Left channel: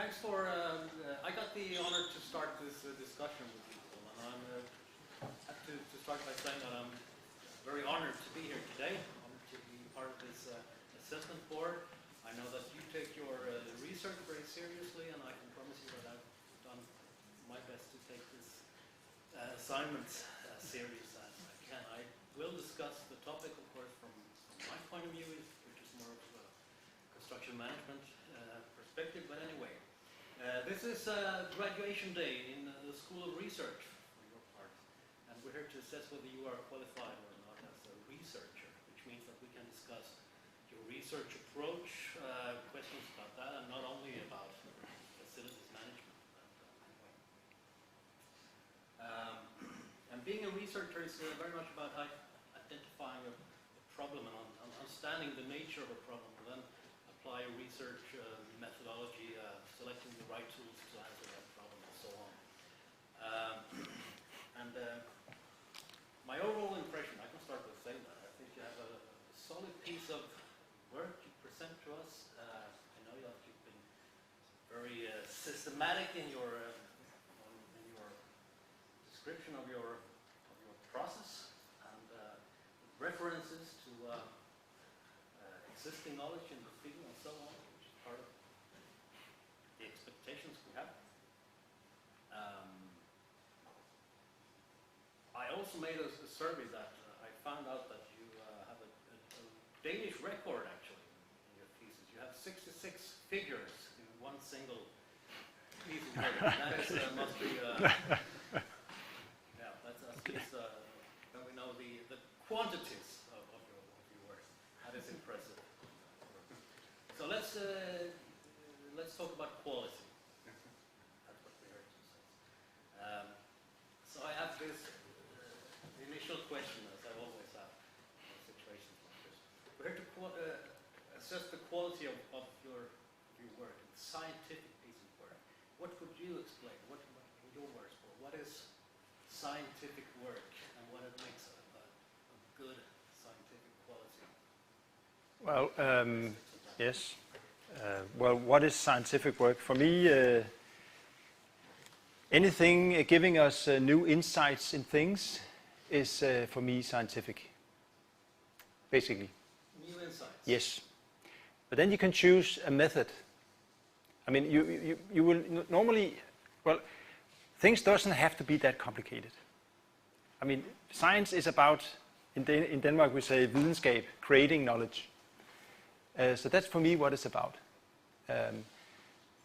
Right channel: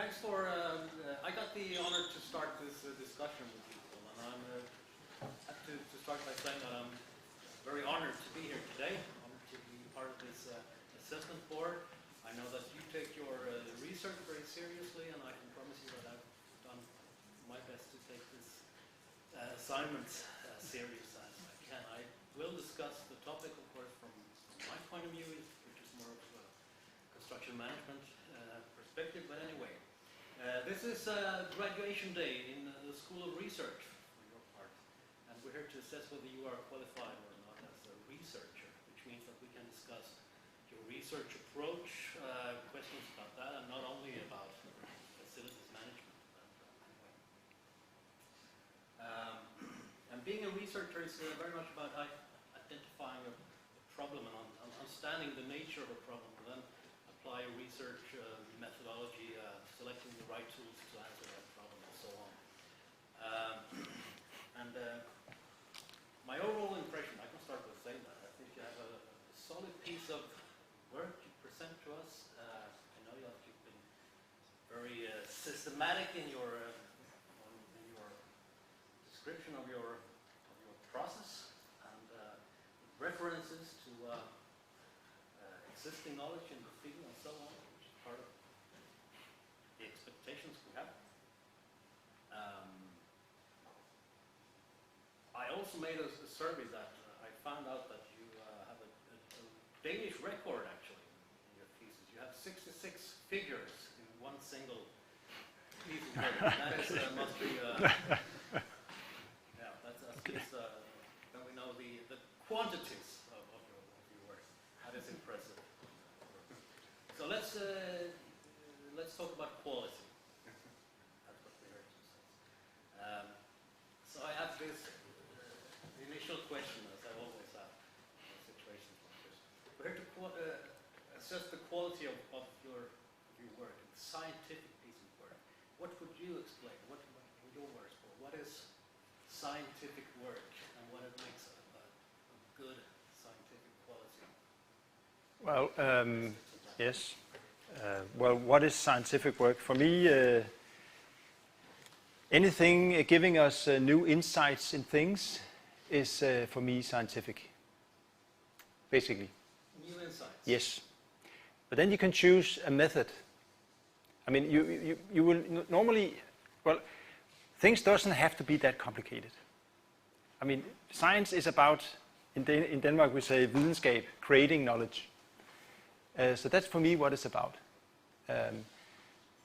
Thanks for, I got the honor to start this discussion with you, Paul, and I have to start by saying that I'm very honored to be here today, honored to be part of this assessment board. I know that you take your research very seriously, and I can promise you that I've done my best to take this assignment as serious as I can. I will discuss the topic, of course, from my point of view, which is more of a construction management perspective, but anyway. This is graduation day in the School of Research for your part, and we're here to assess whether you are qualified or not as a researcher, which means that we can discuss your research approach, questions about that, and not only about facilities management. And being a researcher is very much about identifying a problem and understanding the nature of a problem, and then apply research methodology, selecting the right tools to answer that problem, and so on. My overall impression, I can start with saying that, I think you have a solid piece of work you present to us. I know that you've been very systematic in your description of your process, and references to existing knowledge in the field and so on, which is part of the expectations we have. I also made a survey that I found out that you have a Danish record actually in your thesis. You have 66 figures in one single piece of paper. That is, must be, yeah, that's at least, then we know the quantities of your work. That is impressive. So let's talk about quality. That's what we're here to say. So I have this initial question, as I always have in situations like this. We're here to assess the quality of your work, the scientific piece of work. What would you explain? What in your words, Paul, what is scientific work, and what it makes a good scientific quality? Well, yes. Well, what is scientific work? For me, anything giving us new insights in things is, for me, scientific, basically. New insights? Yes. But then you can choose a method. I mean, you will normally, well, things doesn't have to be that complicated. I mean, science is about, in Denmark we say videnskab, creating knowledge. So that's for me what it's about,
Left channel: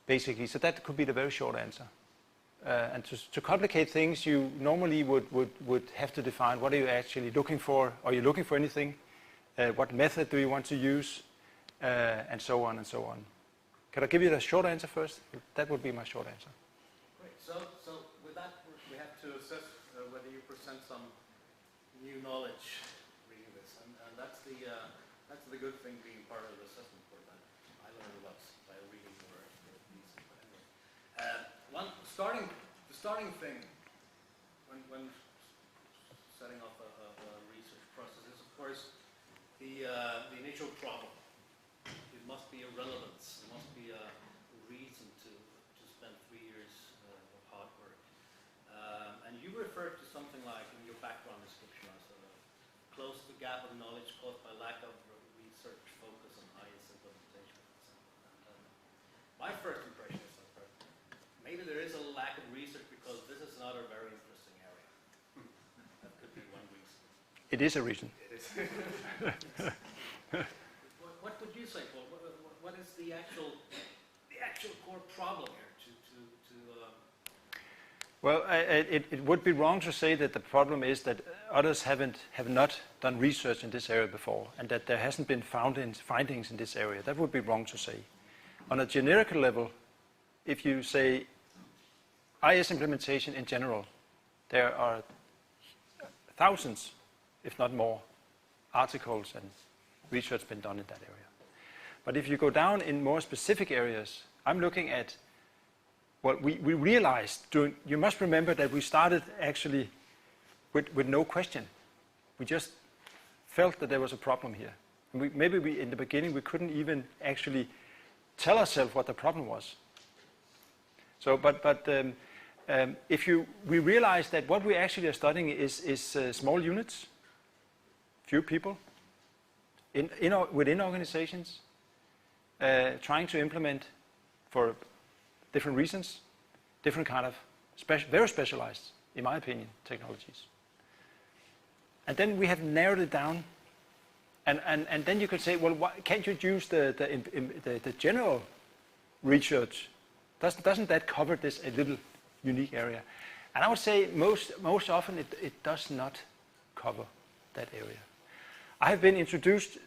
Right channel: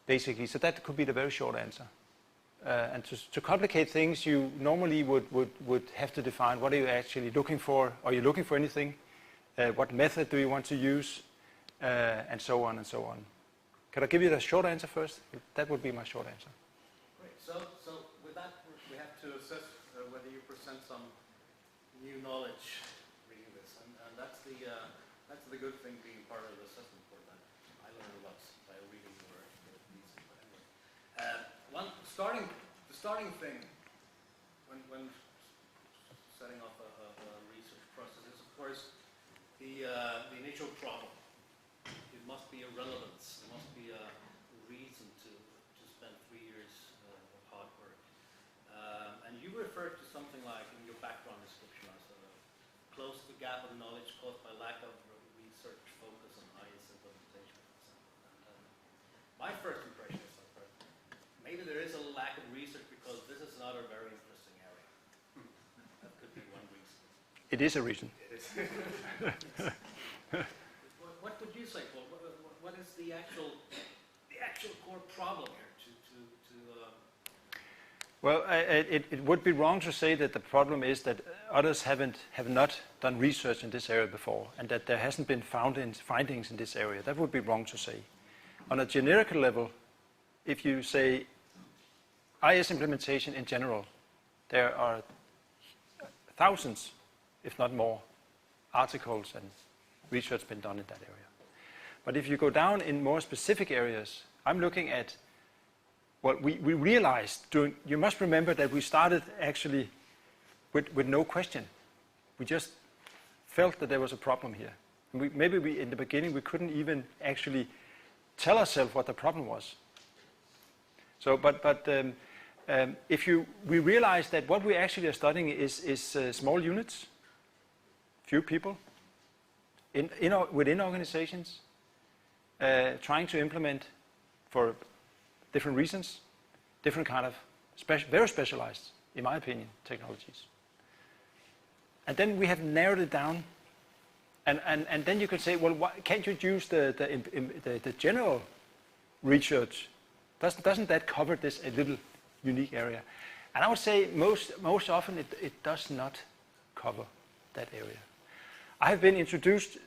basically. So that could be the very short answer. And to complicate things, you normally would have to define what are you actually looking for. Are you looking for anything? What method do you want to use? And so on and so on. Can I give you the short answer first? That would be my short answer. Great. So with that, we have to assess whether you present some new knowledge reading this, and that's the good thing being part of the assessment board. That I learned a lot by reading your piece. Anyway, the starting thing when setting up a research process is, of course, the initial problem. It must be a relevance. There must be a reason to spend 3 years of hard work. And you referred to something like in your background description as close the gap of knowledge caused by lack of research focus on highest implementation. My first impression is that maybe there is a lack of research because this is not a very interesting area. That could be one reason. It is a reason. It is. What would you say, Paul? What is the actual core problem here? Well, it would be wrong to say that the problem is that others have not done research in this area before, and that there hasn't been findings in this area. That would be wrong to say. On a generic level, if you say IS implementation in general, there are thousands, if not more, articles and research been done in that area. But if you go down in more specific areas, I'm looking at what we realized you must remember that we started actually with no question. We just felt that there was a problem here. Maybe in the beginning we couldn't even actually tell ourselves what the problem was. So, if we realize that what we actually are studying is small units, few people, within organizations, trying to implement for different reasons, different kind of very specialized, in my opinion, technologies. And then we have narrowed it down, and then you could say, well, why can't you use the general research? Doesn't that cover this a little unique area? And I would say most often it does not cover that area. I have been introduced.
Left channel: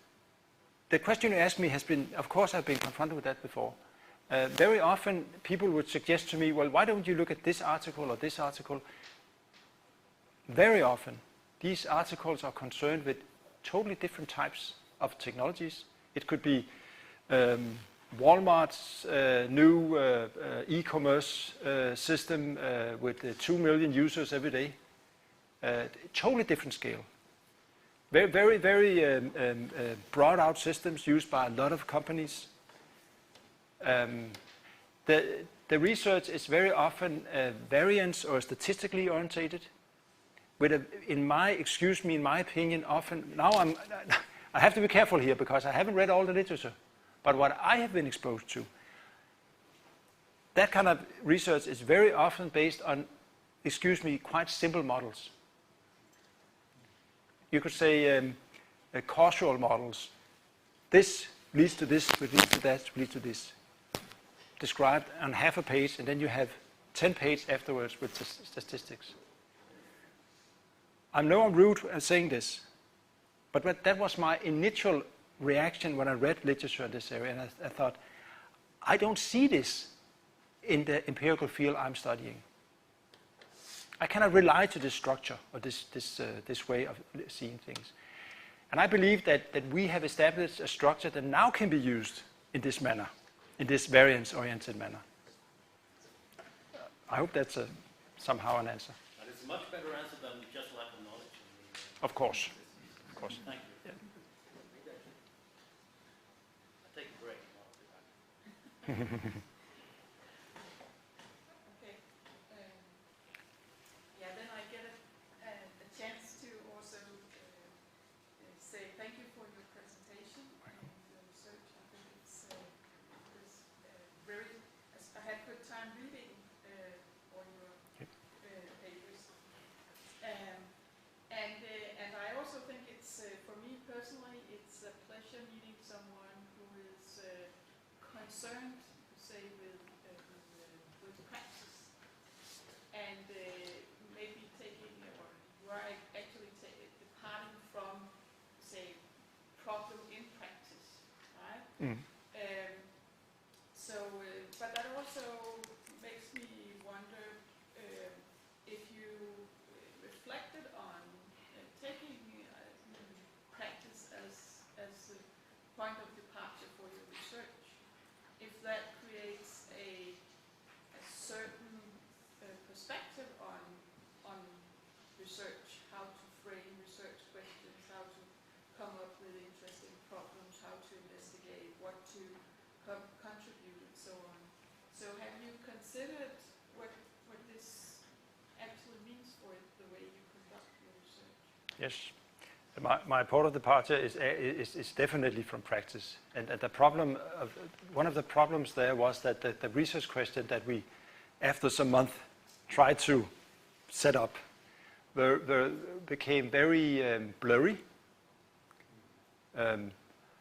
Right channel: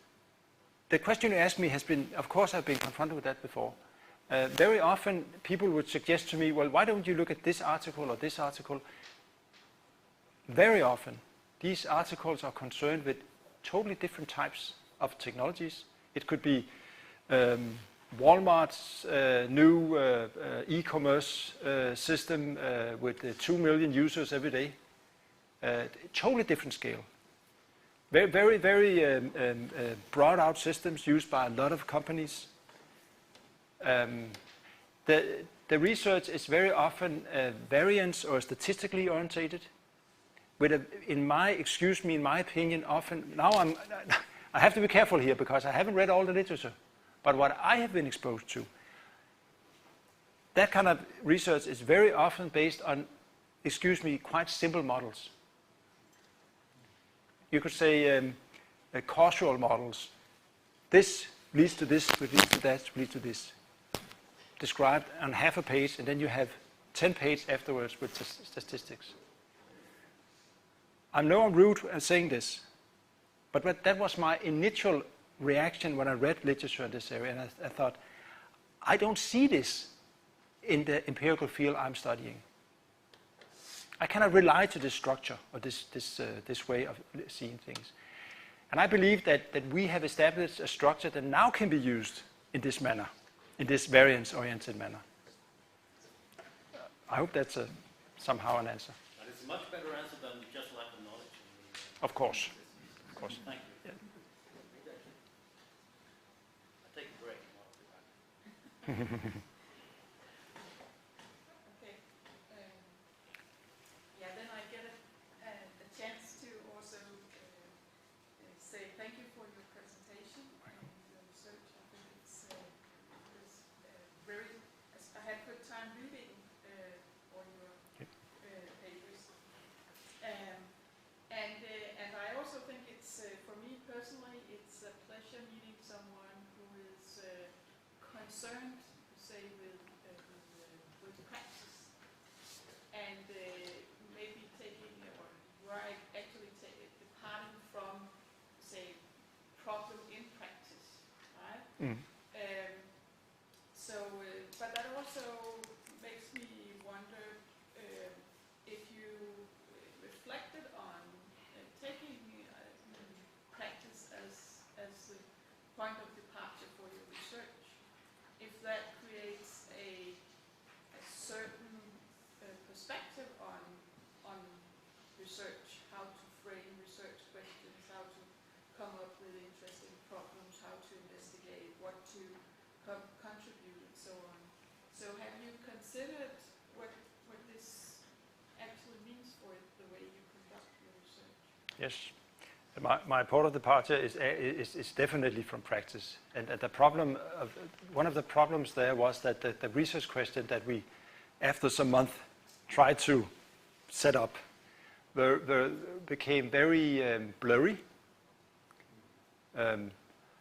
The question you asked me has been, of course, I've been confronted with that before. Very often, people would suggest to me, well, why don't you look at this article or this article? Very often, these articles are concerned with totally different types of technologies. It could be Walmart's new e-commerce system with 2 million users every day. Totally different scale. Very broad out systems used by a lot of companies. The research is very often variance or statistically orientated. In my opinion, often now I have to be careful here because I haven't read all the literature. But what I have been exposed to, that kind of research is very often based on, quite simple models. You could say causal models. This leads to this, leads to that, leads to this. Described on half a page, and then you have 10 pages afterwards with statistics. I know I'm rude in saying this, but that was my initial reaction when I read literature in this area, and I thought, I don't see this in the empirical field I'm studying. I cannot rely to this structure or this way of seeing things. And I believe that we have established a structure that now can be used in this manner, in this variance-oriented manner. I hope that's somehow an answer. But it's a much better answer than just lack of knowledge. Of course. Of course. Thank you. Yeah. I'll take a break and I'll be back. But that also makes me wonder if you reflected on taking practice as the point of departure for your research, if that creates a certain perspective on research, how to frame research questions, how to come up with interesting problems, how to investigate, what to contribute, and so on. So have you considered what this actually means for the way you conduct your research? Yes. My point of departure is definitely from practice. And the problem one of the problems there was that the research question that we, after some month, tried to set up became very blurry.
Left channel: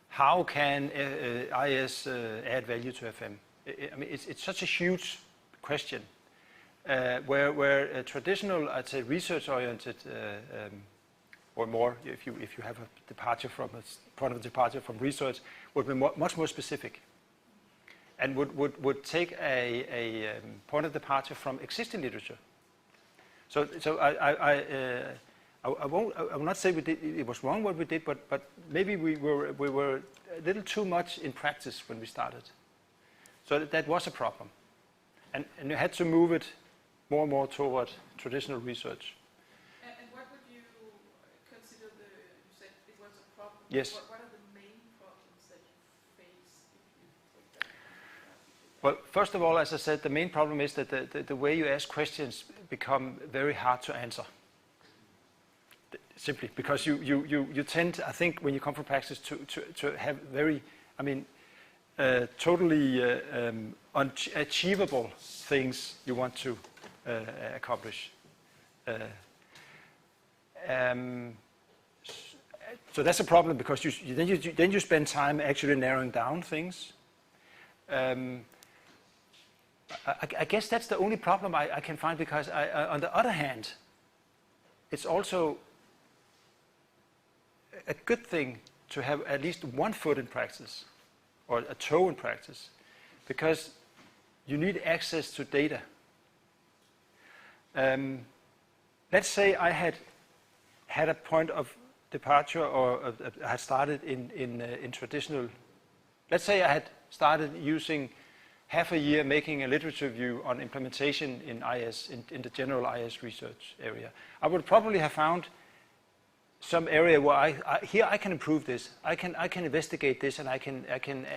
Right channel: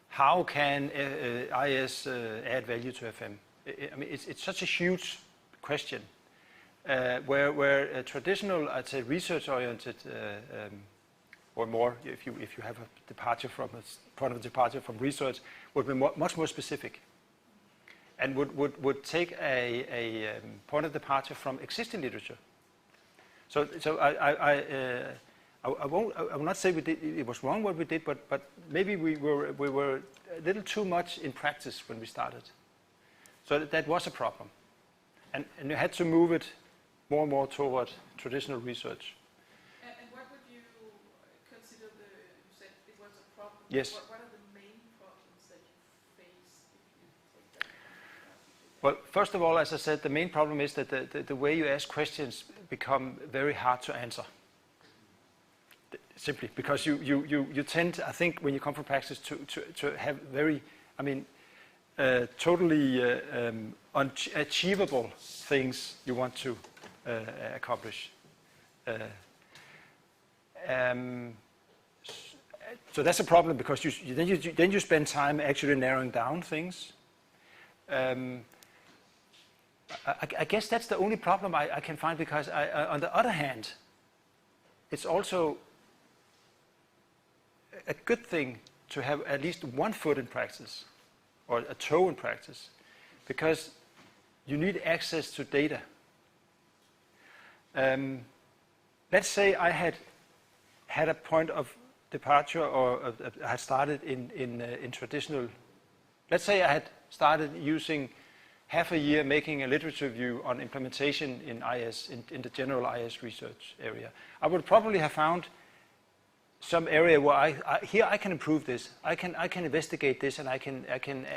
How can IS add value to FM? I mean, it's such a huge question where a traditional, I'd say, research-oriented or more, if you have a departure from a point of departure from research, would be much more specific, and would take a point of departure from existing literature. So I will not say it was wrong what we did, but maybe we were a little too much in practice when we started. So that was a problem, and you had to move it more and more toward traditional research. And what would you consider you said it was a problem? Yes. What are the main problems that you face if you take that? Well, first of all, as I said, the main problem is that the way you ask questions become very hard to answer. Simply because you tend, I think, when you come from practice to have very, I mean, totally unachievable things you want to accomplish. So that's a problem because then you spend time actually narrowing down things. I guess that's the only problem I can find, because on the other hand, it's also a good thing to have at least one foot in practice or a toe in practice, because you need access to data. Let's say I had a point of departure, or I had started in traditional. Let's say I had started using half a year making a literature review on implementation in IS, in the general IS research area. I would probably have found some area where here I can improve this, I can investigate this, and I can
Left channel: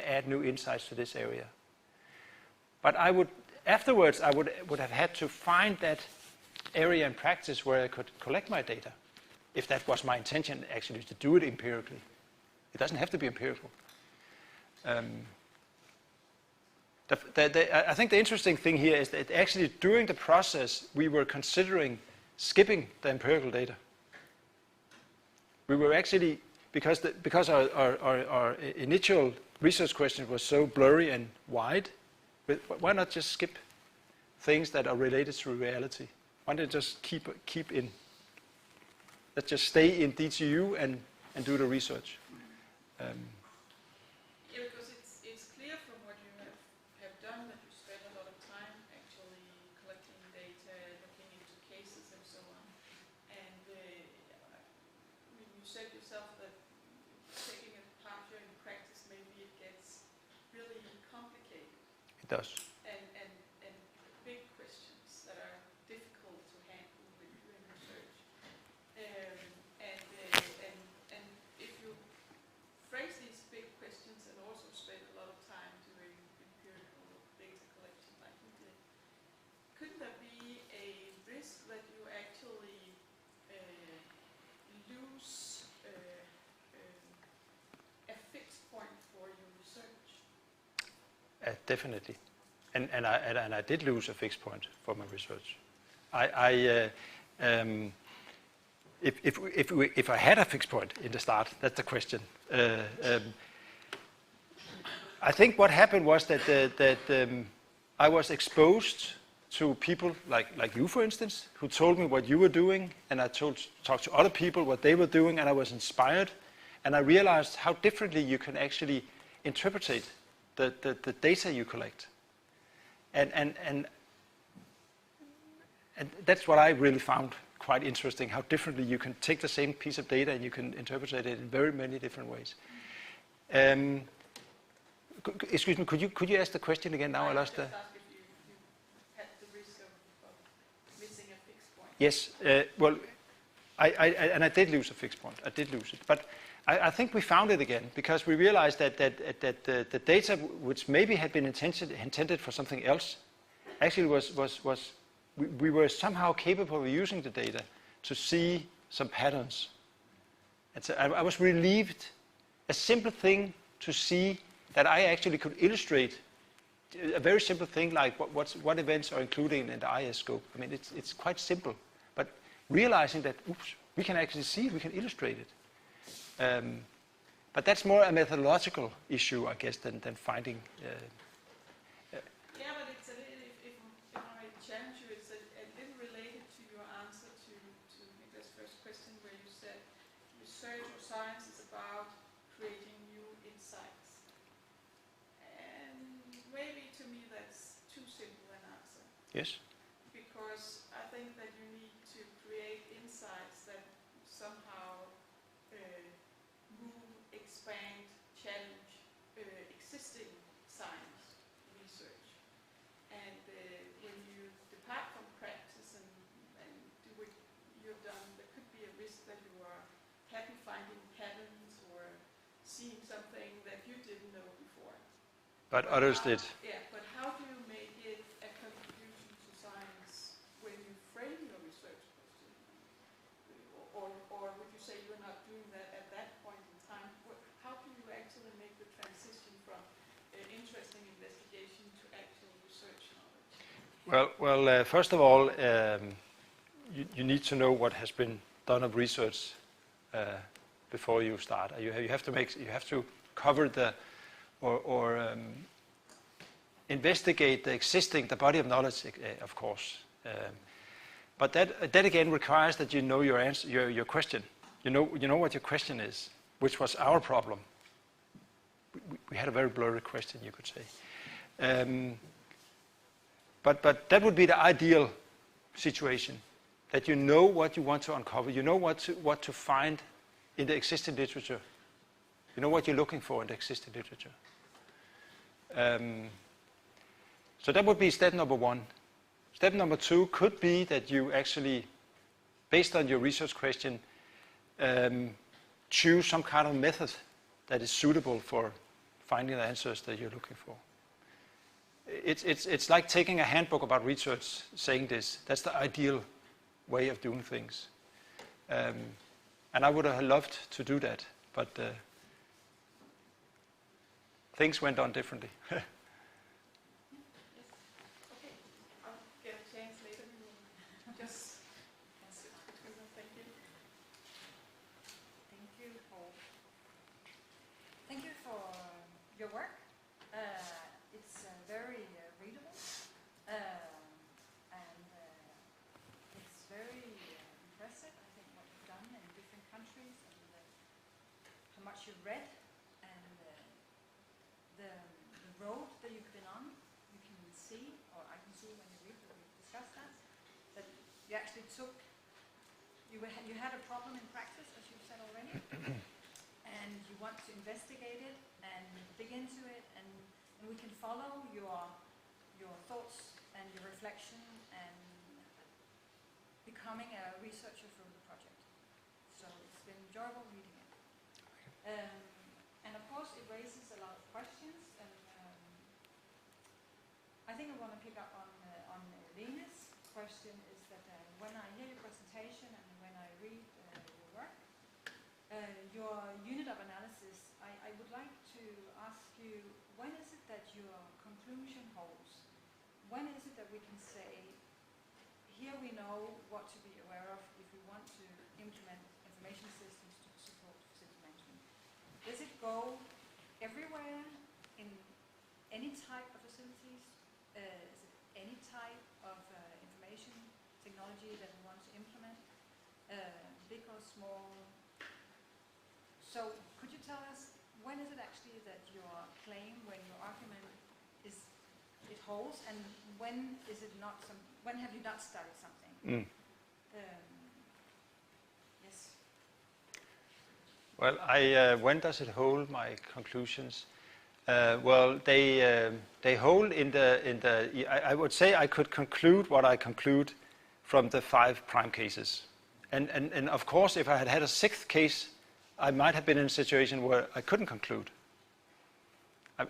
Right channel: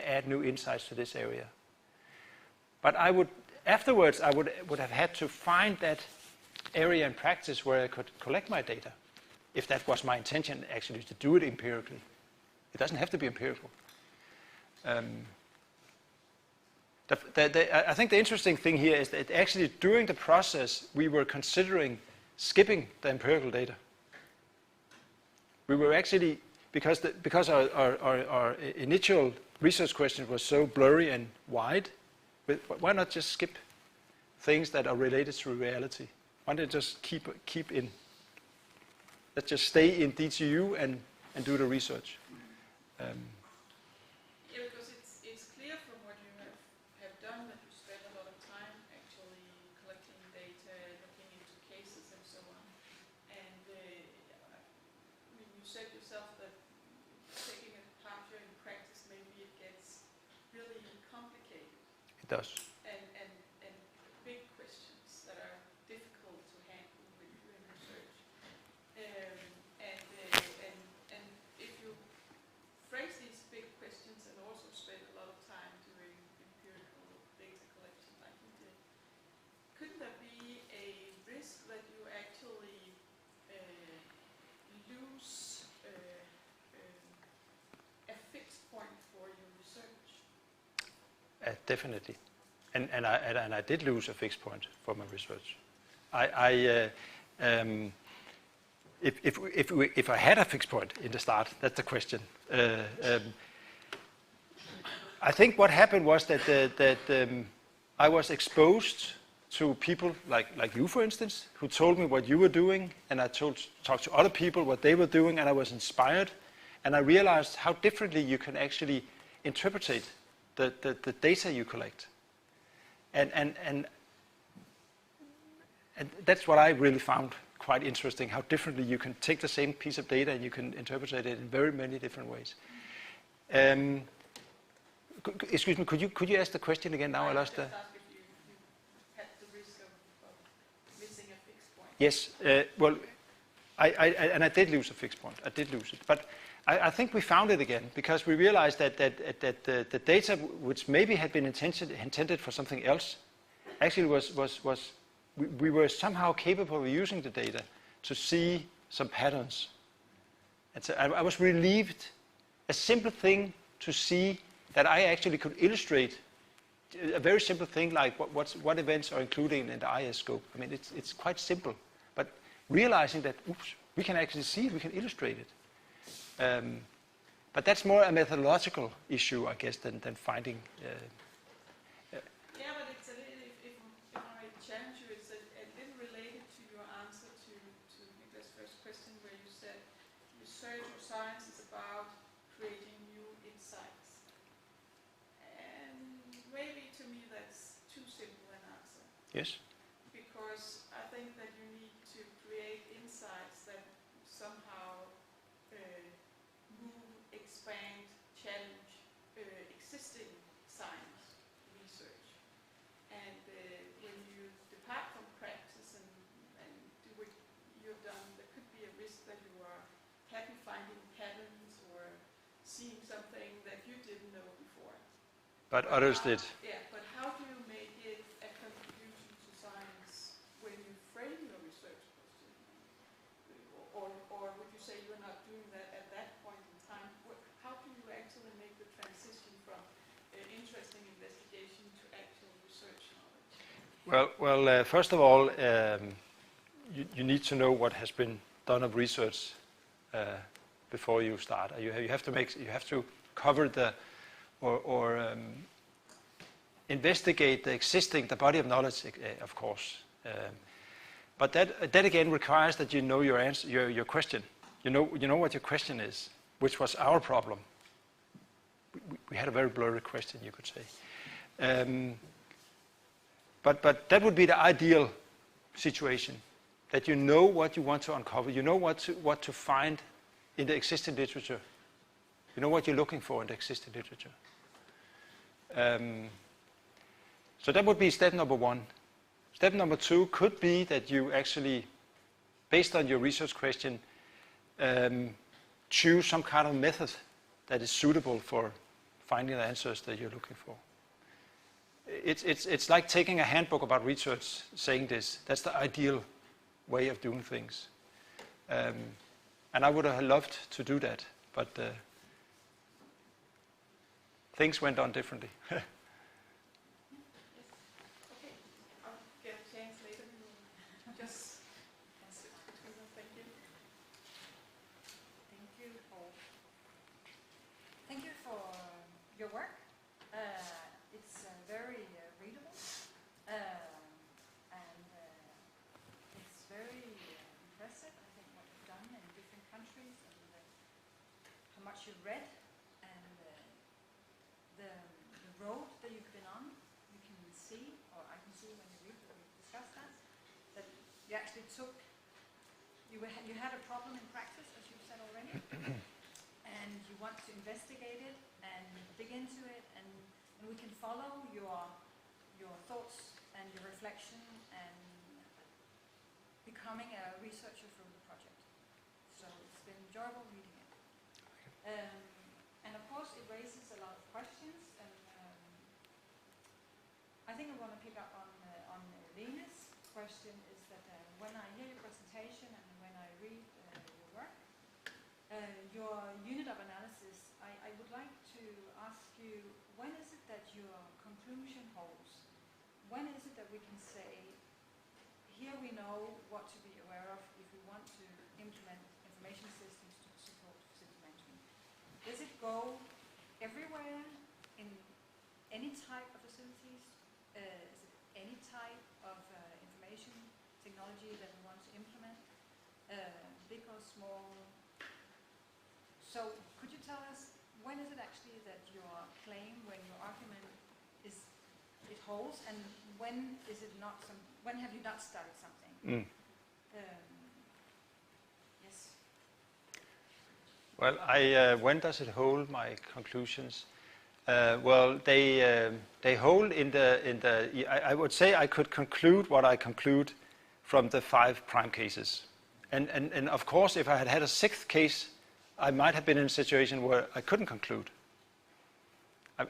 add new insights to this area. But afterwards I would have had to find that area in practice where I could collect my data, if that was my intention, actually, to do it empirically. It doesn't have to be empirical. I think the interesting thing here is that actually during the process we were considering skipping the empirical data. We were actually, because our initial research question was so blurry and wide, why not just skip things that are related to reality? Why not just keep in? Let's just stay in DTU and do the research. Yeah, because it's clear from what you have done that you spend a lot of time actually collecting data, looking into cases and so on. And you said yourself that taking a part in practice, maybe it gets really complicated. It does. And big questions that are difficult to handle when you're doing research. And if you phrase these big questions and also spend a lot of time doing empirical data collection like you did, could there be a risk that you actually lose a fixed point for your research? Definitely. And I did lose a fixed point for my research. If I had a fixed point in the start, that's the question. I think what happened was that I was exposed to people like you, for instance, who told me what you were doing, and I talked to other people what they were doing, and I was inspired, and I realized how differently you can actually interpret the data you collect. And that's what I really found quite interesting, how differently you can take the same piece of data and you can interpret it in very many different ways. Excuse me, could you ask the question again? Now I lost the... Had the risk of missing a fixed point. Yes, well, I did lose a fixed point. I did lose it, but I think we found it again, because we realized that the data, which maybe had been intended for something else, actually we were somehow capable of using the data to see some patterns. And so I was relieved, a simple thing to see that I actually could illustrate a very simple thing like what events are included in the IS scope. I mean, it's quite simple, but realizing that, we can actually see it, we can illustrate it. But that's more a methodological issue, I guess, than finding. Yeah, but it's a little, if I challenge you, it's a little related to your answer to Nicklas' first question, where you said research or science is about creating new insights. And maybe to me that's too simple an answer. Yes. Because I think that you need to create insights that somehow move, expand, challenge existing science research. And when you depart from practice and do what you've done, there could be a risk that you are happy finding patterns or seeing something that you didn't know before. But others did. Yeah, but how do First of all, you need to know what has been done of research before you start. You have to cover investigate the body of knowledge, of course. But that again requires that you know your answer, your question. You know what your question is, which was our problem. We had a very blurry question, you could say. But that would be the ideal situation, that you know what you want to uncover, you know what to find in the existing literature, you know what you're looking for in the existing literature. So that would be step number one. Step number two could be that you actually, based on your research question, choose some kind of method that is suitable for finding the answers that you're looking for. It's like taking a handbook about research, saying this. That's the ideal way of doing things. And I would have loved to do that, but things went on differently. Okay, I'll get a chance later. Just thank you. Thank you, Poul. Thank you for your work. It's very readable, and it's very impressive. I think what you've done in different countries and how much you've read and the road that you've been on. You can see, or I can see when you read when we discuss that you actually took. You had a problem in practice, as you said already, and you want to investigate it and dig into it, and we can follow your thoughts and your reflection and becoming a researcher from the project. So it's been enjoyable reading it. And of course it raises a lot of questions, and I think I want to pick up on Lene's question is that when I hear your presentation and when I read your work, your unit of analysis, I would like to ask you, when is it that your conclusion holds? When is it that we can say, here we know what to be aware of if we want to implement information systems to support facility management? Does it go everywhere in any type of facilities? Is it any type of information technology that we want to implement? Big or small? So could you tell us, when is it actually that your claim, when your argument it holds, and when is it not when have you not started something? Yes. Well, when does it hold my conclusions? They hold in the. I would say I could conclude what I conclude from the 5 prime cases, and of course, if I had had a 6th case, I might have been in a situation where I couldn't conclude.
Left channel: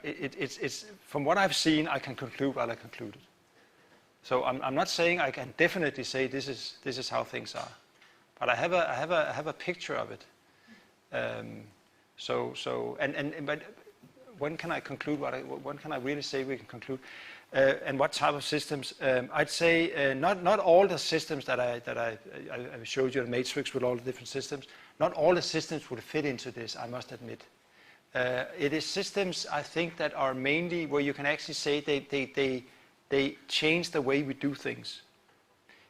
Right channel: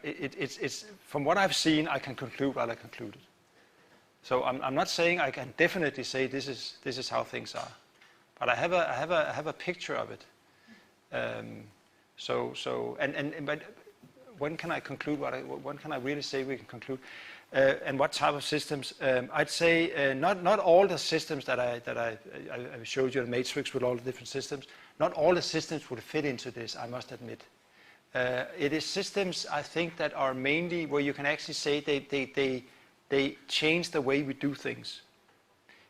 It's from what I've seen, I can conclude what I concluded. So I'm not saying I can definitely say this is how things are, but I have a picture of it. But when can I conclude when can I really say we can conclude? And what type of systems? I'd say not all the systems that I showed you a matrix with all the different systems. Not all the systems would fit into this, I must admit. It is systems, I think, that are mainly where you can actually say they change the way we do things.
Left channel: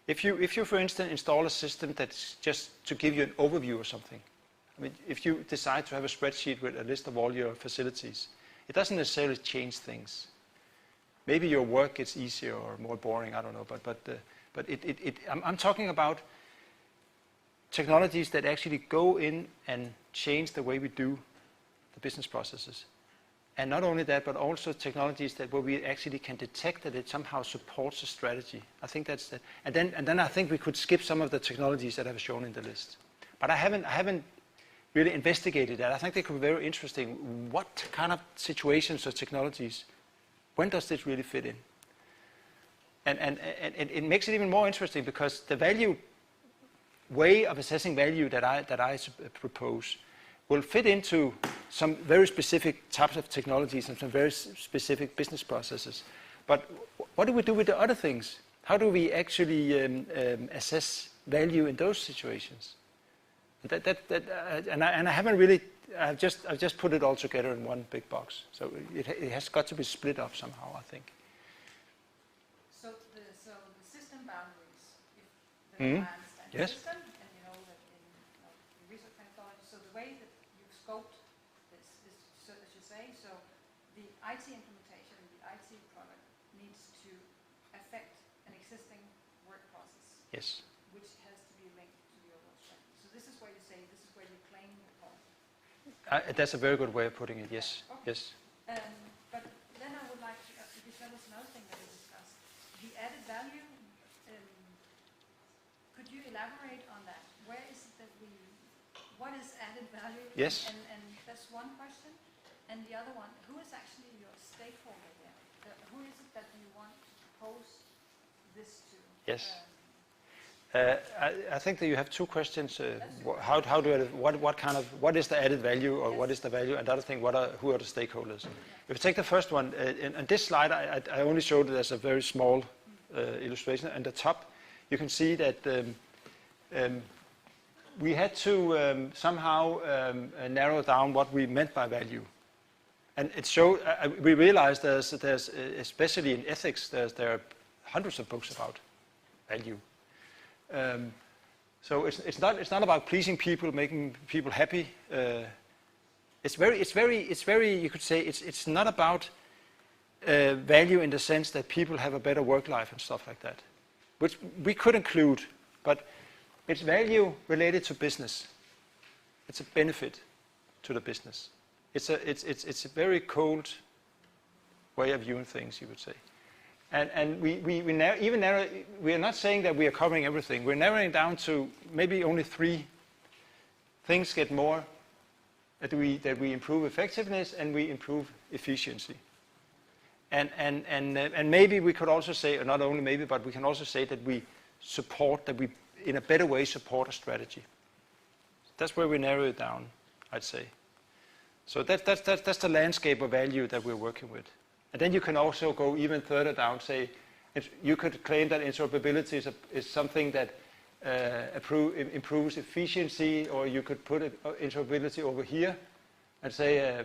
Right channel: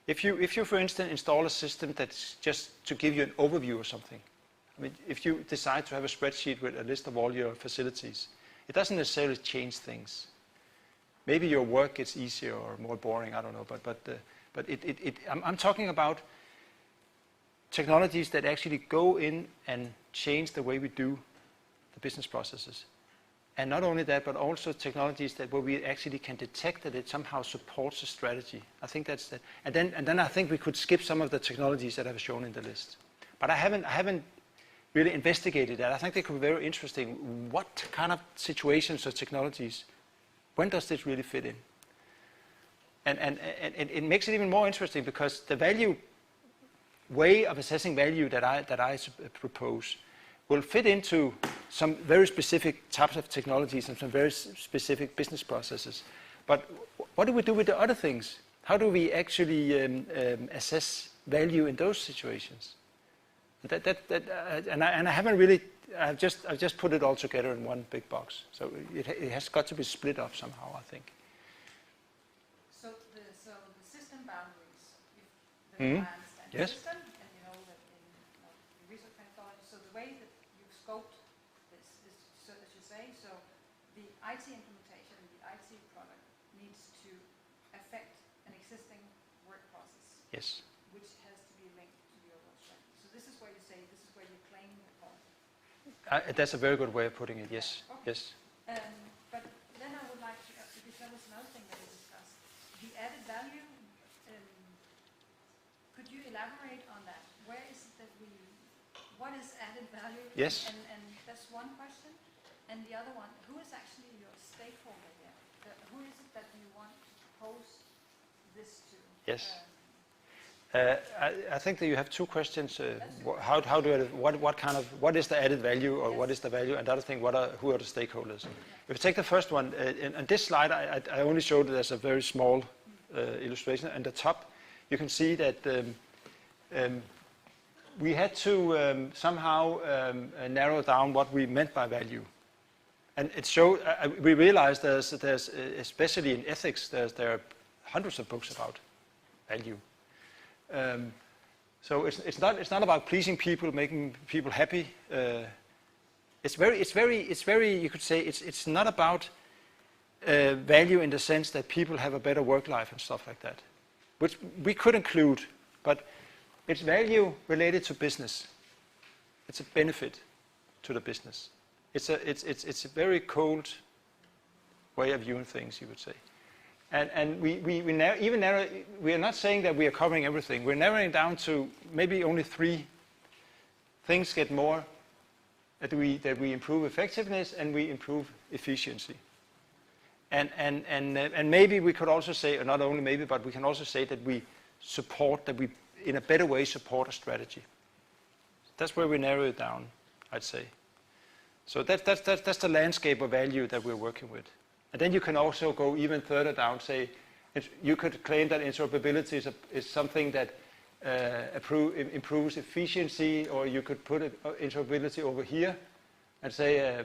If you, for instance, install a system that's just to give you an overview or something. I mean, if you decide to have a spreadsheet with a list of all your facilities, it doesn't necessarily change things. Maybe your work gets easier or more boring, I don't know. But I'm talking about technologies that actually go in and change the way we do the business processes. And not only that, but also technologies where we actually can detect that it somehow supports a strategy. I think that's the, and then I think we could skip some of the technologies that I've shown in the list. But I haven't really investigated that. I think they could be very interesting. What kind of situations or technologies, when does this really fit in? And it makes it even more interesting because the value way of assessing value that I propose will fit into some very specific types of technologies and some very specific business processes. But what do we do with the other things? How do we actually assess value in those situations? And I haven't really. I've just put it all together in one big box. So it has got to be split up somehow, I think. So the system boundaries, if the understand Yes. the system, and you know that in research methodology, so the way that you scoped this is, so as you say, so the IT implementation, the IT product needs to affect an existing work process, Yes. which has to be linked to the overall strategy. So this is where you say, this is where you claim the point. That's a very good way of putting it. Yes. Okay. Yes. But then I would like to, because that was another thing that we discussed, the added value. Could you elaborate on that? Where is it that what is added value? Yes. And that's one question. And the other one, who is actually your stakeholder here? Who is it that you want to propose this to? Yes. I think that you have two questions. How do what is the added value, or what is the value? And the other thing, who are the stakeholders? If you take the first one, on this slide, I only showed it as a very small illustration. At the top, you can see that we had to somehow narrow down what we meant by value. And it showed. We realized there's especially in ethics, there are hundreds of books about value. So it's not about pleasing people, making people happy. It's very. You could say it's not about value in the sense that people have a better work life and stuff like that, which we could include, but it's value related to business. It's a benefit to the business. It's a very cold way of viewing things, you could say. And we are not saying that we are covering everything. We're narrowing down to maybe only 3 things get more, that we improve effectiveness and we improve efficiency. And maybe we could also say, or not only maybe, but we can also say that we in a better way support a strategy. That's where we narrow it down, I'd say. So that's the landscape of value that we're working with. And then you can also go even further down, say, you could claim that interoperability is something that improves efficiency, or you could put interoperability over here and say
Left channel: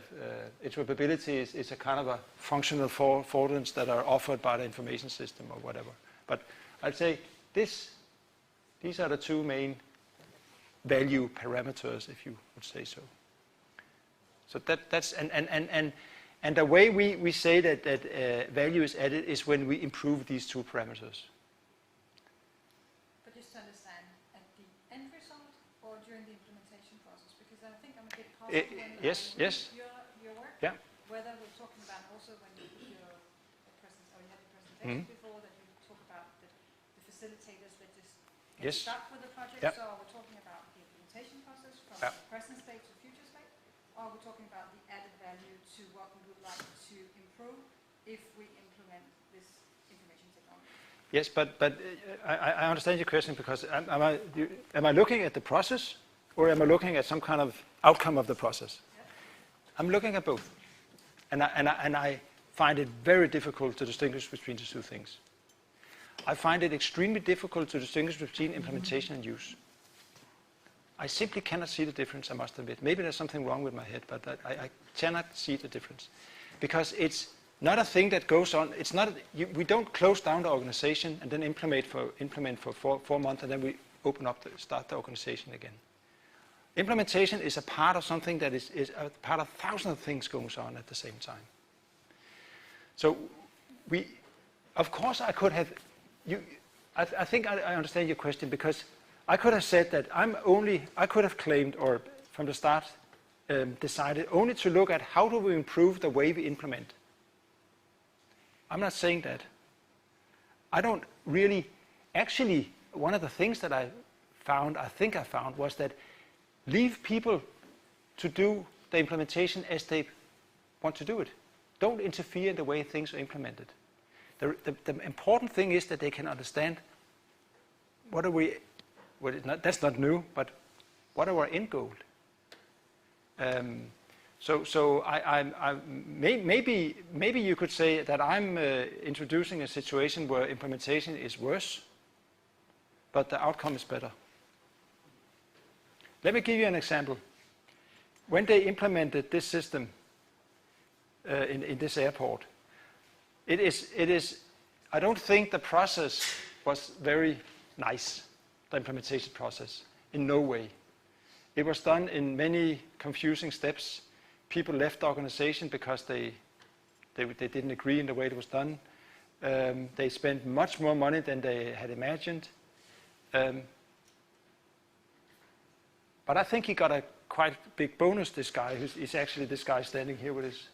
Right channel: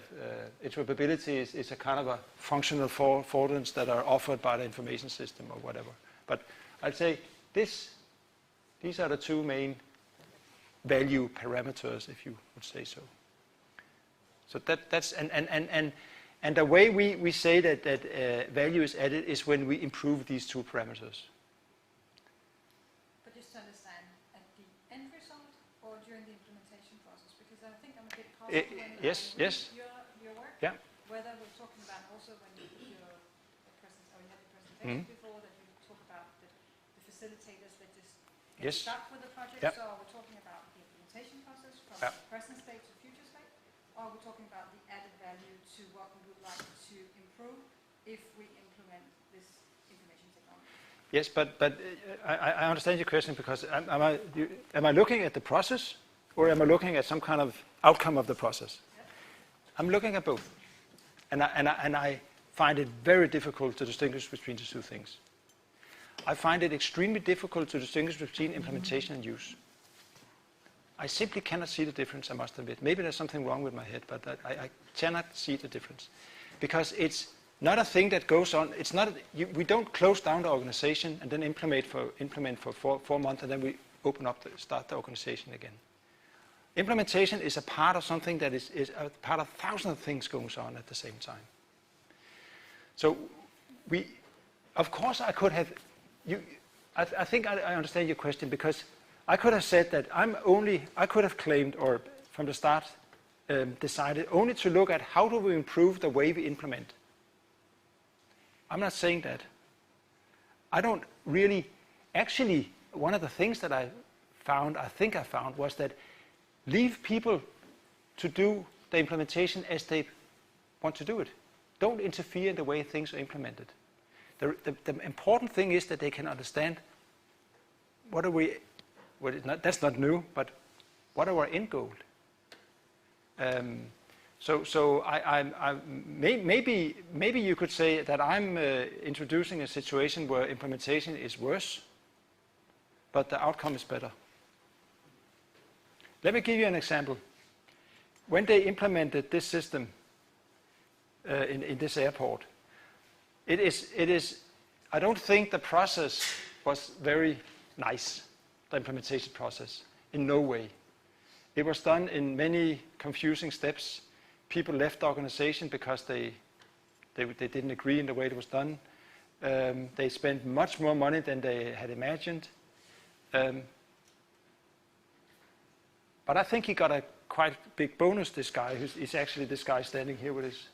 interoperability is a kind of a functional affordance that are offered by the information system or whatever. But I'd say these are the 2 main value parameters, if you would say so. So that's and the way we say that value is added is when we improve these 2 parameters. But just to understand, at the end result or during the implementation process, because I think I'm a bit puzzled when I read your work. Yeah. Whether we're talking about also when you put your presentation before, that you talk about the facilitators that just start with the project. Yeah. So are we talking about the implementation process from present state to future state, or are we talking about the added value to what we would like to improve if we implement this information technology? Yes, but I understand your question, because am I looking at the process, or am I looking at some kind of outcome of the process? Yeah. I'm looking at both, and I find it very difficult to distinguish between the 2 things. I find it extremely difficult to distinguish between implementation and use. I simply cannot see the difference, I must admit. Maybe there's something wrong with my head, but I cannot see the difference. Because it's not a thing that goes on. It's not. We don't close down the organization and then implement for 4 months, and then we start the organization again. Implementation is a part of something that is a part of thousands of things going on at the same time. So of course, I could have. I think I understand your question, because I could have said that I could have claimed, or from the start decided only to look at how do we improve the way we implement. I'm not saying that. I don't really. Actually, one of the things that I think I found, was that leave people to do the implementation as they want to do it. Don't interfere in the way things are implemented. The important thing is that they can understand that's not new, but what are our end goal? So maybe you could say that I'm introducing a situation where implementation is worse, but the outcome is better. Let me give you an example. When they implemented this system in this airport, it is. I don't think the process was very nice. The implementation process, in no way. It was done in many confusing steps. People left the organization because they didn't agree in the way it was done. They spent much more money than they had imagined. But I think he got a quite big bonus, this guy. He's actually this guy standing here with his.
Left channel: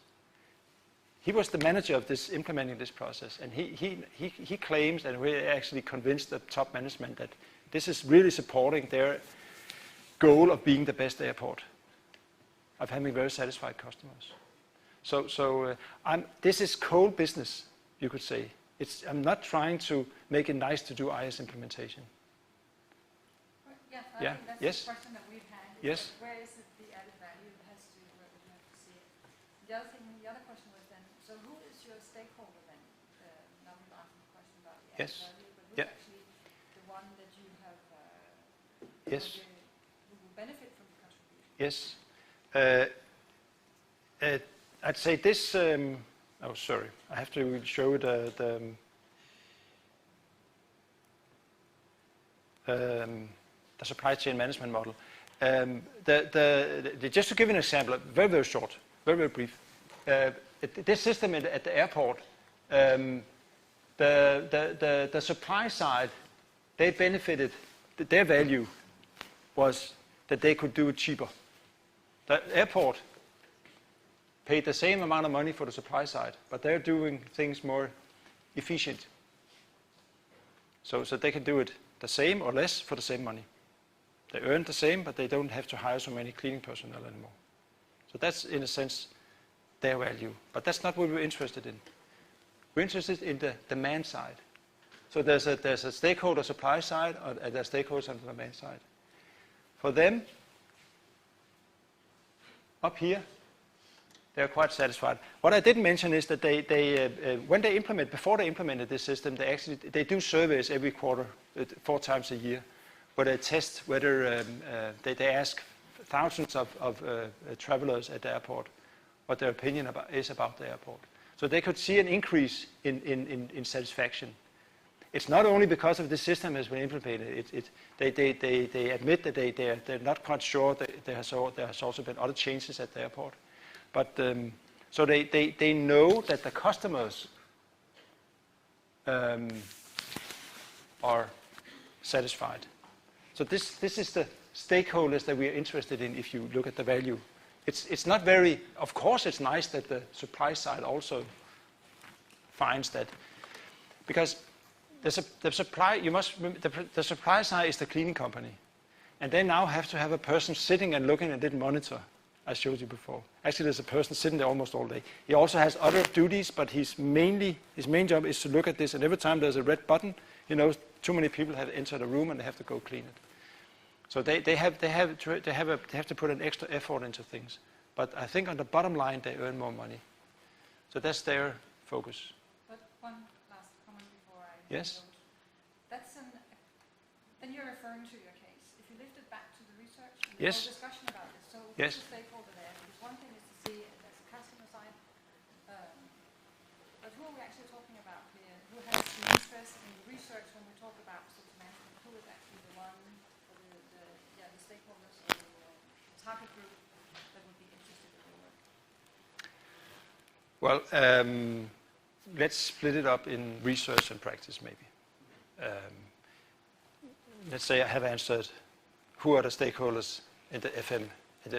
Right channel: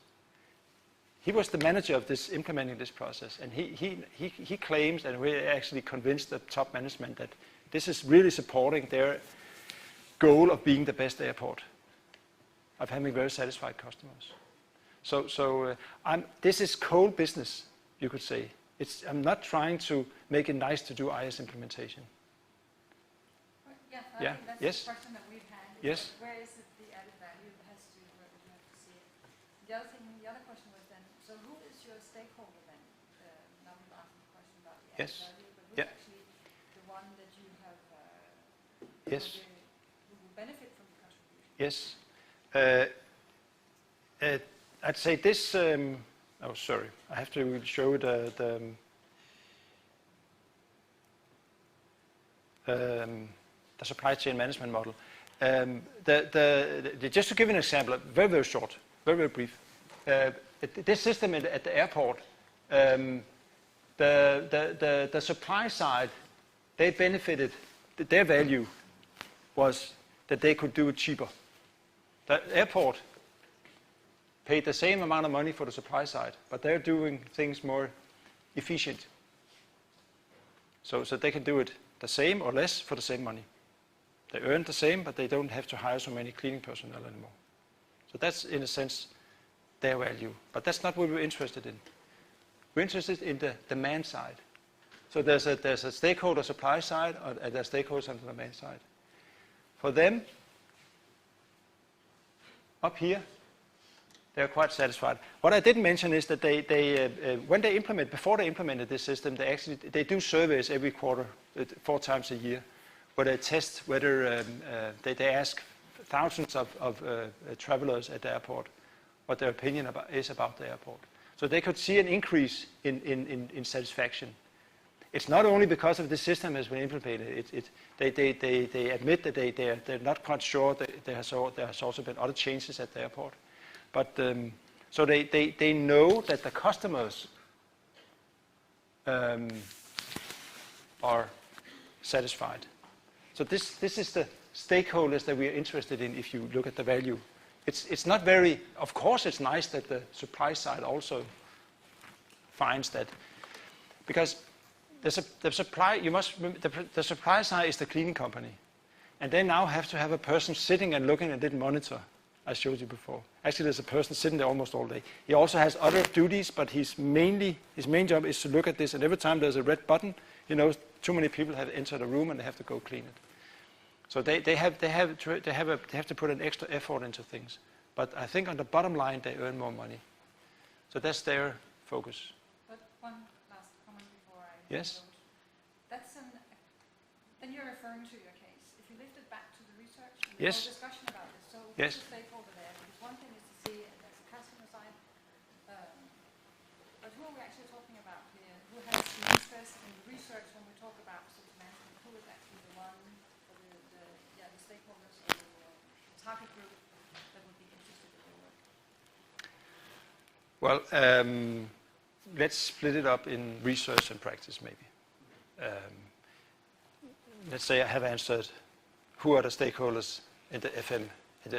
He was the manager of this, implementing this process. And he claims, and we actually convinced the top management that this is really supporting their goal of being the best airport, of having very satisfied customers. So this is cold business, you could say. I'm not trying to make it nice to do IS implementation. Well, yeah, I Yeah. think that's Yes. the question that we've had. Is Yes. that where is it the added value that has to where we have to see it. The other question was then, so who is your stakeholder then? Now we've answered the question about the added Yes. value, but who's Yeah. actually the one that you have Yes. who will benefit from the contribution? Yes. I'd say this. Oh, sorry. I have to show the supply chain management model. Just to give an example, very, very short, very, very brief. This system at the airport, the supply side, they benefited. Their value was that they could do it cheaper. The airport paid the same amount of money for the supply side, but they're doing things more efficient. So they can do it the same or less for the same money. They earn the same, but they don't have to hire so many cleaning personnel anymore. So that's, in a sense, their value. But that's not what we're interested in. We're interested in the demand side. So there's a stakeholder supply side, and there's stakeholders on the demand side. For them, up here, they're quite satisfied. What I didn't mention is that before they implemented this system, they do surveys every quarter, 4 times a year, where they test whether they ask thousands of travelers at the airport what their opinion is about the airport. So they could see an increase in satisfaction. It's not only because of the system has been implemented. They admit that they're not quite sure that there has also been other changes at the airport. But so they know that the customers are satisfied. So this is the stakeholders that we are interested in. If you look at the value, it's not very. Of course, it's nice that the supply side also finds that, because the supply side is the cleaning company, and they now have to have a person sitting and looking at that monitor. I showed you before. Actually, there's a person sitting there almost all day. He also has other duties, but his main job is to look at this. And every time there's a red button, too many people have entered the room and they have to go clean it. So they have to put an extra effort into things. But I think on the bottom line, they earn more money. So that's their focus. But one last comment before I Yes. vote. Then you're referring to your case. If you lift it back to the research, and the Yes. whole discussion about it. So Yes. who's the stakeholder there? Because one thing is to see it as a customer side, but who are we actually talking about here? Who has the interest in research when we talk about facility management? Who is actually the one, the stakeholders or the target group that would be interested in your work? Well, let's split it up in research and practice, maybe. Let's say I have answered who are the stakeholders in the FM, in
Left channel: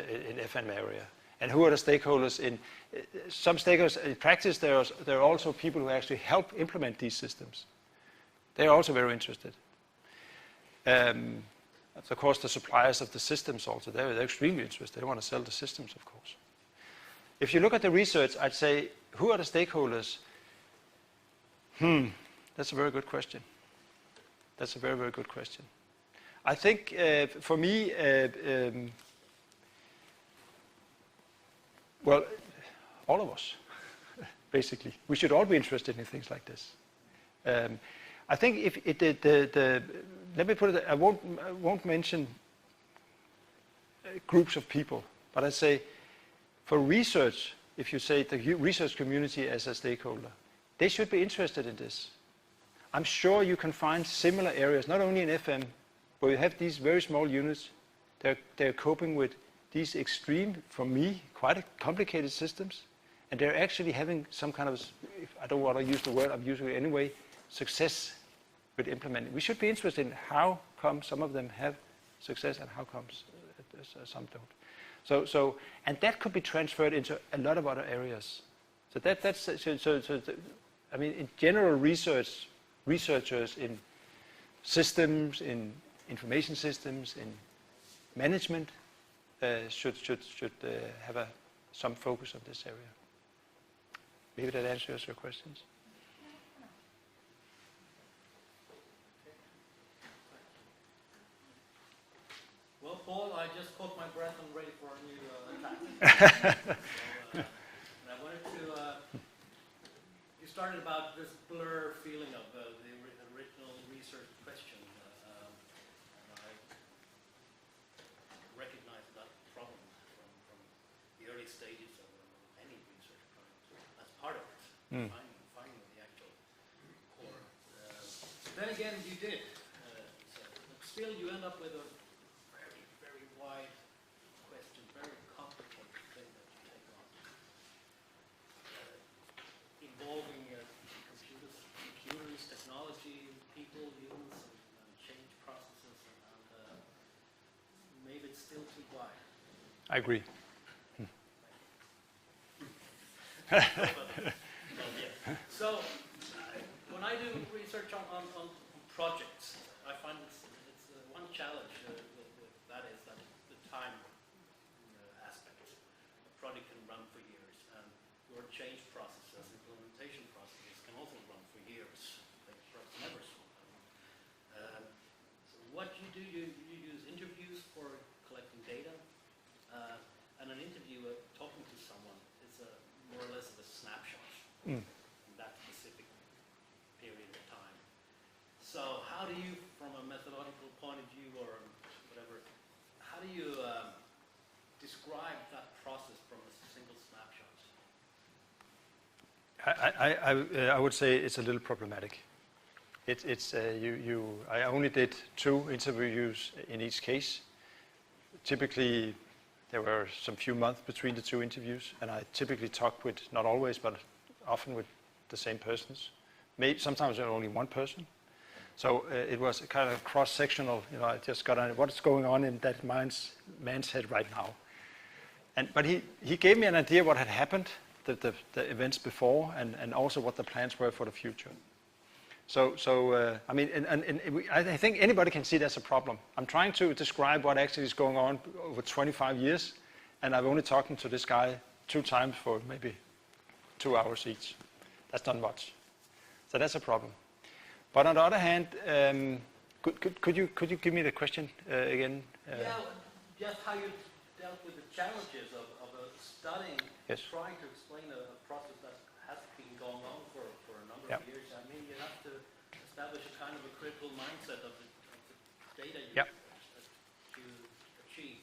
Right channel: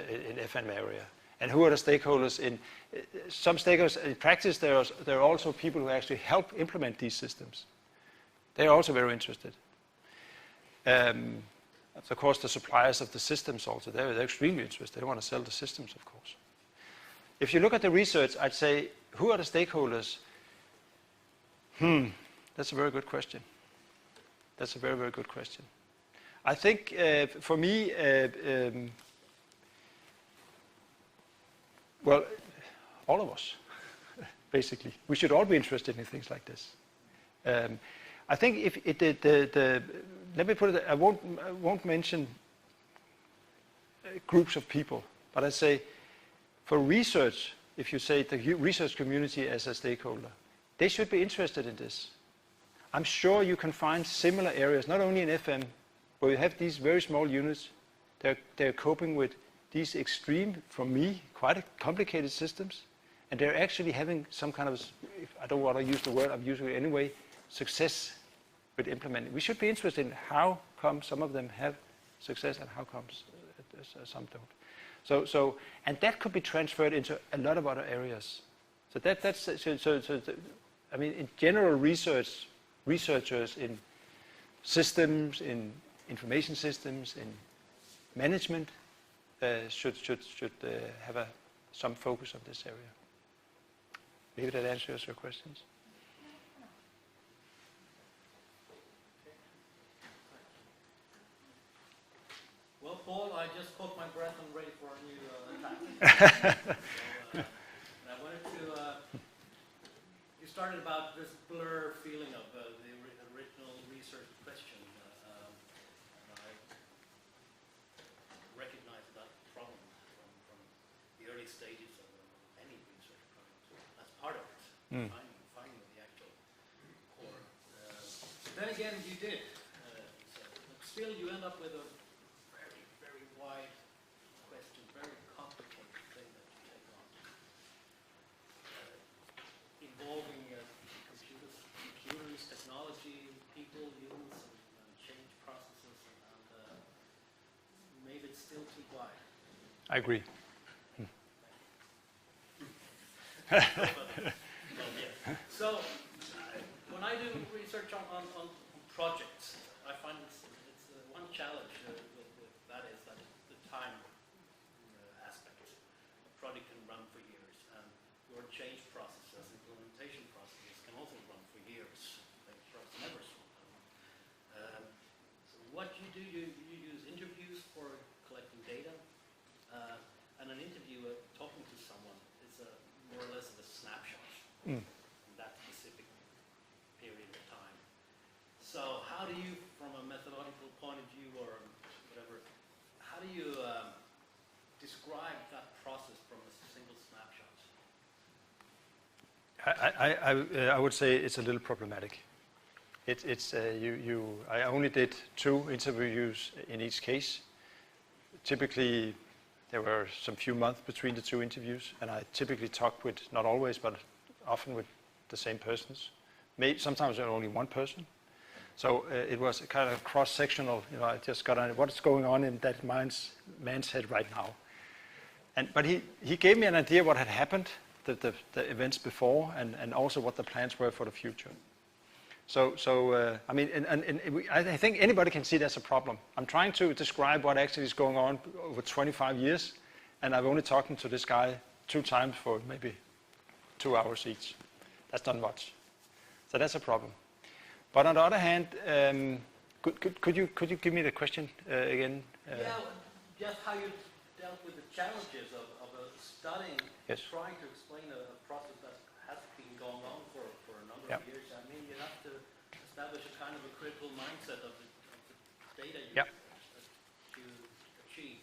FM area, and who are the stakeholders in some stakeholders in practice. There are also people who actually help implement these systems. They are also very interested. Of course, the suppliers of the systems also, they're extremely interested. They want to sell the systems, of course. If you look at the research, I'd say, who are the stakeholders? That's a very good question. That's a very, very good question. I think for me, Well, all of us, basically. We should all be interested in things like this. I think if let me put it, I won't mention groups of people, but I say for research, if you say the research community as a stakeholder, they should be interested in this. I'm sure you can find similar areas, not only in FM, where you have these very small units. They're coping with these extreme, for me, quite complicated systems, and they're actually having some kind of, I don't want to use the word, I'm using it anyway, success with implementing. We should be interested in how come some of them have success and how comes some don't. So, and that could be transferred into a lot of other areas. So I mean, in general, researchers in systems, in information systems, in management should have some focus on this area. Maybe that answers your questions. Well, Paul, I just caught my breath and ready for a new attack. And I wanted to, you started about this blur feeling of the original research question. And I recognize that problem from the early stages of any research project. That's part of it, finding the actual core. Then again, you did. So still, you end up with a very wide question, very complicated thing that you take on, involving computers, technology, people, humans, and change processes, and maybe it's still too wide. I agree. So, when I do research on projects, I find it's one challenge with that is that the time aspect. The project can run for years, and your change processes, implementation processes can also run for years. They perhaps never slow down. So what you do, you use interviews for collecting data, and an interviewer talking to someone is more or less of a snapshot in that specific period of time. So how do you, from a methodological point of view or whatever, how do you describe that process from a single snapshot? I would say it's a little problematic. I only did 2 interviews in each case. Typically, there were some few months between the 2 interviews, and I typically talked with, not always, but often with the same persons. Sometimes only one person. So it was a kind of cross-sectional, I just got on what's going on in that man's head right now. But he gave me an idea what had happened, the events before, and also what the plans were for the future. I mean, I think anybody can see that's a problem. I'm trying to describe what actually is going on over 25 years, and I've only talked to this guy 2 times for maybe 2 hours each. That's not much. So that's a problem. But on the other hand, could you give me the question again? Yeah, just how you dealt with the challenges of studying, yes. Trying to explain a process that has been going on for a number of years. I mean, you have to establish a kind of a critical mindset of the data you achieve.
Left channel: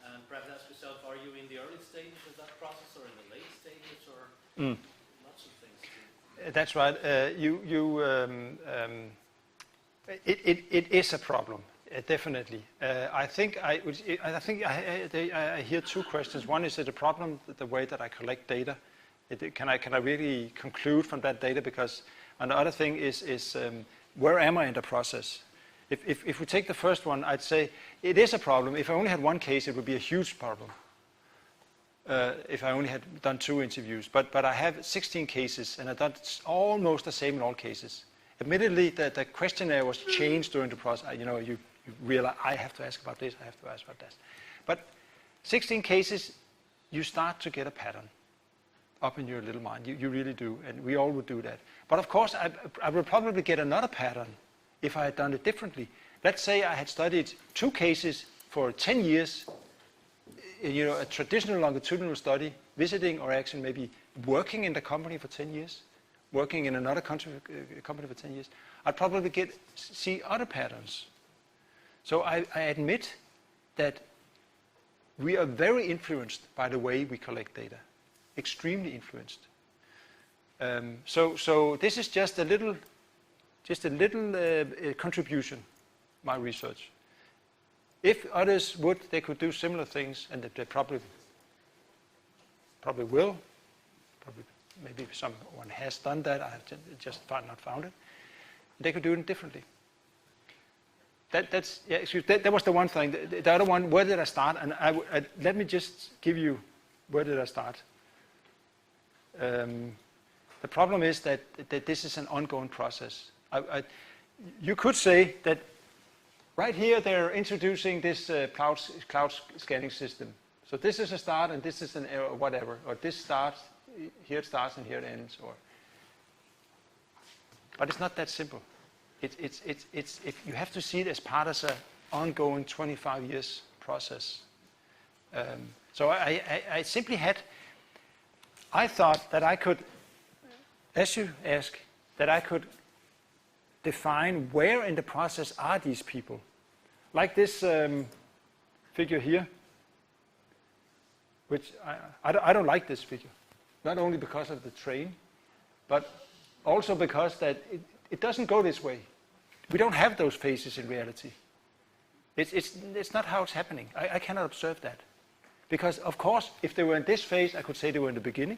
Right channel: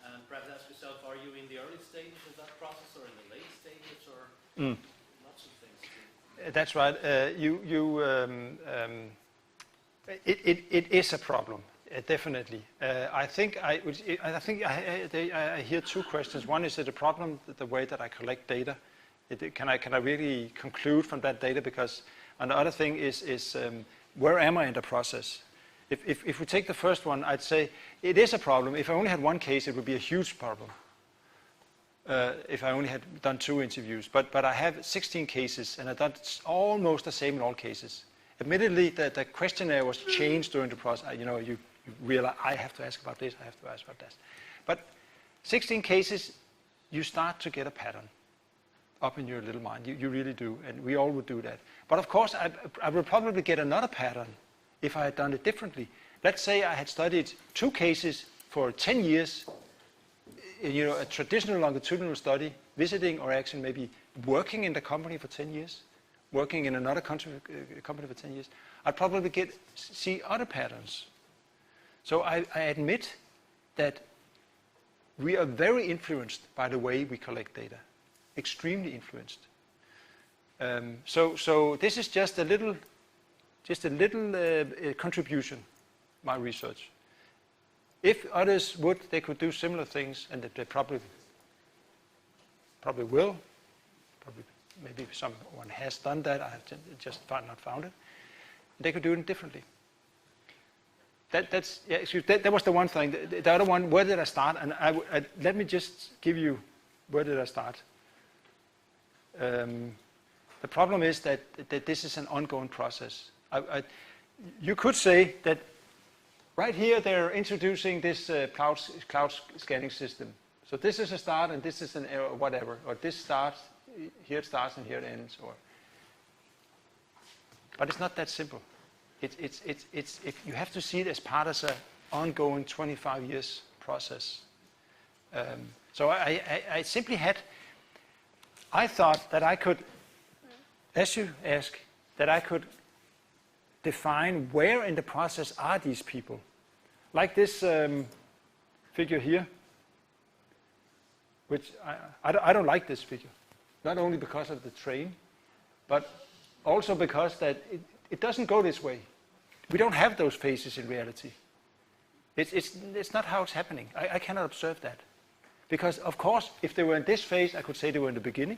And perhaps ask yourself, are you in the early stages of that process or in the late stages or lots of things? That's right. It is a problem, definitely. I think I hear 2 questions. One is it a problem the way that I collect data? Can I really conclude from that data? Because and the other thing is where am I in the process? If we take the first one, I'd say it is a problem. If I only had 1 case, it would be a huge problem. If I only had done 2 interviews, but I have 16 cases, and I've done almost the same in all cases. Admittedly, the questionnaire was changed during the process. You realize I have to ask about this, I have to ask about that. But 16 cases, you start to get a pattern up in your little mind. You really do, and we all would do that. But of course, I would probably get another pattern if I had done it differently. Let's say I had studied 2 cases for 10 years. a traditional longitudinal study, visiting or actually maybe working in the company for 10 years, working in another company for 10 years, I'd probably see other patterns. So I admit that we are very influenced by the way we collect data, extremely influenced. So this is just a little contribution, my research. If others would, they could do similar things, and that they probably will. Probably, maybe someone has done that. I have just not found it. They could do it differently. That was the one thing. The other one, where did I start? And let me just give you where did I start. The problem is that this is an ongoing process. You could say that right here they're introducing this cloud scanning system. So this is a start and this is an error or whatever. Or this starts, here it starts and here it ends. But it's not that simple. You have to see it as part of an ongoing 25 years process. So I simply I thought that I could, as you ask, that I could define where in the process are these people. Like this figure here, which I don't like this figure, not only because of the train, but also because that it doesn't go this way. We don't have those phases in reality. It's not how it's happening. I cannot observe that. Because, of course, if they were in this phase, I could say they were in the beginning.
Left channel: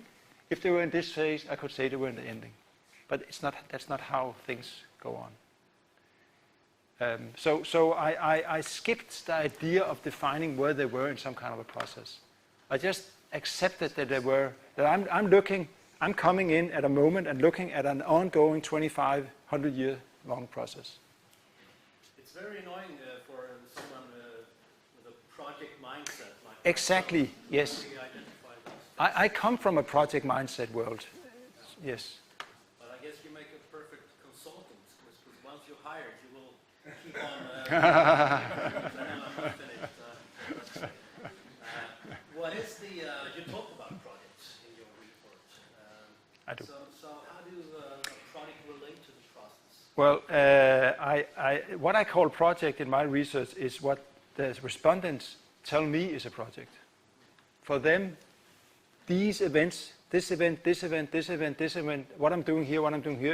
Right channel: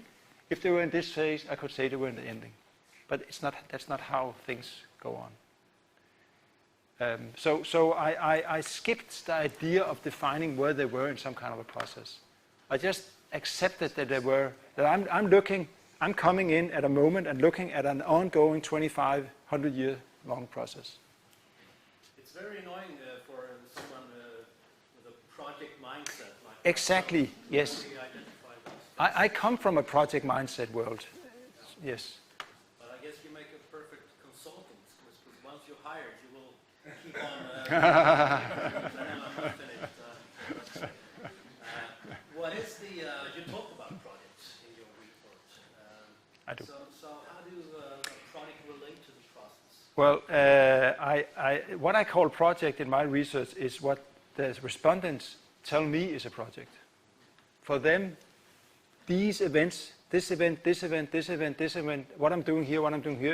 If they were in this phase, I could say they were in the ending. But that's not how things go on. So I skipped the idea of defining where they were in some kind of a process. I just accepted that they were, that I'm coming in at a moment and looking at an ongoing 2,500 year long process. It's very annoying for someone with a project mindset. Like exactly, yes. Really identify those. I come from a project mindset world, yes. But I guess you make a perfect consultant, because once you're hired, you will keep on. What is you talk about projects in your report. I do. So how do a project relate to the process? Well, what I call project in my research is what the respondents tell me is a project. For them, these events, this event, this event, this event, this event, what I'm doing here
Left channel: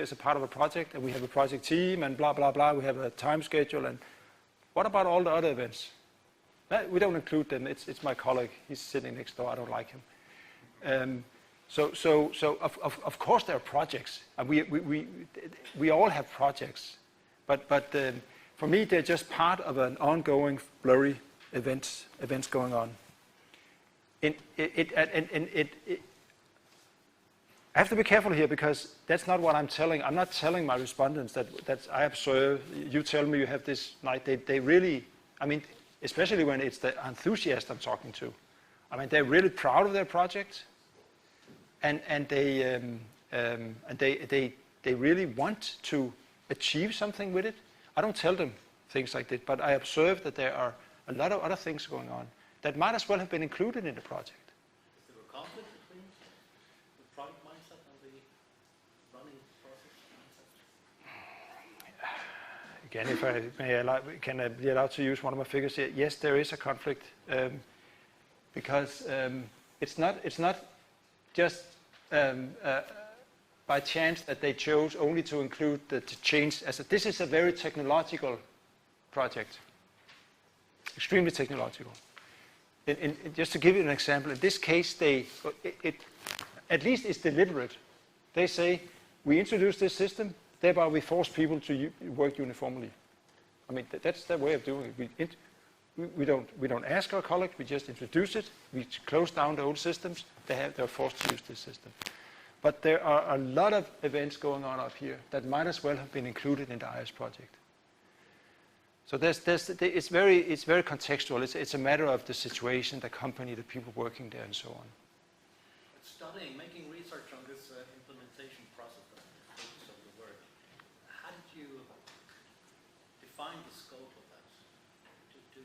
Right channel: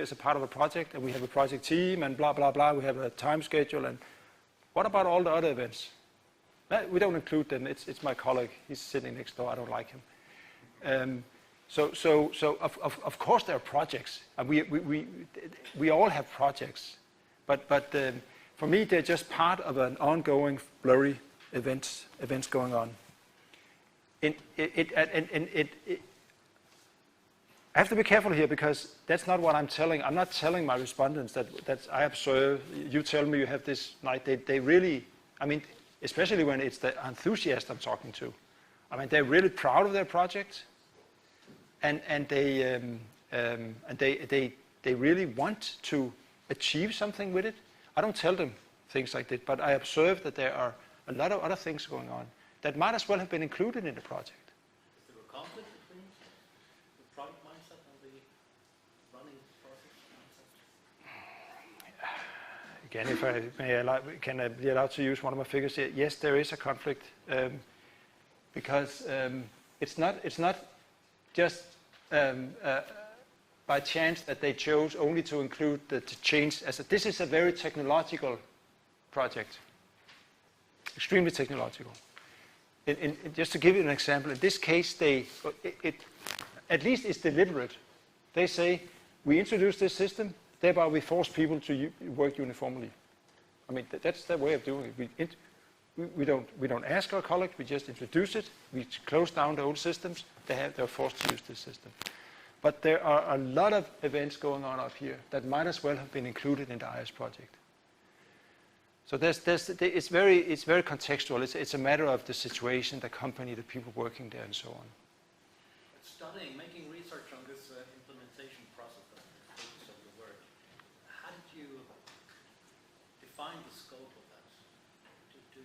is a part of a project, and we have a project team, and blah, blah, blah, we have a time schedule, and what about all the other events? We don't include them, it's my colleague, he's sitting next door, I don't like him. So of course there are projects, and we all have projects, but for me they're just part of an ongoing blurry events going on. I have to be careful here because that's not what I'm telling. I'm not telling my respondents that I observe. You tell me you have this night. They really, I mean, especially when it's the enthusiast I'm talking to. I mean, they're really proud of their project, and they really want to achieve something with it. I don't tell them things like that, but I observe that there are a lot of other things going on that might as well have been included in the project. Is there a conflict between the project mindset and the running process mindset? Again, if I can be allowed to use one of my figures here, yes, there is a conflict because it's not just by chance that they chose only to include the change. This is a very technological project, extremely technological. Just to give you an example, in this case, at least it's deliberate. They say, we introduce this system, thereby we force people to work uniformly. I mean, that's their way of doing it. We don't ask our colleagues, we just introduce it, we close down the old systems, they're forced to use this system. But there are a lot of events going on out here that might as well have been included in the IS project. So it's very contextual. It's a matter of the situation, the company, the people working there, and so on. Making research on this implementation process of the word, how did you define the scope of that? Do you?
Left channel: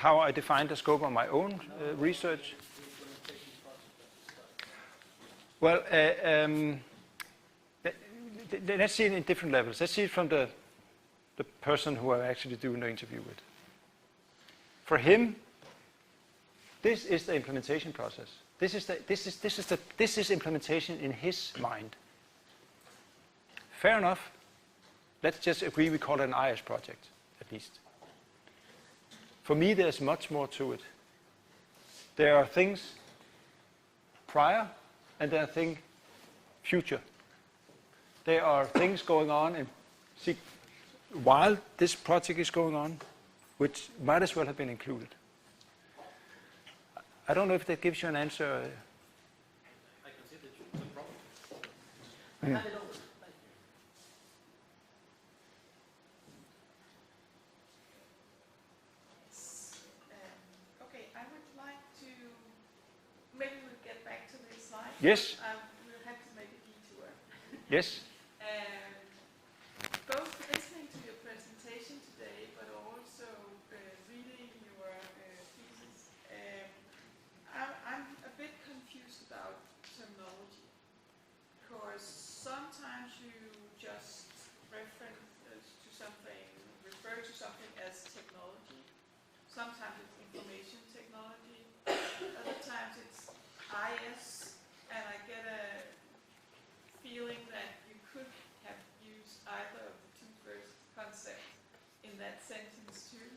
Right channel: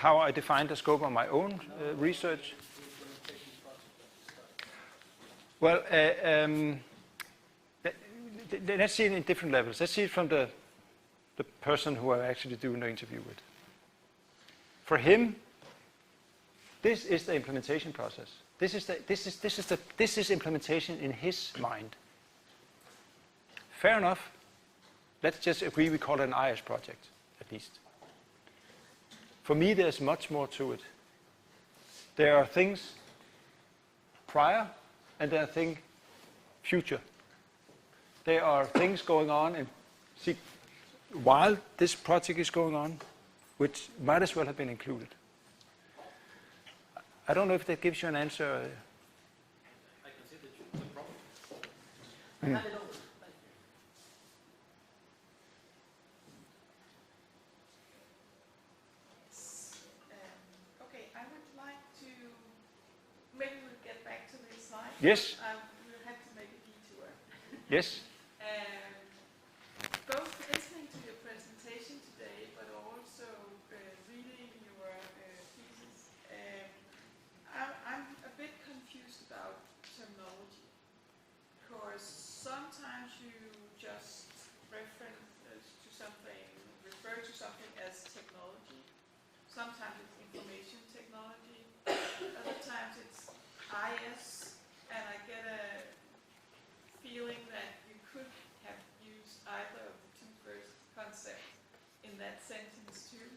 how I define the scope of my own research. Well, let's see it in different levels. Let's see it from the person who I'm actually doing the interview with. For him, this is the implementation process. This is implementation in his mind. Fair enough. Let's just agree we call it an IS project, at least. For me, there's much more to it. There are things prior, and there are things future. There are things going on, and see, while this project is going on, which might as well have been included. I don't know if that gives you an answer. I can see the problem. I had it over. Okay, I would like to, maybe we'll get back to this slide. Yes. We'll have to make a detour. Yes. Both listening to your presentation today, but also reading your thesis, I'm a bit confused about terminology. Because sometimes you just reference to something, refer to something as technology. Sometimes it's information technology. Other times it's IS, and I get a feeling that you could have used either of the two first concepts in that sentence too.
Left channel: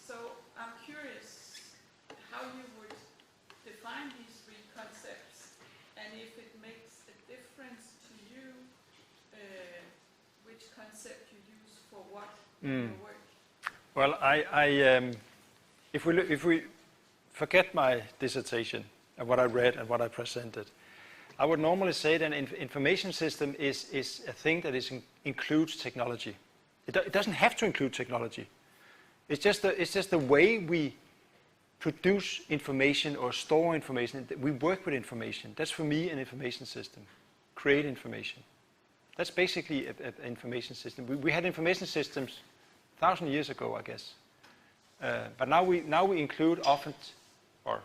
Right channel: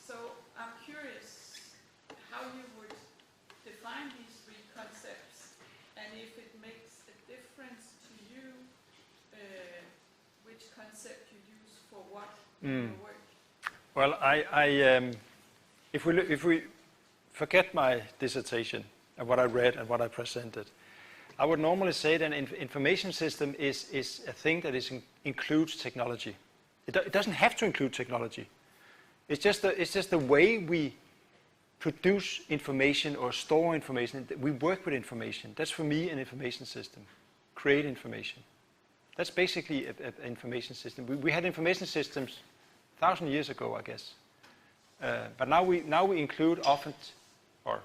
So I'm curious how you would define these three concepts, and if it makes a difference to you which concept you use for what in your work. Well, if we forget my dissertation and what I read and what I presented, I would normally say that an information system is a thing that includes technology. It doesn't have to include technology. It's just the way we produce information or store information. We work with information. That's for me an information system. Create information. That's basically an information system. We had information systems 1,000 years ago, I guess. But now we include often, or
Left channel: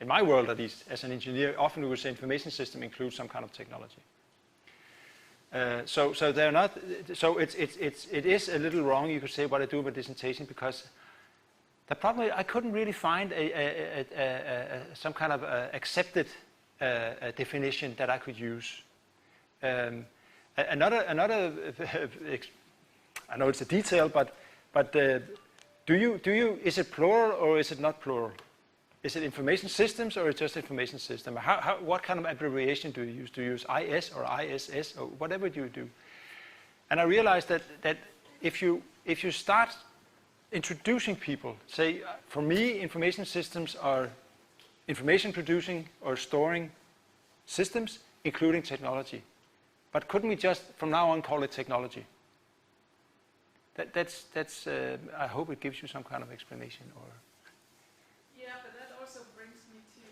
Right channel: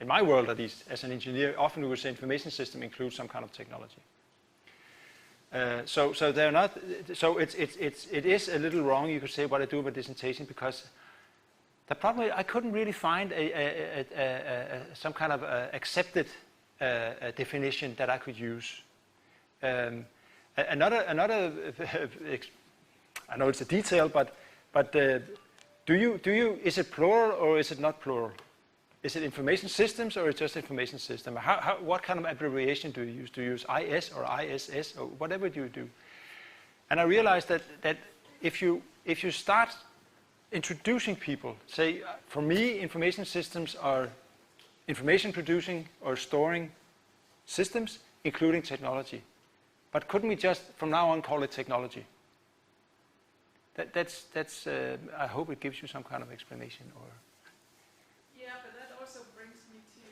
in my world at least, as an engineer, often we would say information system includes some kind of technology. So they're not. So it is a little wrong, you could say, what I do with dissertation, because the problem is I couldn't really find some kind of accepted definition that I could use. Another I know it's a detail, but do you is it plural or is it not plural? Is it information systems or is it just information system? What kind of abbreviation do you use? Do you use IS or ISS or whatever do you do? And I realized that if you start introducing people, say for me information systems are information producing or storing systems, including technology. But couldn't we just from now on call it technology? That's I hope it gives you some kind of explanation. Or Yeah, but that also brings me to,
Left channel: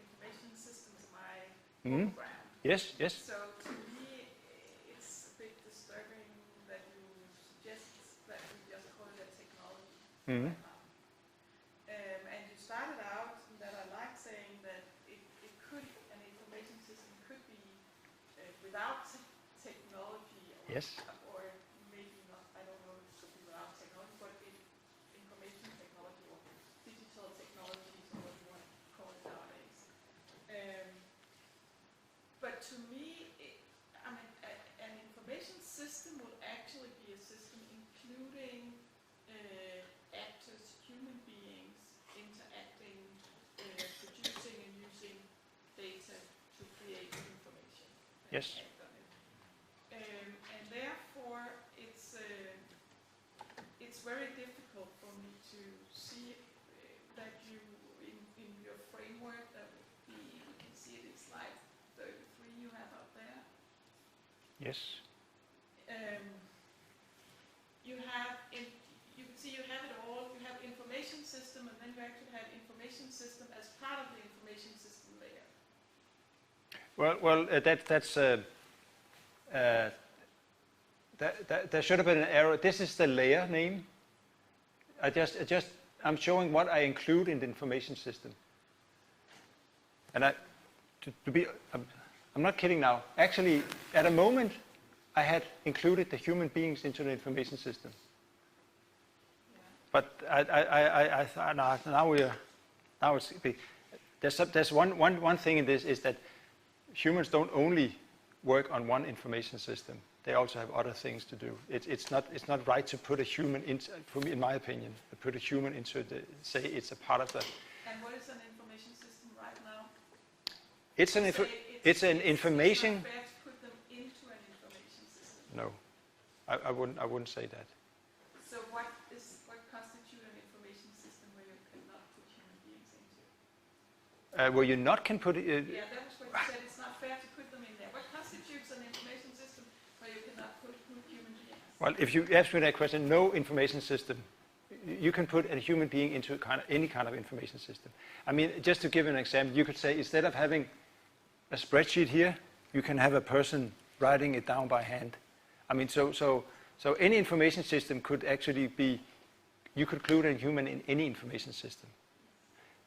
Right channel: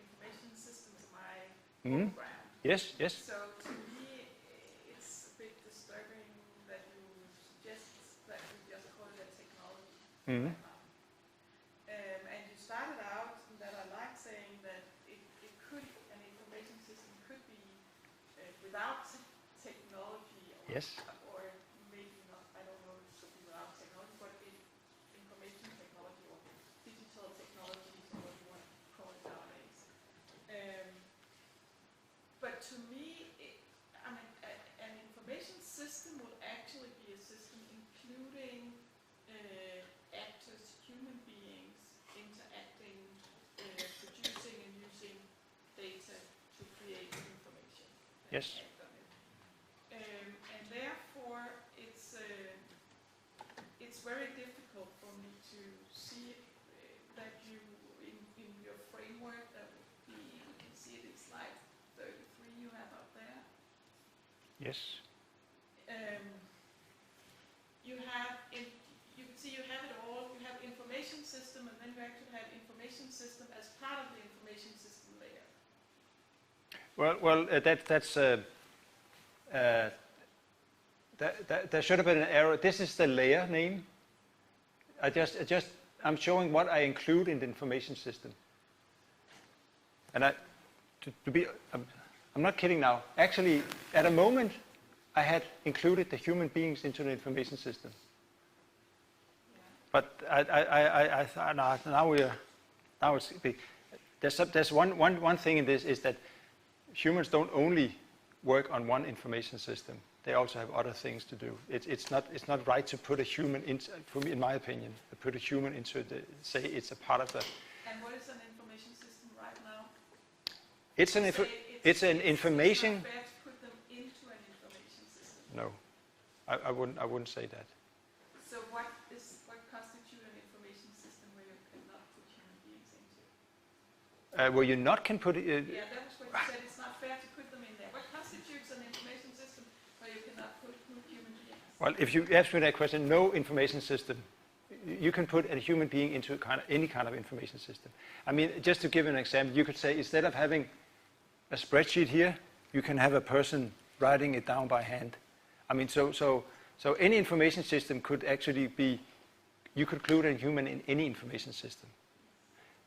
information systems, my background. Yes. So to me, it's a bit disturbing that you suggest that we just call it a technology. And you started out that I like saying that it could, an information system could be without technology. Yes. Or maybe not, I don't know if it could be without technology, but information technology or digital technologies or what you want to call it nowadays. But to me, an information system would actually be a system including actors, human beings, interacting, producing and using data to create information. Yes. And therefore, it's very difficult for me to see that you, in your framework, that would be, you can see it in slide 33 you have up there. Yes. You have, you can see you have it all. You have information system, and then you actually have information system as part of the information system layer. There should have been an error. This is the layer name. I'm showing what I include in the information system. And I'm not kidding now. Actually, at a moment, I had included the human beings into the information system. But there's one thing in this is that humans don't only work on one information system. They also have other things to do. It's not right to put a human in my opinion, to put a human into say it's a part of the. And what is an information system right now? It's an information. It's not fair to put them into an information system. No, I wouldn't say that. So what constitutes an information system where you cannot put human beings into? Where you not can put. Yeah, that was what you said. It's not fair to put them in there. What constitutes an information system where you cannot put human beings? Well, if you ask me that question, no information system. You can put a human being into any kind of information system. I mean, just to give an example, you could say instead of having a spreadsheet here, you can have a person writing it down by hand. I mean, so any information system could actually be, you could include a human in any information system.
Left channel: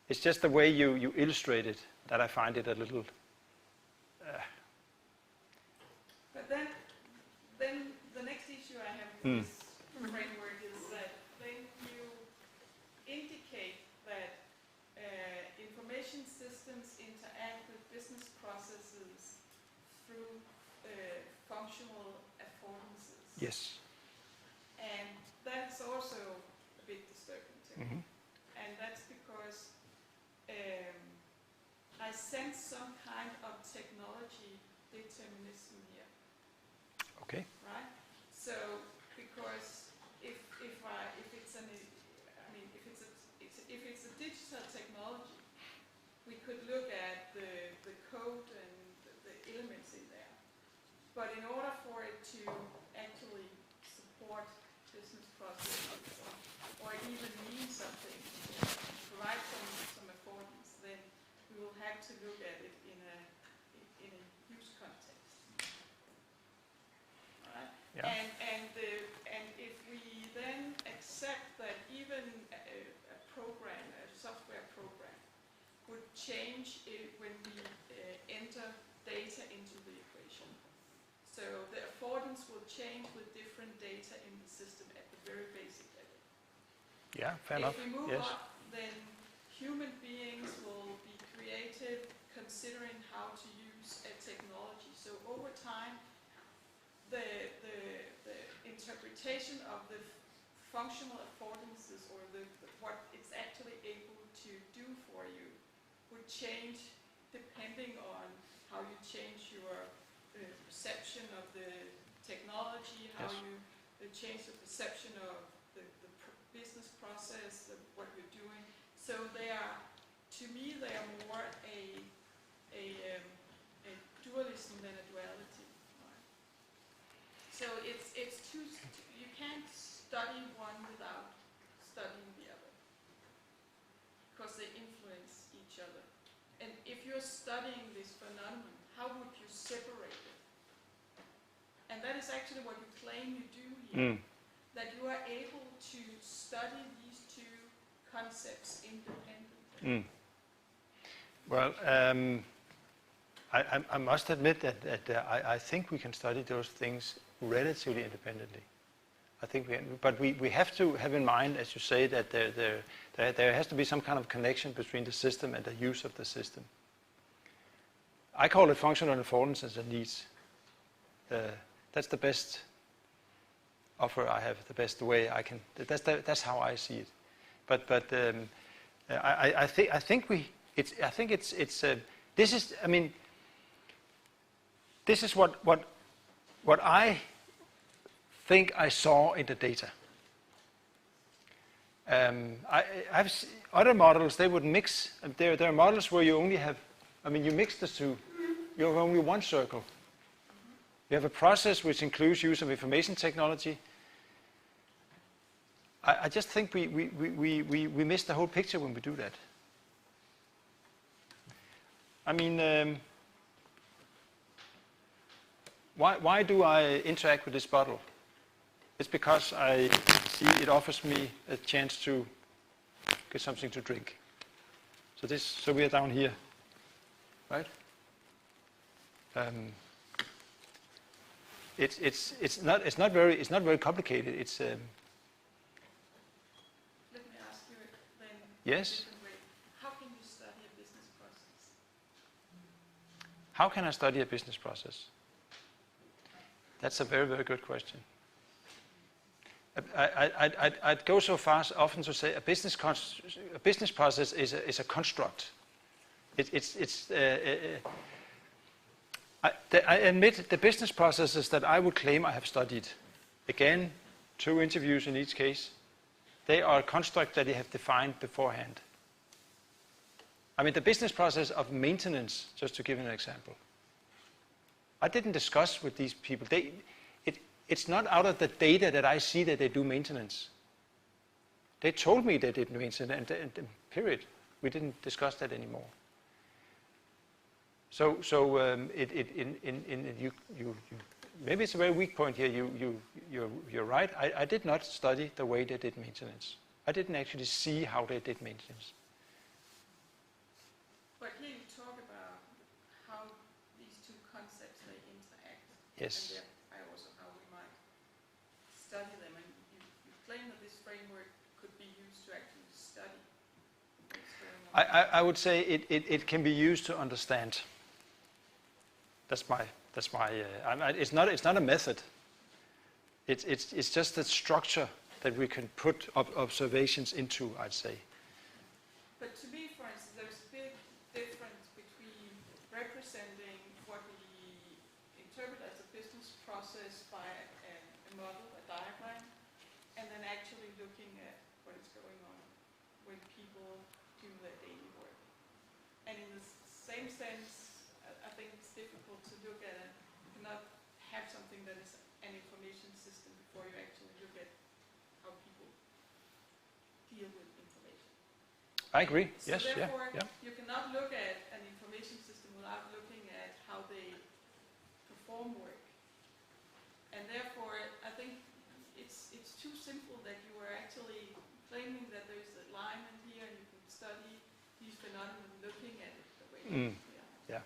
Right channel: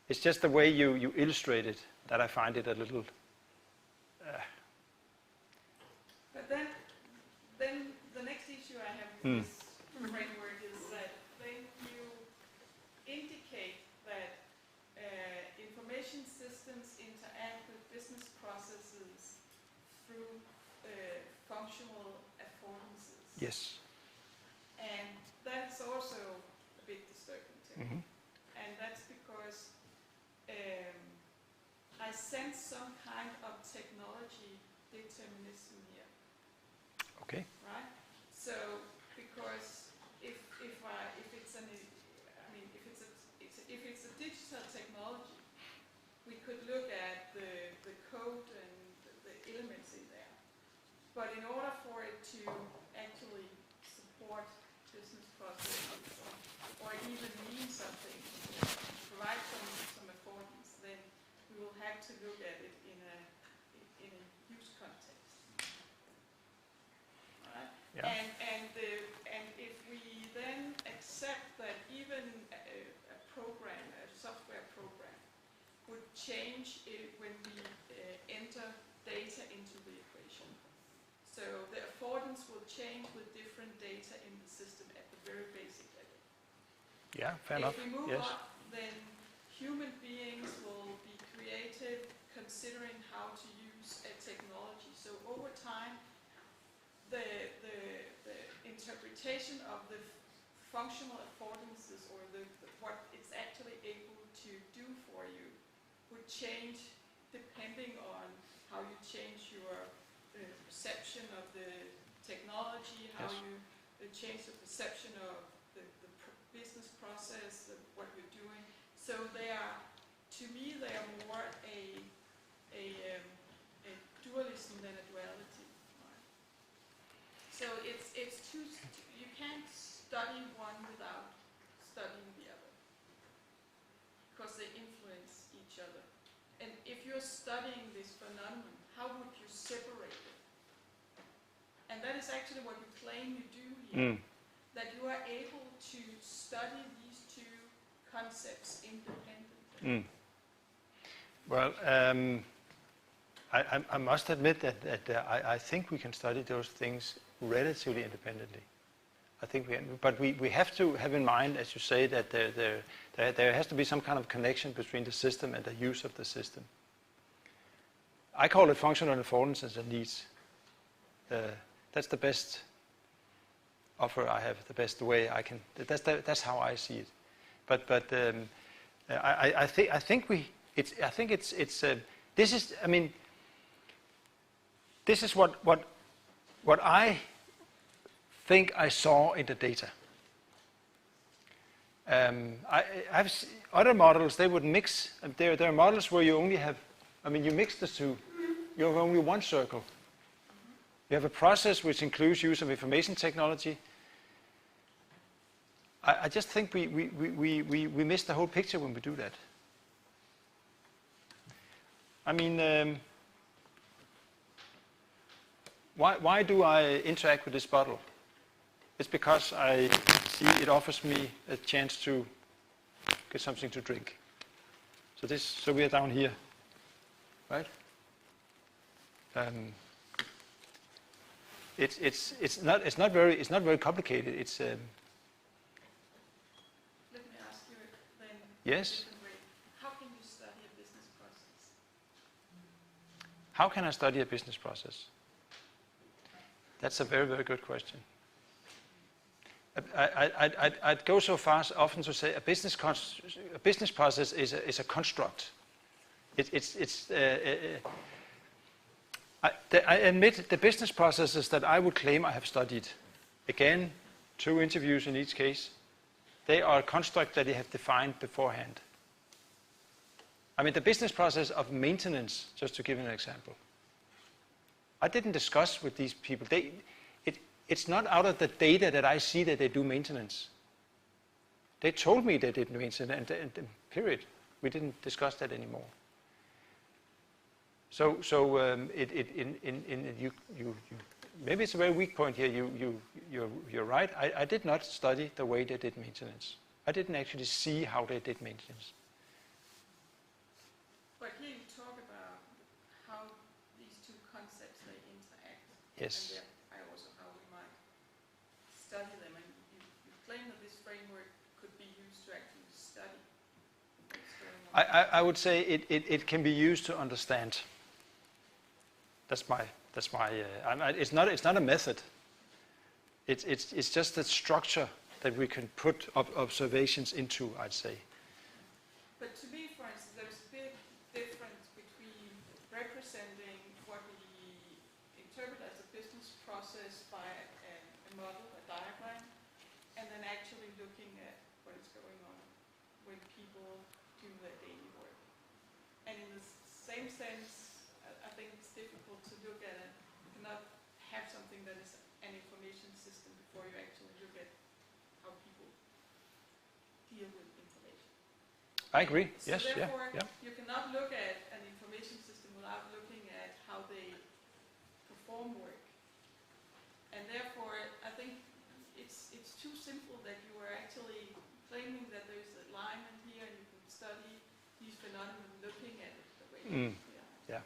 It's just the way you illustrate it that I find it a little. But then the next issue I have with this framework is that then you indicate that information systems interact with business processes through functional affordances. Yes. And that's also a bit disturbing to me. And that's because I sense some kind of technology determinism here. Okay. Right? So, because if it's a digital technology, we could look at the code and the elements in there. But in order for it to actually support business processes or even mean something, provide some affordance, then we will have to look at it in a use context. Right? Yeah. And if we then accept that even a program, a software program, would change when we enter data into the equation. So the affordance will change with different data in the system at the very basic level. Yeah, fair enough. If we move Yes. up, then human beings will be creative considering how to use a technology. So over time, the interpretation of the functional affordances or what it's actually able to do for you would change depending on how you change your perception of the technology, how Yes. you change the perception of the business process, of what you're doing. So to me, they are more a dualism than a duality. Right? So it's two. You can't study one without studying the other because they influence each other. And if you're studying this phenomenon, how would you separate it? And that is actually what you claim you do here. That you are able to study these two concepts independently. Well, I must admit that I think we can study those things relatively independently. I think but we have to have in mind, as you say, that there has to be some kind of connection between the system and the use of the system. I call it functional affordances and needs. That's the best offer I have, the best way I can. That's how I see it. But I think this is. I mean, this is what I think I saw in the data. I've other models, they would mix. There are models where you only have. I mean, you mix the two. You have only one circle. You have a process which includes use of information technology. I just think we miss the whole picture when we do that. I mean, why do I interact with this bottle? It's because I see it offers me a chance to get something to drink. So we are down here, right? It's not very complicated. It's Let me ask you then. Yes. How can you study a business process? How can I study a business process? That's a very, very good question. I'd go so far as often to say a business process is a construct. I admit the business processes that I would claim I have studied, again, 2 interviews in each case, they are a construct that they have defined beforehand. I mean, the business process of maintenance, just to give an example, I didn't discuss with these people. It's not out of the data that I see that they do maintenance. They told me they did maintenance, and period. We didn't discuss that anymore. So maybe it's a very weak point here. You're right. I did not study the way they did maintenance. I didn't actually see how they did maintenance. But here you talk about how these two concepts they interact. Yes. And I also how we might study them. And you claim that this framework could be used to actually study. I would say it can be used to understand. That's my. It's not a method. It's just the structure that we can put observations into, I'd say. But to me, for instance, there's a big difference between representing what we interpret as a business process by a model, a diagram, and then actually looking at what is going on when people do their daily work. And in the same sense, I think it's difficult to look at it, not have something that is an information system before you actually look at how people deal with information. I agree. So Yes. therefore, Yeah. you cannot look at an information system without looking at how they perform work. And therefore, I think it's too simple that you are actually claiming that there is alignment here and you can study these phenomena looking at it the way Mm. yeah.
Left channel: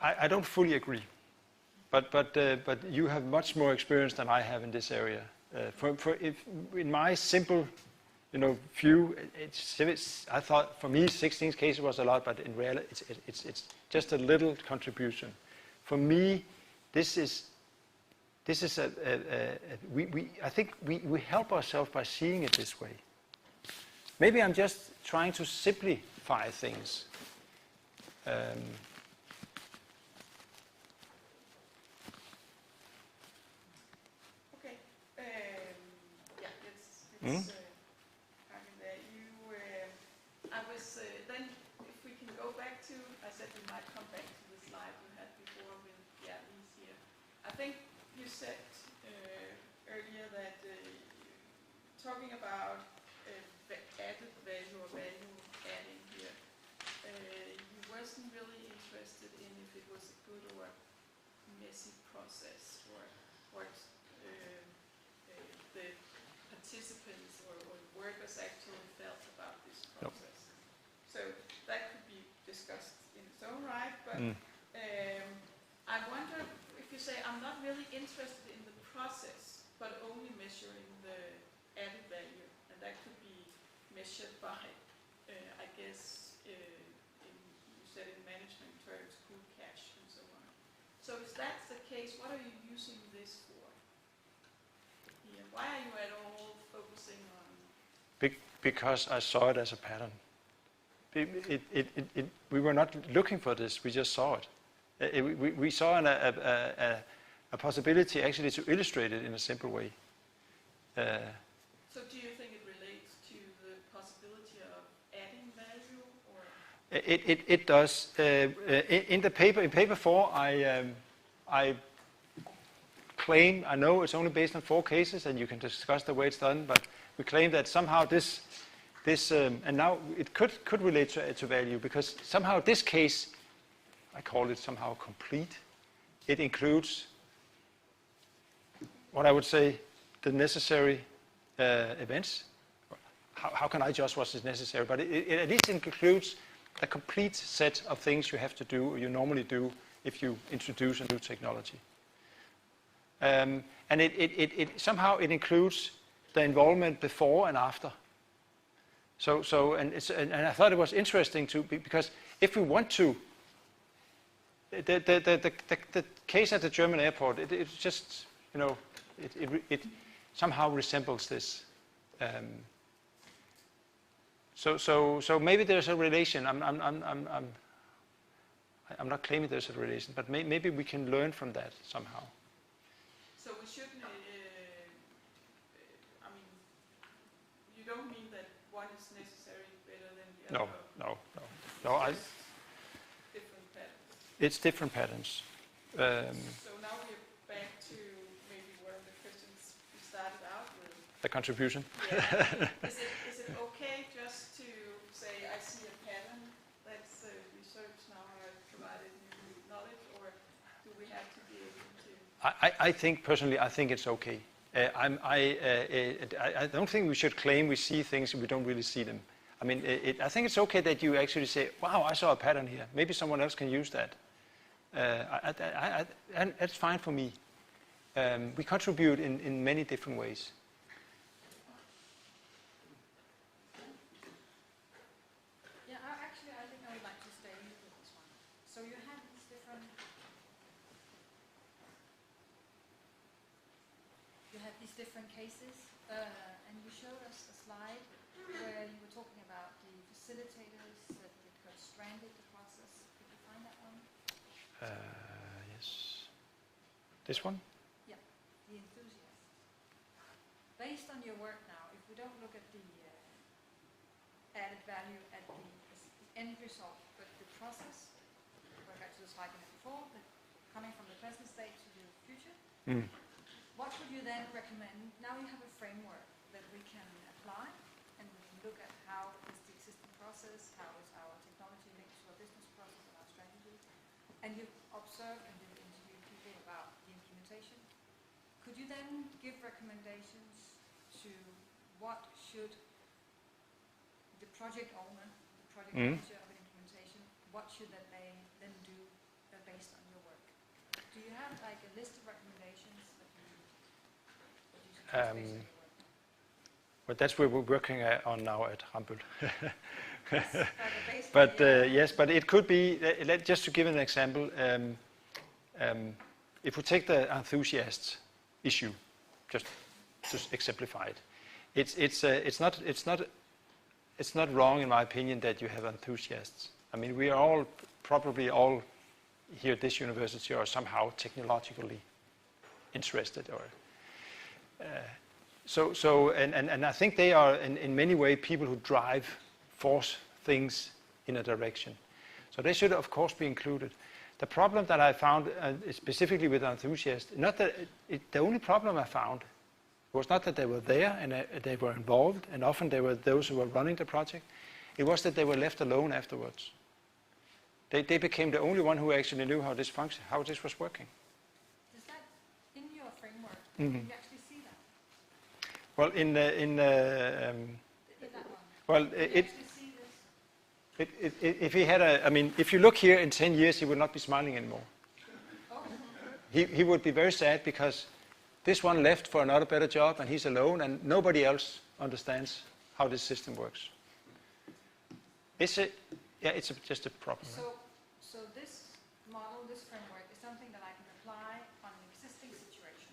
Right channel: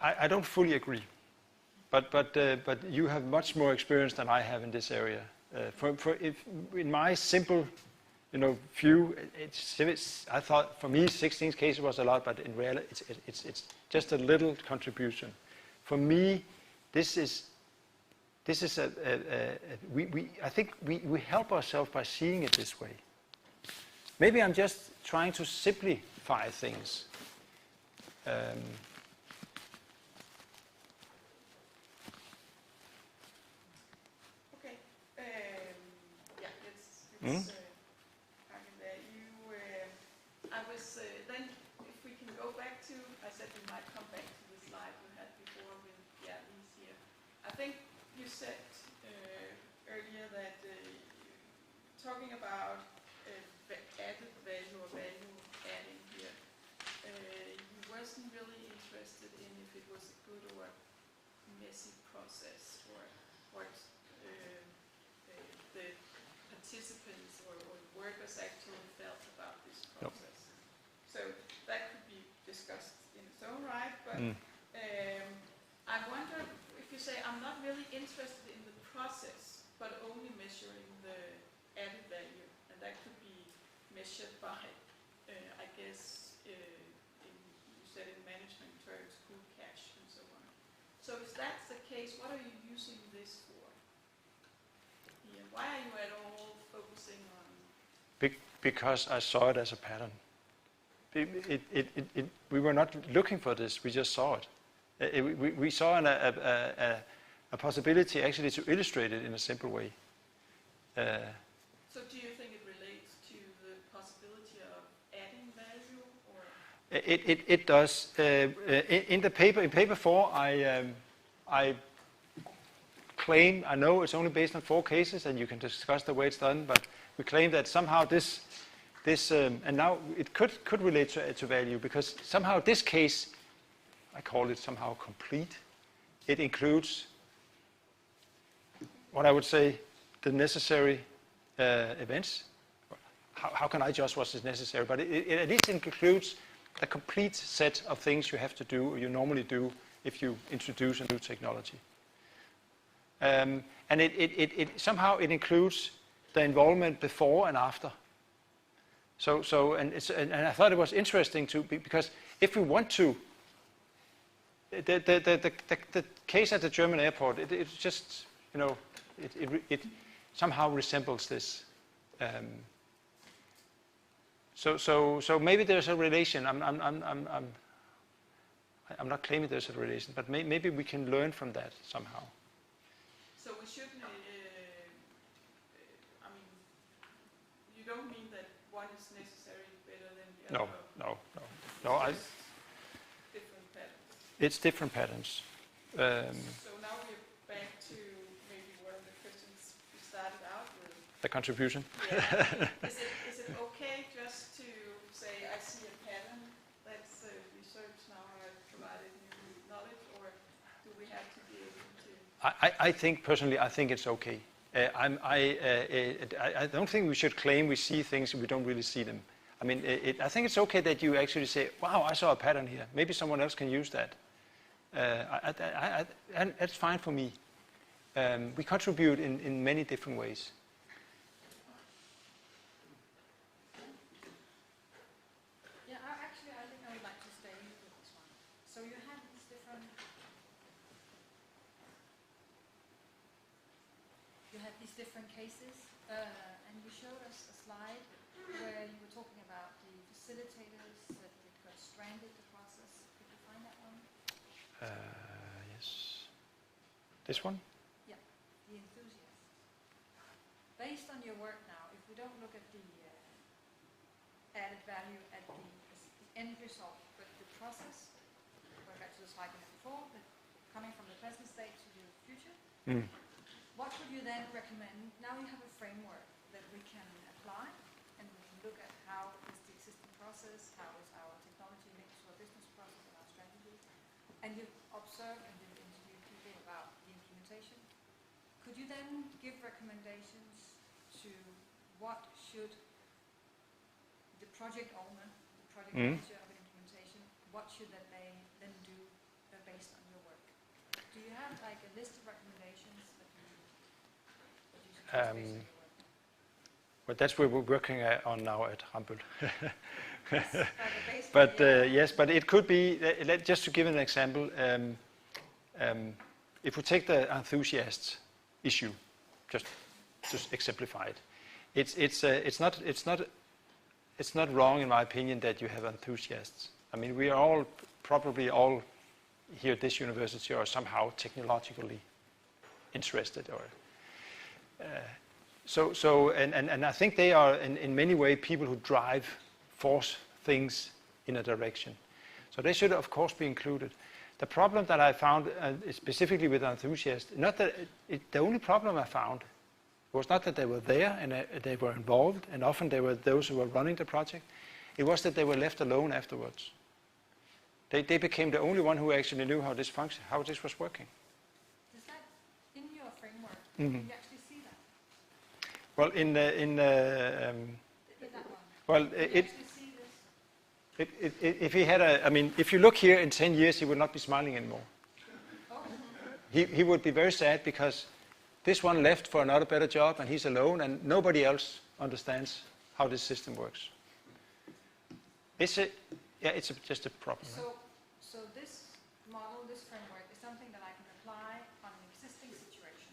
I don't fully agree, but you have much more experience than I have in this area. In my simple, view, I thought for me 16 cases was a lot, but in reality it's just a little contribution. For me, this is I think we help ourselves by seeing it this way. Maybe I'm just trying to simplify things. Okay. Let's kind of there. I was then if we can go back to, I said we might come back to the slide we had before with these here. I think you said earlier that talking about the added value or value adding here, you wasn't really interested in if it was a good or messy process or what the participants or workers actually felt about this process. So that could be discussed in its own right, but I wonder if you say I'm not really interested in the process, but only measuring the added value, and that could be measured by, I guess, you said in management terms, good cash and so on. So if that's the case, what are you using this for? Yeah, why are you at all focusing on? Because I saw it as a pattern. We were not looking for this, we just saw it. We saw a possibility actually to illustrate it in a simple way. So do you think it relates to the possibility of adding value, or? It does. In paper 4, I claim, I know it's only based on 4 cases, and you can discuss the way it's done, but we claim that somehow this and now it could relate to value, because somehow this case I call it somehow complete. It includes what I would say the necessary events. How can I judge what is necessary? But it at least includes a complete set of things you have to do, or you normally do, if you introduce a new technology. And it somehow it includes the involvement before and after. And I thought it was interesting because if we want to, the case at the German airport, it's just, you know, it somehow resembles this. So maybe there's a relation. I'm not claiming there's a relation, but maybe we can learn from that somehow. So we shouldn't, I mean, you don't mean that one is necessary better than the other? No. Different patterns. It's different patterns. So now we're back to maybe one of the questions we started out with. The contribution. Yeah. Is it okay just to say, I see a pattern, that's research now, I've provided new knowledge, or do we have to be able to? I think, personally, I think it's okay. I don't think we should claim we see things if we don't really see them. I mean, I think it's okay that you actually say, wow, I saw a pattern here. Maybe someone else can use that. That's fine for me. We contribute in many different ways. Yeah, I think I would like to stay with this one. So you have these different cases, and you showed us a slide where you were talking about the facilitators that got stranded the process. Did you find that one? Yes. This one? Yeah, the enthusiasts. Based on your work now, if we don't look at the added value at the end result, but the process, going back to the slide before, coming from the present state to the future, what would you then recommend? Now we have a framework that we can apply, and we can look at how is the existing process, how is our technology linked to our business process and our strategy, and you observe and you interview people about the implementation. Could you then give recommendations to what should the project owner, the project manager of implementation, what should they then do based on your work? Do you have like a list of recommendations that you suggest based on your work? But that's what we're working on now at Rambøll. Yes, But yes, but it could be, just to give an example, if we take the enthusiasts issue, just to exemplify it, it's not wrong in my opinion that you have enthusiasts. I mean, we are probably all here at this university are somehow technologically interested, or and I think they are in many ways people who force things in a direction. So they should of course be included. The problem that I found specifically with enthusiasts, the only problem I found was not that they were there and they were involved, and often they were those who were running the project. It was that they were left alone afterwards. They became the only one who actually knew how this functioned, how this was working. Is that in your framework? Did you actually see that? Well, In that one? well, Did you actually see this? if he had if you look here in 10 years, he would not be smiling anymore. Oh. He would be very sad because this one left for another better job and he's alone and nobody else understands how this system works. It's just a problem. So this model, this framework, is something that I can apply on an existing situation.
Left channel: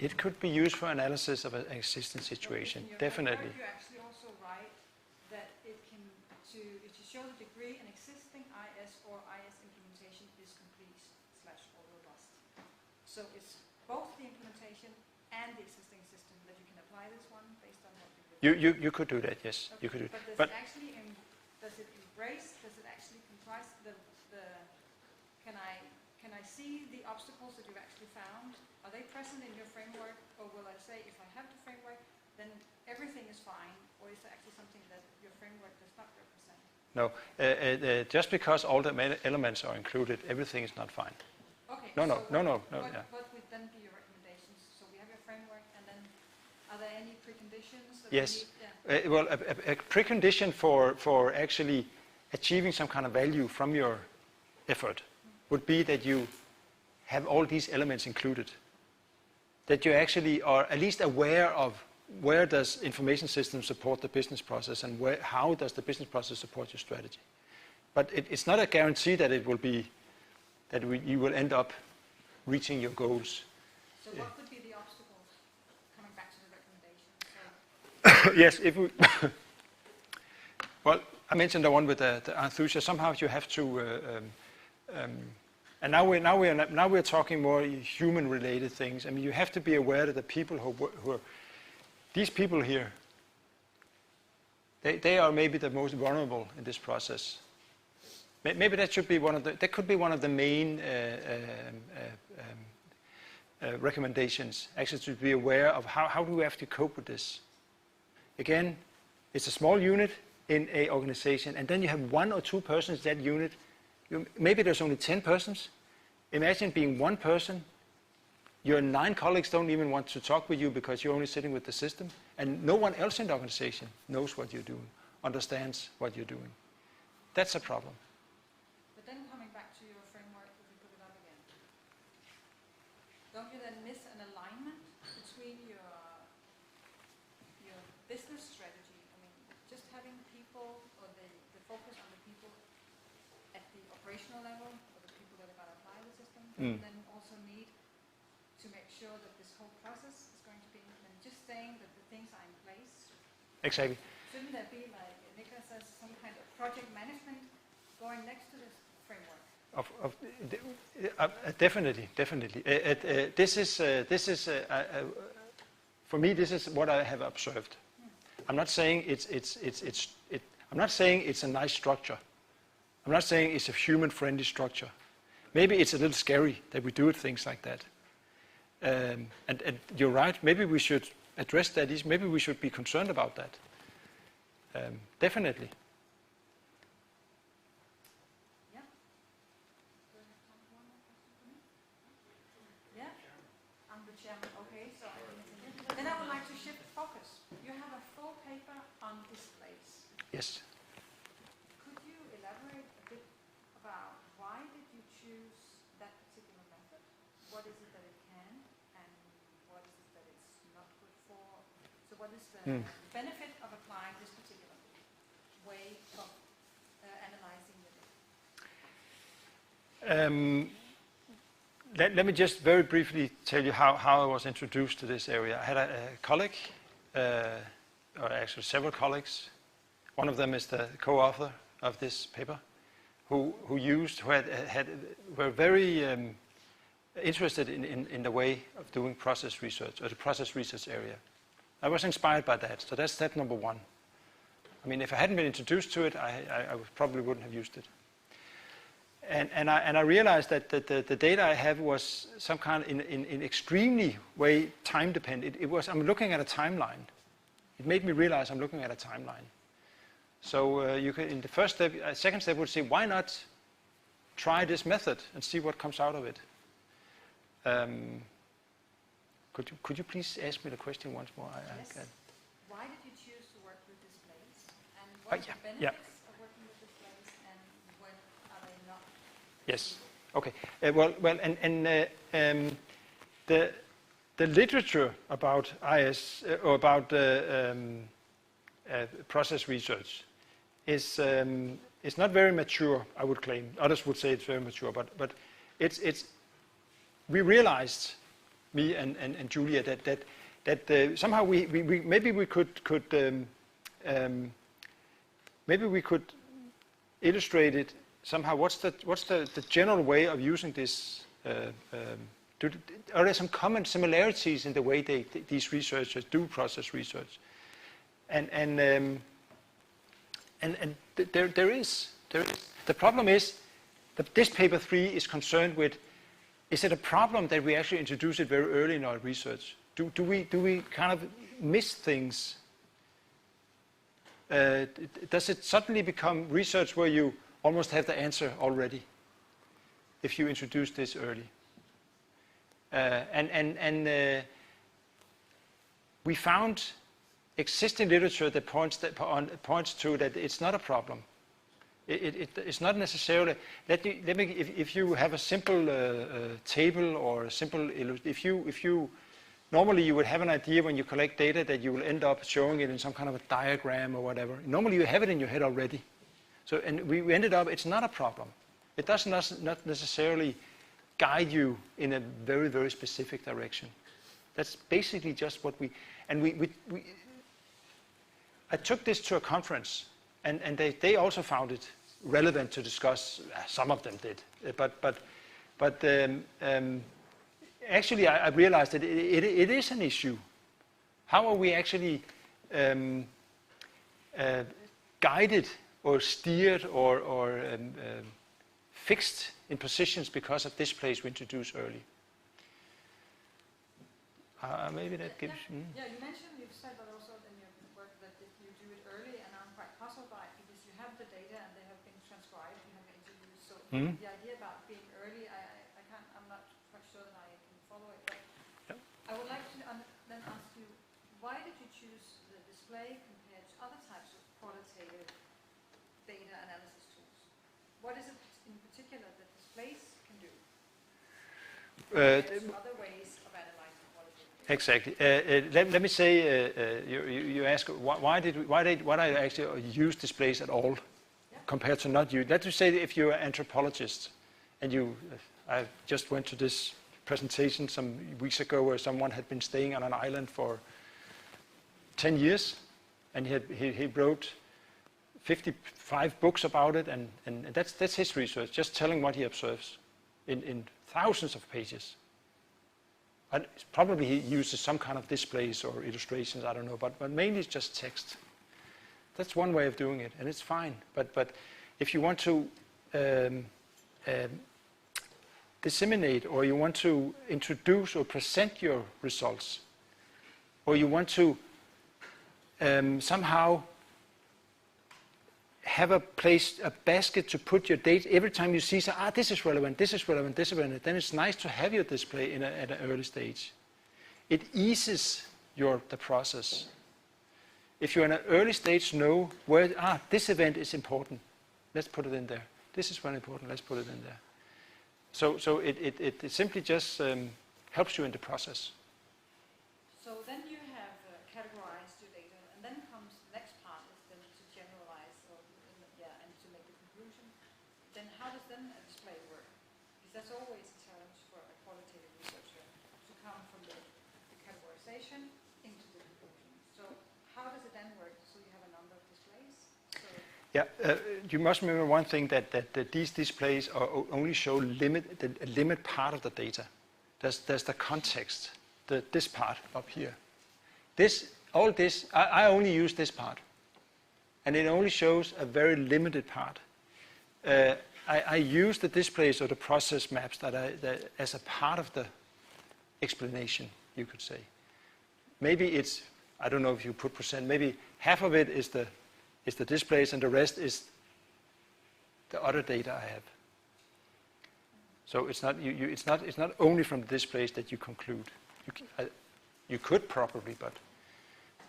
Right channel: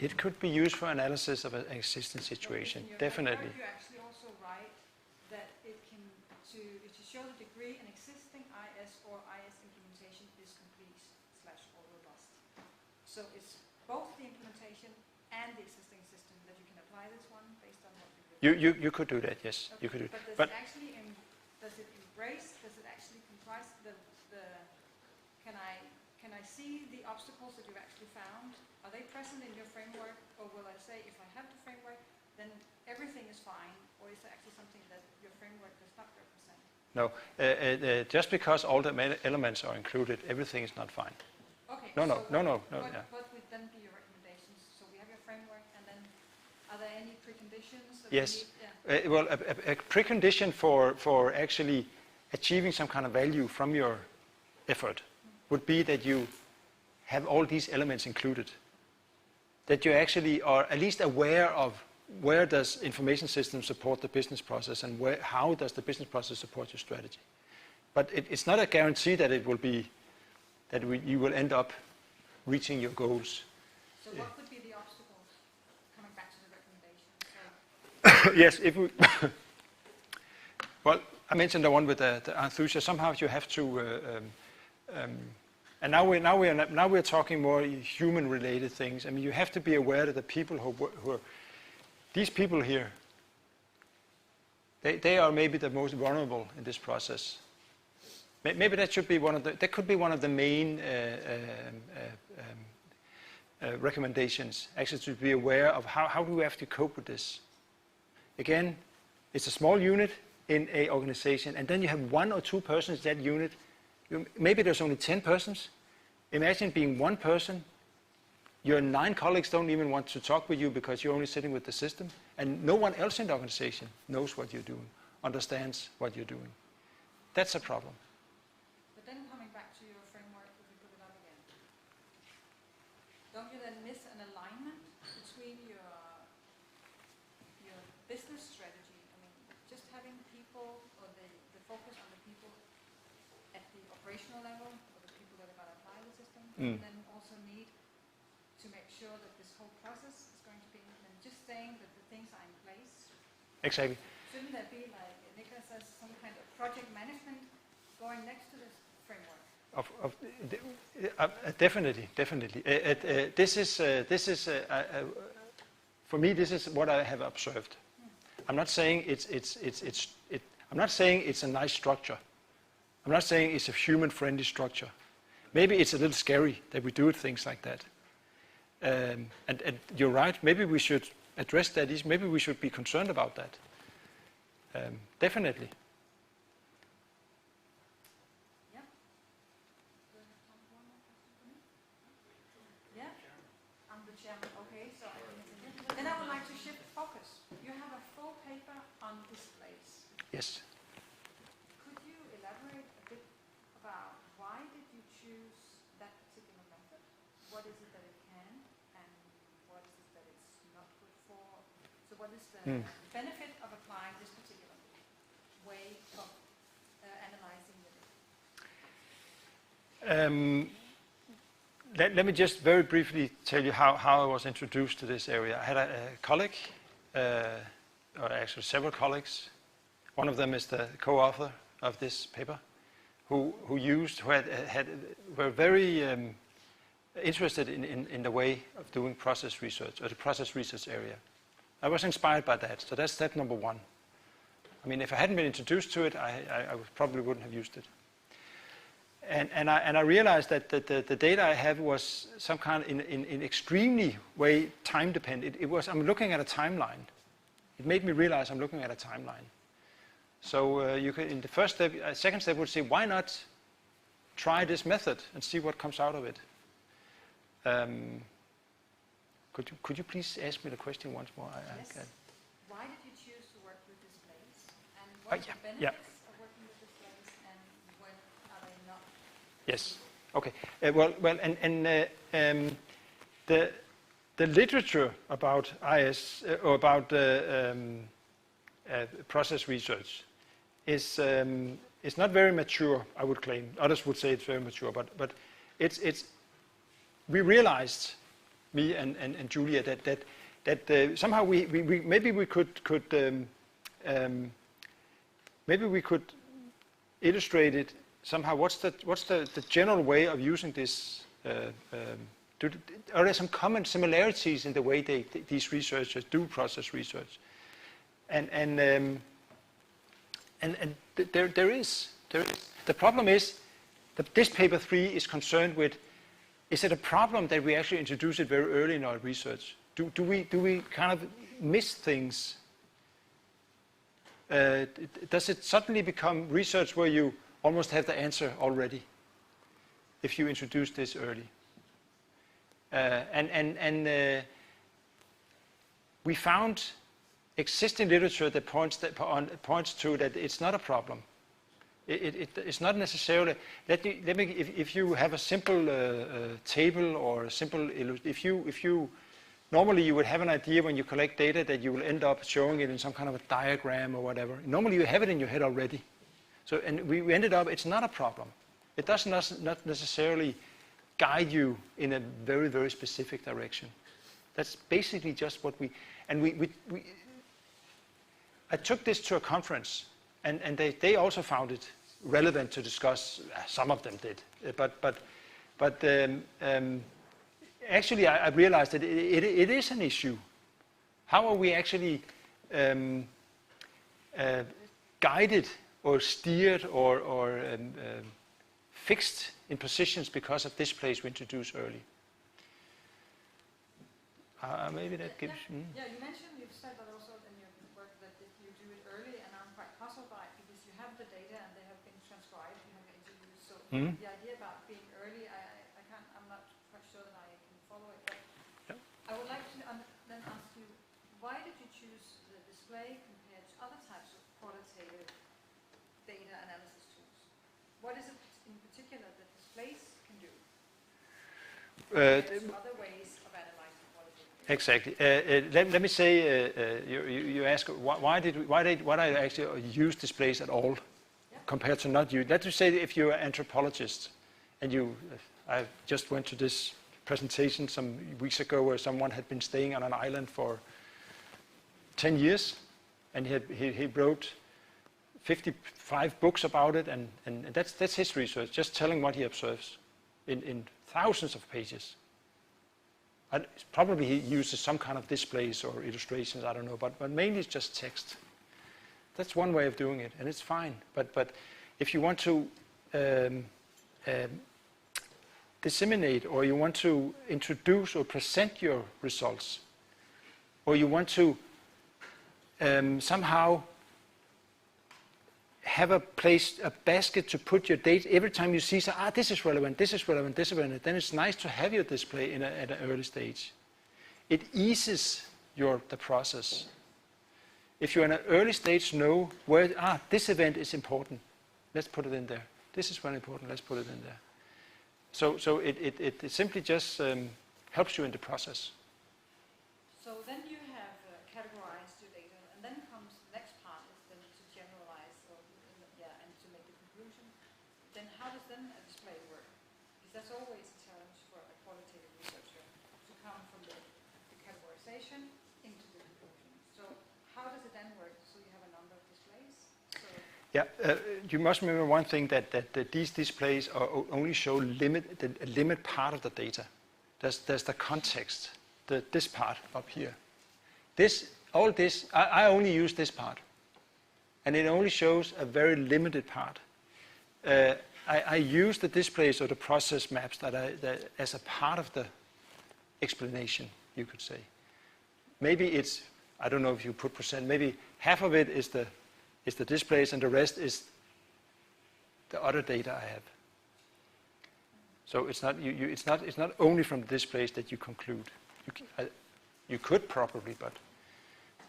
It could be used for analysis of an existing situation, So in your definitely. framework, you actually also write that it can to show the degree an existing IS or IS implementation is complete / or robust. So it's both the implementation and the existing system that you can apply this one based on what You could do that, yes. Okay. You could do. But does it embrace? Does it actually comprise the? Can I see the obstacles that you've actually found? Are they present in your framework, or will I say if I have the framework, then everything is fine, or is there actually something that your framework does not represent? No. Just because all the elements are included, everything is not fine. Okay. No, no, so no, no, no. What, Yeah. what would then be your recommendations? So we have your framework, and then are there any preconditions that Yes. we need? Yeah. Well, a precondition for actually achieving some kind of value from your effort would be that you have all these elements included. That you actually are at least aware of where does information systems support the business process and how does the business process support your strategy. But it's not a guarantee that it will be, you will end up reaching your goals. So what could be the obstacles? Coming back to the recommendations. Yes, if we well, I mentioned the one with the enthusiasm. Somehow you have to, and now we're talking more human-related things. I mean, you have to be aware that the people who are these people here, they are maybe the most vulnerable in this process. Maybe that should be that could be one of the main recommendations. Actually, to be aware of how do we have to cope with this. Again, it's a small unit in a organization, and then you have 1 or 2 persons in that unit. Maybe there's only 10 persons. Imagine being one person. Your 9 colleagues don't even want to talk with you because you're only sitting with the system, and no one else in the organization knows what you're doing, understands what you're doing. That's a problem. But then coming back to your framework, if you put it up again, don't you then miss an alignment between your business strategy? I mean, just having people, or the focus on the people at the operational level, or the people that are going to apply the system, and then also need to make sure that this whole process is going to be implemented. Just saying that the things are in place. Exactly. Shouldn't there be, like Niklas says, some kind of project management going next to this framework? Definitely. This is for me. This is what I have observed. I'm not saying I'm not saying it's a nice structure. I'm not saying it's a human-friendly structure. Maybe it's a little scary that we do things like that. And you're right. Maybe we should address that. Maybe we should be concerned about that. Definitely. Then I would like to shift focus. You have a full paper on displays. Yes. Could you elaborate a bit about why did you choose that particular method? What is it that it can, and what is it that it's not good for? So what is the benefit of applying this particular way of analyzing the Let me just very briefly tell you how I was introduced to this area. I had a colleague, or actually several colleagues. One of them is the co-author of this paper, who were very interested in the way of doing process research, or the process research area. I was inspired by that, so that's step number 1. I mean, if I hadn't been introduced to it, I probably wouldn't have used it. And I realized that the data I have was some kind in extremely way time dependent. I'm looking at a timeline. It made me realize I'm looking at a timeline. So you can, in the first step, second step would say, why not try this method and see what comes out of it? Could you please ask me the question once more? Yes. Why did you choose to work with displays? And what are the benefits of working with displays, and when are they not? Yes. Okay. The literature about IS or about process research is not very mature. I would claim. Others would say it's very mature, but it's. We realized, me and Julia, that somehow we maybe we could illustrate it somehow. What's the general way of using this? Are there some common similarities in the way these researchers do process research? And there is. The problem is that this paper 3 is concerned with. Is it a problem that we actually introduce it very early in our research? Do we kind of miss things does it suddenly become research where you almost have the answer already if you introduce this early? We found existing literature that points to that it's not a problem. It's not necessarily. If you have a simple table or a simple, if you normally you would have an idea when you collect data that you will end up showing it in some kind of a diagram or whatever. Normally you have it in your head already. So and we ended up. It's not a problem. It does not necessarily guide you in a very, very specific direction. That's basically just what we. I took this to a conference, and they also found it relevant to discuss. Some of them did, but actually I realized that it is an issue. How are we actually guided or steered or fixed in positions because of displays we introduce early? Maybe that gives. Yeah, you mentioned, you've said that also in your work that if you do it early, and I'm quite puzzled by it because you have the data and they have been transcribed and have been introduced. So the idea about being early, I'm not quite sure that I can follow it. But I would like to then ask you, why did you choose the display compared to other types of qualitative data analysis tools? What is it in particular that displays can do? Other ways of analyzing qualitative data. Exactly. Let me say, you ask why I actually use displays at all compared to not use. Let's just say if you're an anthropologist and I just went to this presentation some weeks ago where someone had been staying on an island for 10 years and he wrote 55 books about it, and that's his research, just telling what he observes in thousands of pages. Probably he uses some kind of displays or illustrations, I don't know, but mainly it's just text. That's one way of doing it, and it's fine. But if you want to disseminate, or you want to introduce or present your results, or you want to somehow have a basket to put your data. Every time you see, this is relevant, this is relevant, this is relevant, then it's nice to have your display at an early stage. It eases the process. If you're in an early stage, know where, this event is important, let's put it in there. This is very important, let's put it in there. So it simply just helps you in the process. So then you have categorized your data, and then comes the next part, is then to generalize and to make a conclusion. Then how does then a display work? Because that's always a challenge for a qualitative researcher to come from the categorization into the conclusion. So how does it then work? So you have a number of displays. You must remember one thing, that these displays only show a limit part of the data. There's the context, this part up here. I only use this part, and it only shows a very limited part. I use the displays or the process maps as a part of the explanation, you could say. Maybe it's, I don't know if you put percent, maybe half of it is the displays and the rest is the other data I have. So it's not only from the displays that you conclude. You could probably, but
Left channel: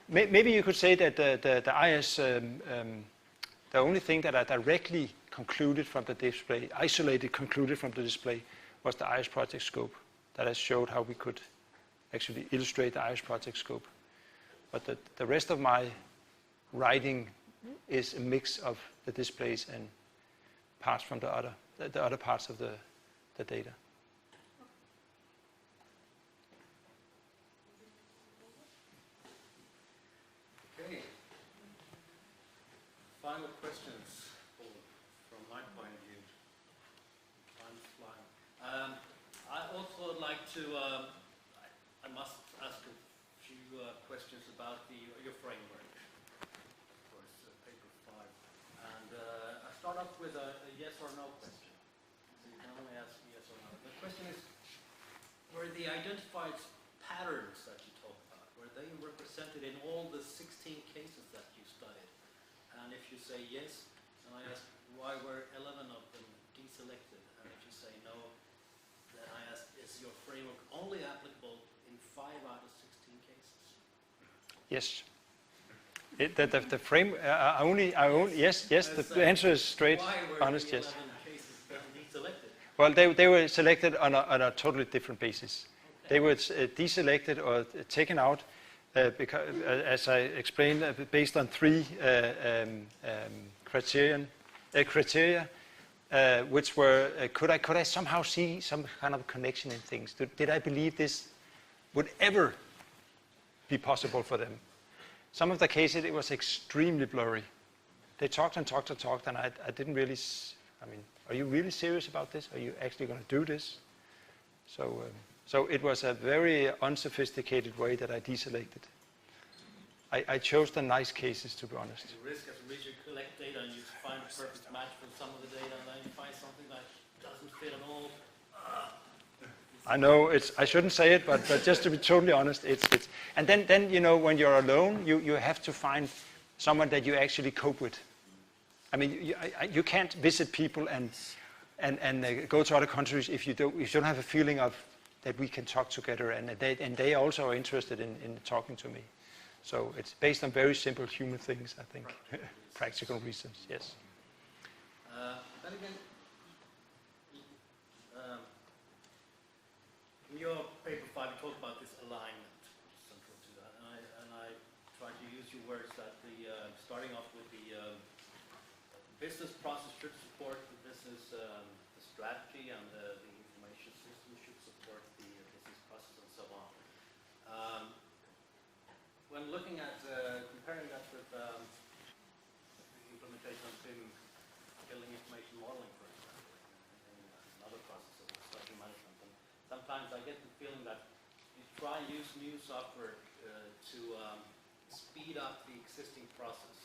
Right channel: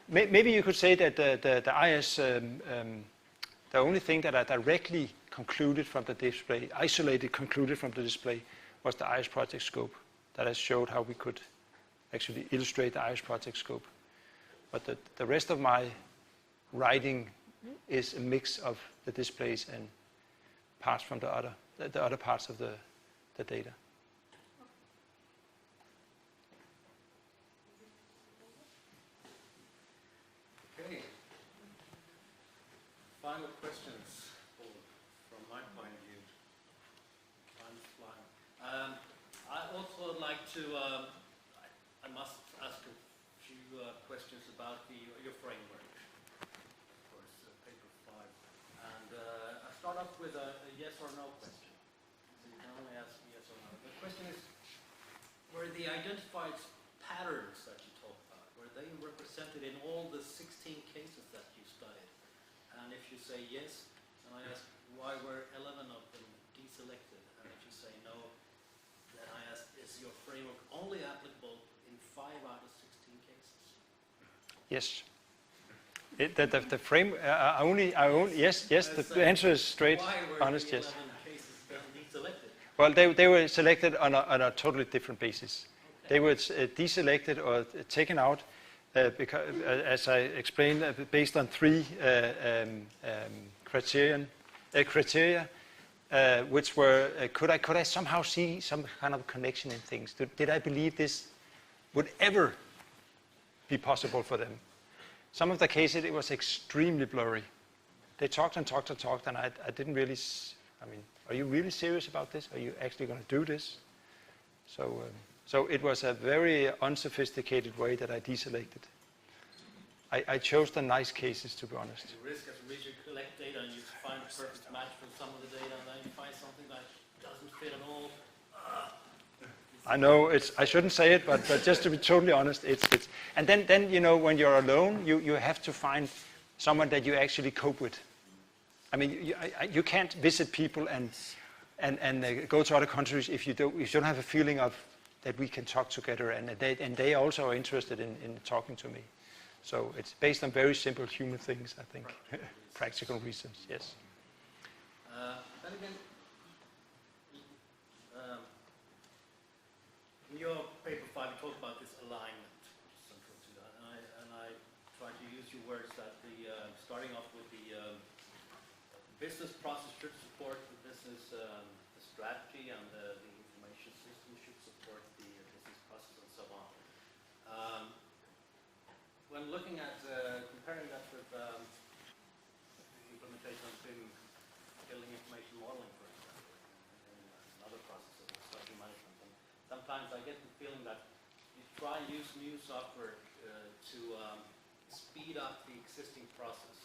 maybe you could say that the IS, the only thing that I directly concluded from the display, isolated concluded from the display, was the IS project scope. That I showed how we could actually illustrate the IS project scope. But the rest of my writing is a mix of the displays and parts from the other parts of the data. Okay. Final questions from my point of view. I'm fine. I also would like to, I must ask a few questions about your framework. I start off with a yes or no question. So you can only ask yes or no. The question is, were the identified patterns that you talked about, were they represented in all the 16 cases that you studied? say yes, and I ask why were 11 of them deselected, and if you say no, then I ask, is your framework only applicable in 5 out of 16 cases? Yes. The frame, yes, the answer is straight, honest, yes. Why were the 11 cases deselected? Well, they were selected on a totally different basis. They were deselected or taken out because, as I explained, based on 3 criteria, which were, could I somehow see some kind of connection in things? Did I believe this would ever be possible for them? Some of the cases, it was extremely blurry. They talked and talked and talked, and I didn't really, are you really serious about this? Are you actually going to do this? So it was a very unsophisticated way that I deselected. I chose the nice cases, to be honest. The risk as a reader, you collect data and you find a perfect match with some of the data, and then you find something that doesn't fit at all. I know I shouldn't say it, but just to be totally honest, it's and then when you're alone, you have to find someone that you actually cope with. I mean, you can't visit people and go to other countries if you don't have a feeling of that we can talk together, and they also are interested in talking to me. So it's based on very simple human things, I think, practical reasons. Yes. Then again, in your paper 5, you talk about this alignment, central to that, and I try to use your words that starting off with the business process should support the business the strategy, and the information system should support the business process, and so on. When looking at comparing that with implementation of building information modeling, for example, and other processes of strategy management, and sometimes I get the feeling that you try and use new software to speed up the existing process,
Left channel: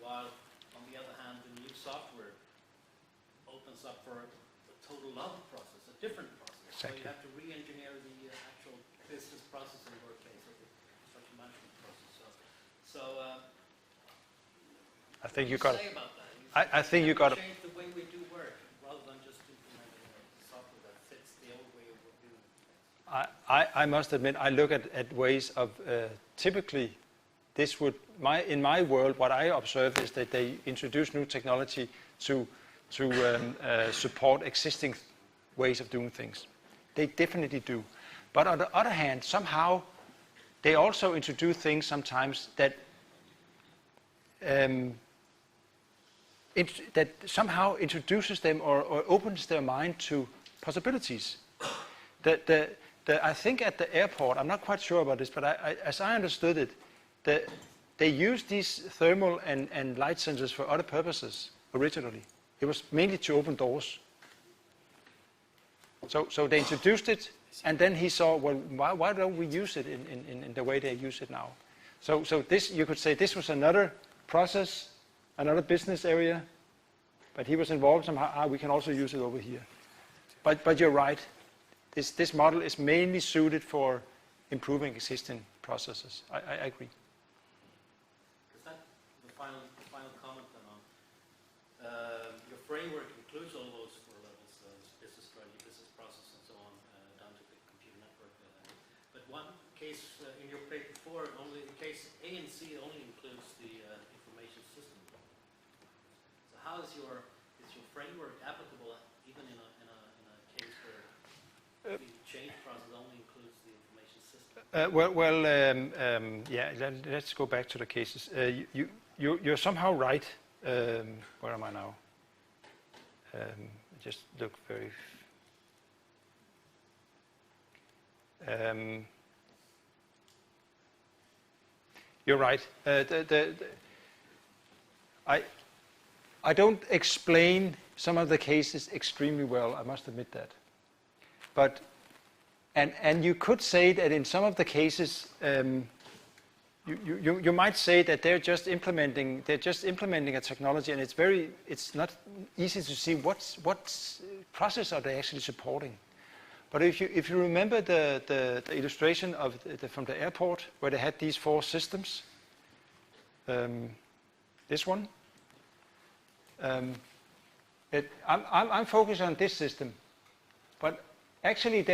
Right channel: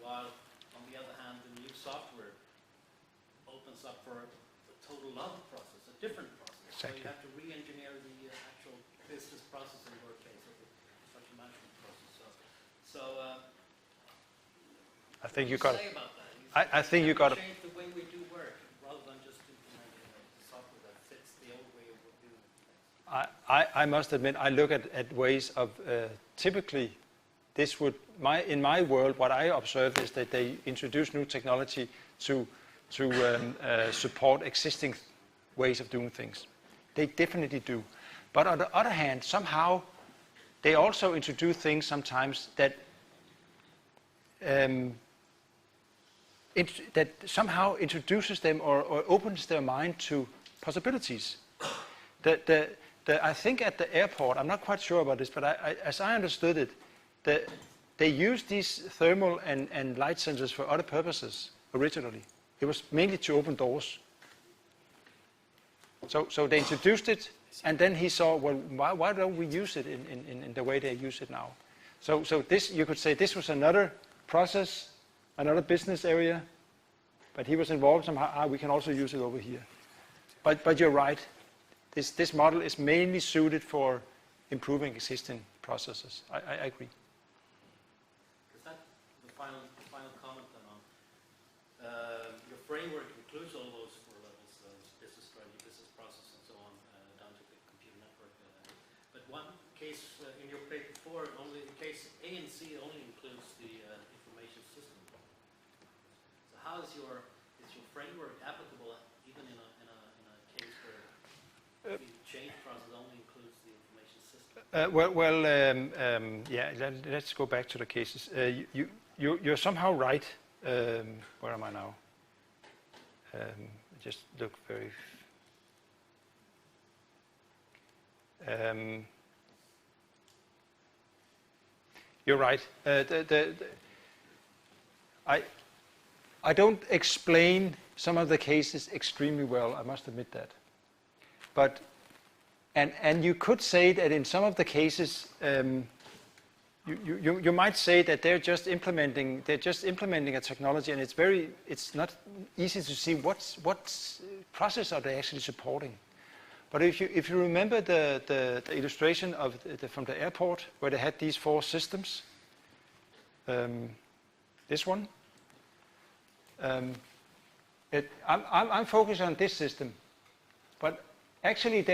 while on the other hand, the new software opens up for a total other process, a different process. Exactly. So you have to re-engineer the actual business process in your case, or the construction management process. So I think you what got do it. say about that? I think you got it. Change the way we do work rather than just implementing a software that fits the old way of doing things. I must admit, I look at ways of typically this would in my world, what I observe is that they introduce new technology to support existing ways of doing things. They definitely do. But on the other hand, somehow they also introduce things sometimes that that somehow introduces them or opens their mind to possibilities. I think at the airport, I'm not quite sure about this, but as I understood it, they used these thermal and light sensors for other purposes originally. It was mainly to open doors. So they introduced it, and then he saw, well, why don't we use it in the way they use it now? So this, you could say, this was another process, another business area, but he was involved somehow. We can also use it over here. But you're right. This model is mainly suited for improving existing processes. I agree. Is that the final comment then on your framework includes all those 4 levels, business strategy, business process, and so on, down to the computer network. But one case in your paper 4, only the case A and C only includes the information system. So how is your framework applicable even in a case where the change process only includes the information system? Yeah. Let's go back to the cases. You're somehow right. Where am I now? Just look very. You're right. I don't explain some of the cases extremely well. I must admit that. But and you could say that in some of the cases, you might say that they're just implementing a technology, and it's not easy to see what process are they actually supporting. But if you remember the illustration of from the airport where they had these 4 systems, this one, I'm focused on this system, but actually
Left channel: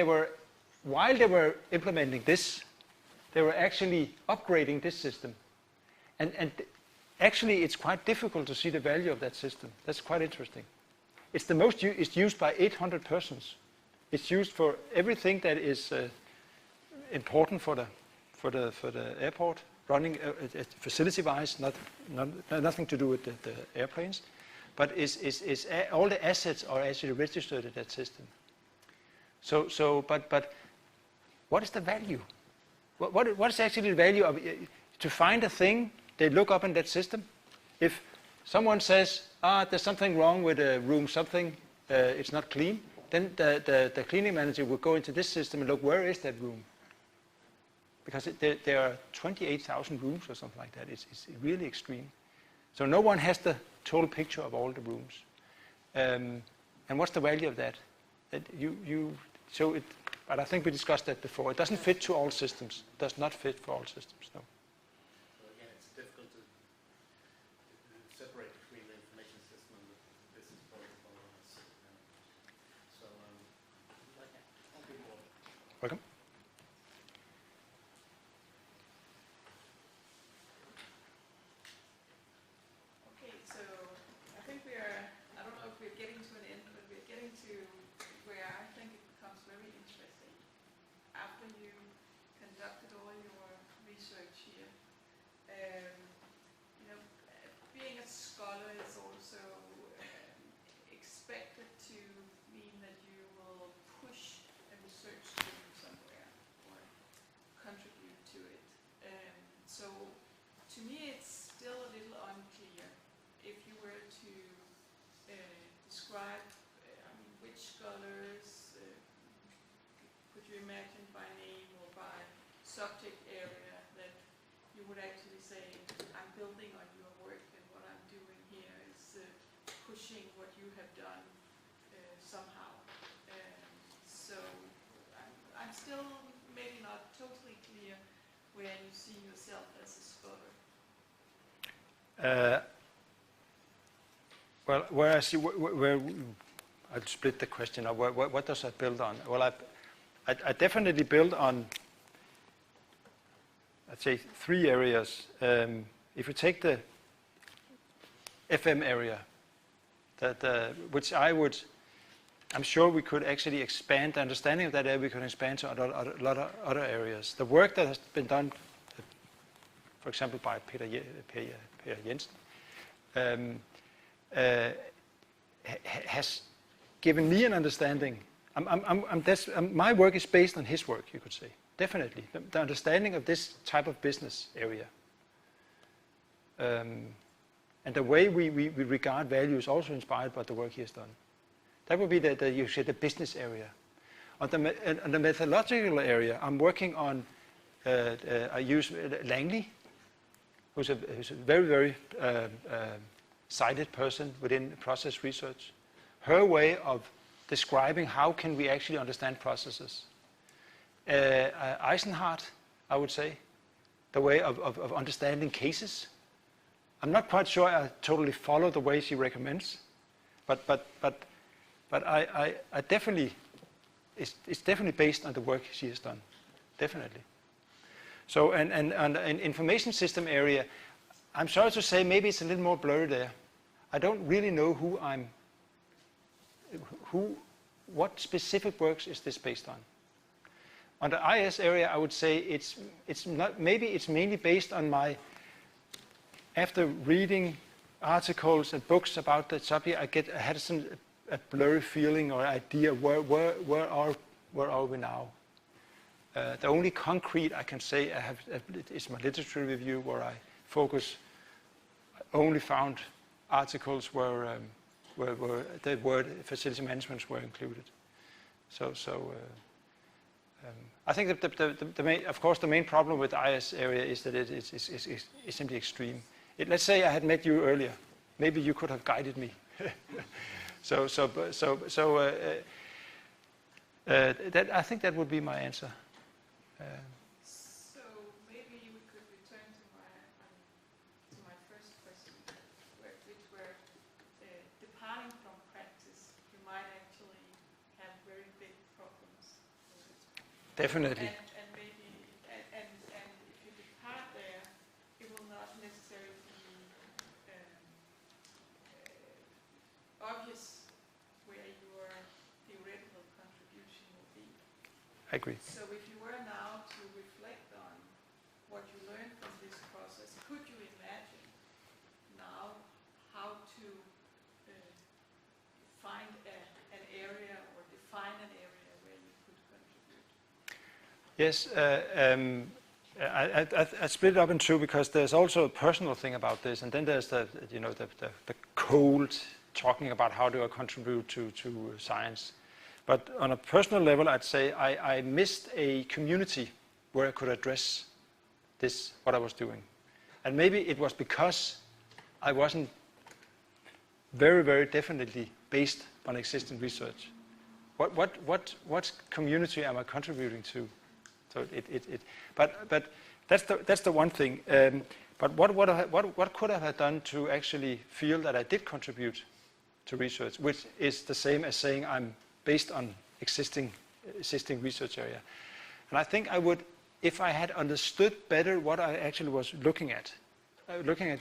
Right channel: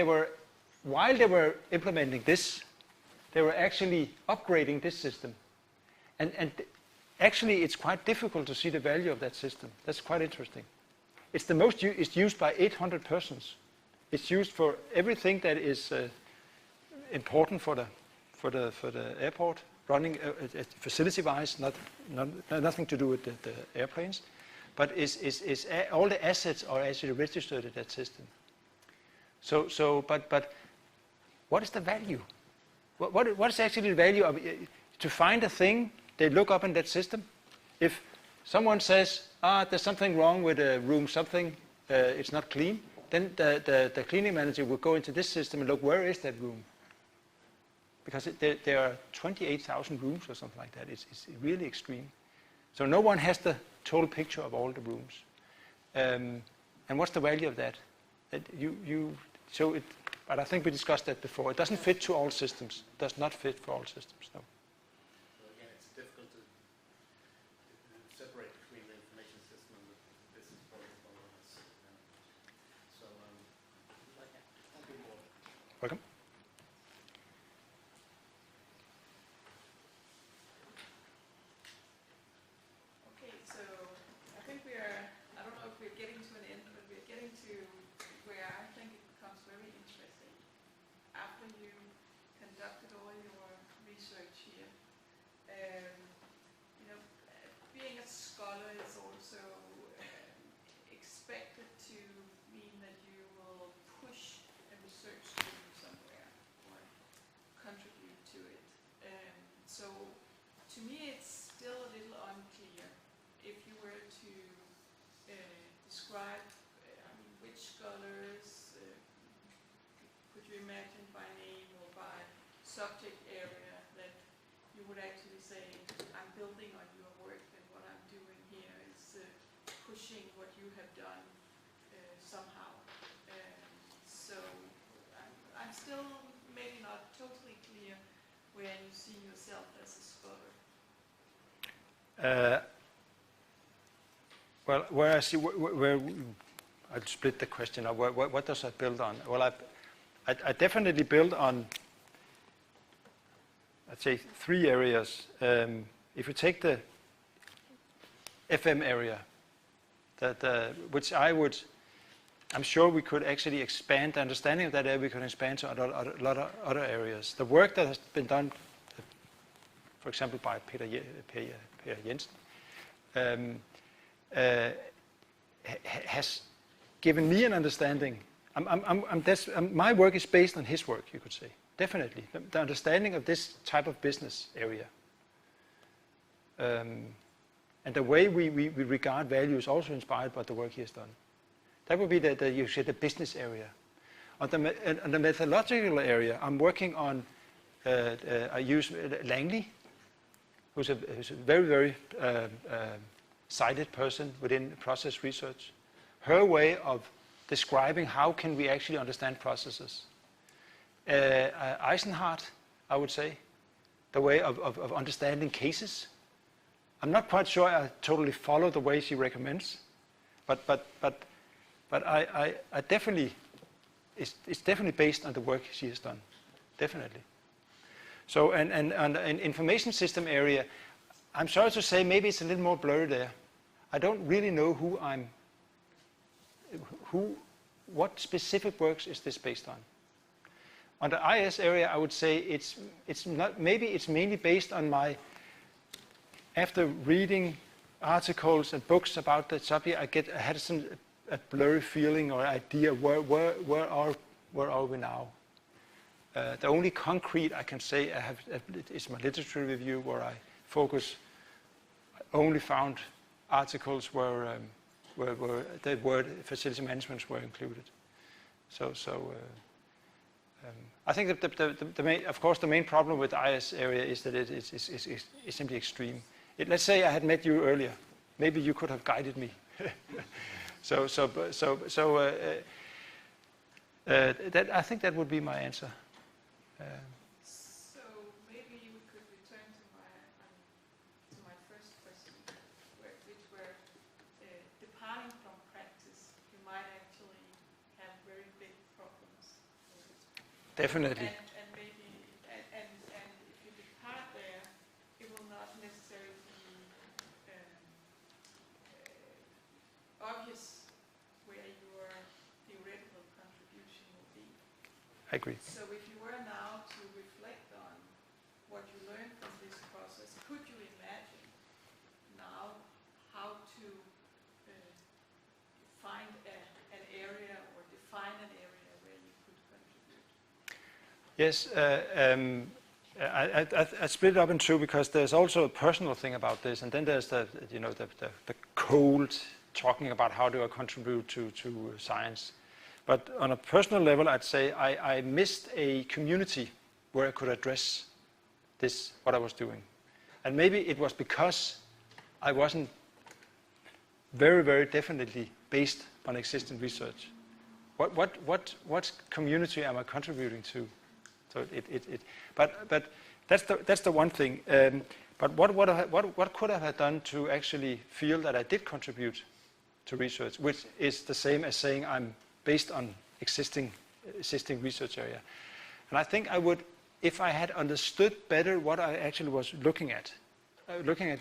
while they were implementing this, they were actually upgrading this system. And actually it's quite difficult to see the value of that system. That's quite interesting. It's used by 800 persons. It's used for everything that is important for the airport, running facility-wise, nothing to do with the airplanes, but all the assets are actually registered in that system. But what is the value? What is actually the value of to find a thing they look up in that system? If someone says, there's something wrong with the room, it's not clean, then the cleaning manager will go into this system and look, where is that room? Because there are 28,000 rooms or something like that. It's really extreme. So no one has the total picture of all the rooms. And what's the value of that? But I think we discussed that before. It doesn't fit to all systems. It does not fit for all systems, no. So again, it's difficult to separate between the information system and the business protocol. So, thank you, Paul. Welcome. Okay, so I think I don't know if we're getting to an end, but we're getting to where I think it becomes very interesting. After you conducted all your research here, being a scholar is also expected to mean that you will push a research stream somewhere or contribute to it. So to me it's still a little unclear if you were to describe which scholars could you imagine by name or by subject area that you would actually say, I'm building on your work and what I'm doing here is pushing what you have done somehow. So I'm still maybe not totally clear where you see yourself as a scholar. Well, where I see where I'd split the question up. What does I build on? Well, I definitely build on, I'd say, 3 areas. If you take the FM area, which I'm sure we could actually expand the understanding of that area. We could expand to a lot of other areas. The work that has been done, for example, by Peter Jensen, has given me an understanding. My work is based on his work, you could say. Definitely. The understanding of this type of business area. And the way we regard value is also inspired by the work he has done. That would be the business area. On the methodological area, I'm working on, I use Langley, who's a very, very cited person within process research. Her way of describing how can we actually understand processes. Eisenhardt, I would say, the way of understanding cases. I'm not quite sure I totally follow the way she recommends, but I definitely, it's definitely based on the work she has done, definitely. So, and in information system area, I'm sorry to say maybe it's a little more blurry there. I don't really know what specific works is this based on. On the IS area, I would say it's not, maybe it's mainly based on after reading articles and books about that subject, I had a blurry feeling or idea where are we now. The only concrete I can say I have is my literature review, where I only found articles where the word facility management were included. I think that of course the main problem with the IS area is that it is simply extreme. Let's say I had met you earlier, maybe you could have guided me. That I think that would be my answer. So maybe we could return to my first question, which were Definitely. And maybe, and if you depart there, it will not necessarily be obvious where your theoretical contribution will be. I agree. So if you were now to reflect on what you learned from this process, could you imagine now how to find an area or define an area where you could contribute? Yes, I split it up in two because there's also a personal thing about this, and then there's the cold talking about how do I contribute to science. But on a personal level, I'd say I missed a community where I could address this, what I was doing. And maybe it was because I wasn't very, very definitely based on existing research. What community am I contributing to? So but that's the one thing. But what could I have done to actually feel that I did contribute to research, which is the same as saying I'm based on existing research area. And I think I would, if I had understood better what I actually was looking at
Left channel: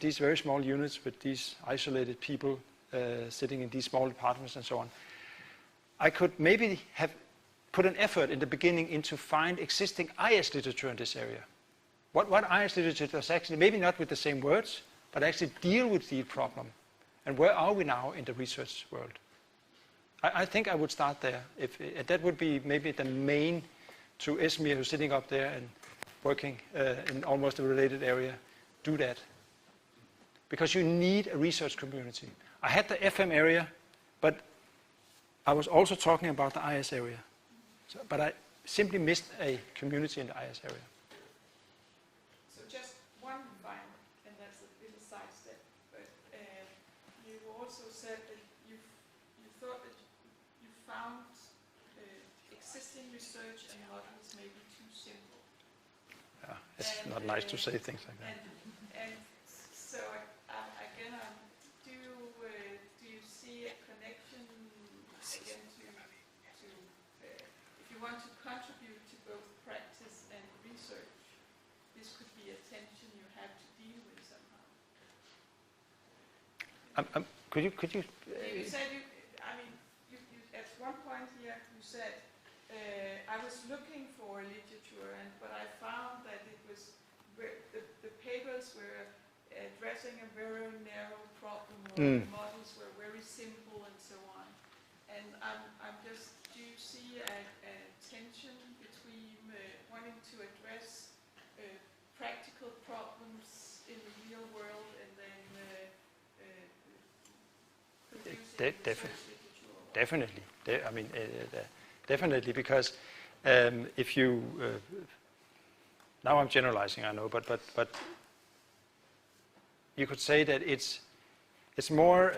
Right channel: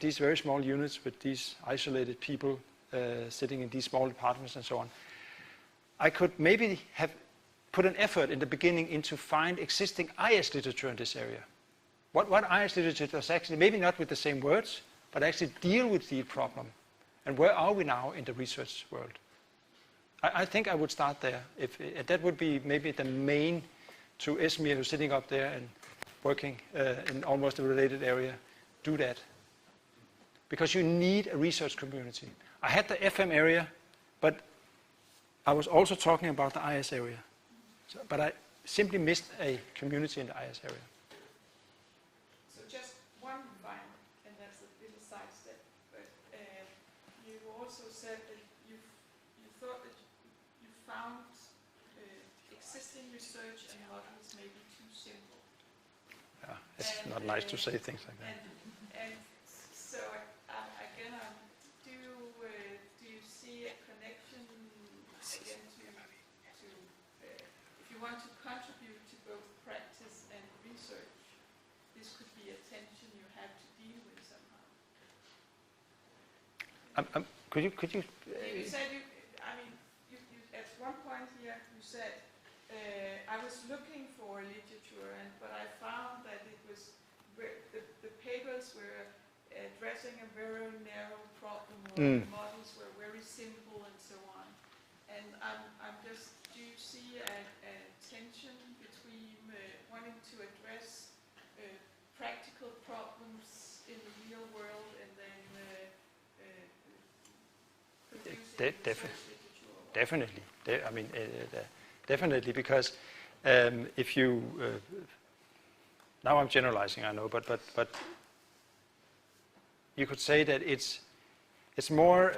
these very small units with these isolated people sitting in these small departments and so on, I could maybe have put an effort in the beginning into find existing IS literature in this area. What IS literature does actually, maybe not with the same words, but actually deal with the problem. And where are we now in the research world? I think I would start there. If that would be maybe the main to Esmir, who's sitting up there and working in almost a related area, do that. Because you need a research community. I had the FM area, but I was also talking about the IS area. So, but I simply missed a community in the IS area. So just one line, and that's a little sidestep, but you also said that you thought that you found existing research and models may be too simple. Yeah, it's not nice to say things like that. And so again, do you see a connection again to if you want to contribute to both practice and research, this could be a tension you have to deal with somehow. Could you? You said you at one point here you said I was looking for literature, but I found that it was the papers were addressing a very narrow problem, or the models were very simple and so on. And I'm just, do you see a tension between wanting to address practical problems in the real world and then producing Definitely. Definitely, because if you now I'm generalizing, I know, but you could say that it's more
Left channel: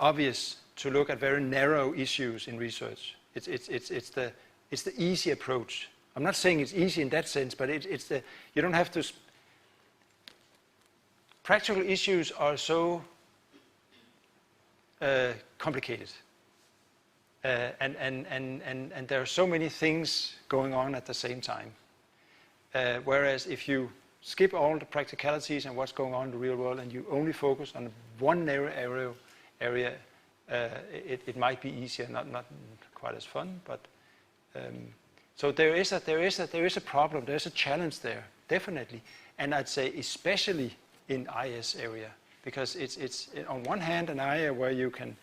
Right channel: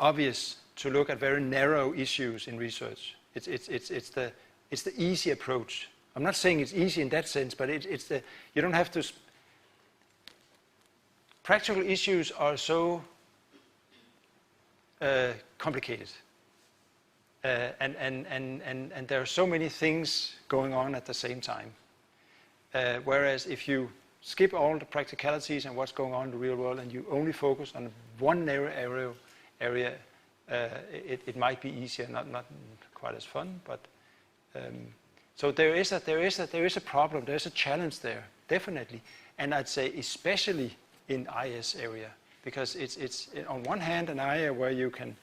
obvious to look at very narrow issues in research. It's the easy approach. I'm not saying it's easy in that sense, but you don't have to. Practical issues are so complicated. And there are so many things going on at the same time. Whereas if you skip all the practicalities and what's going on in the real world and you only focus on one narrow area, it might be easier, not quite as fun, but so there is a problem, there is a challenge there, definitely, and I'd say especially in IS area, because it's on one hand an area where you can,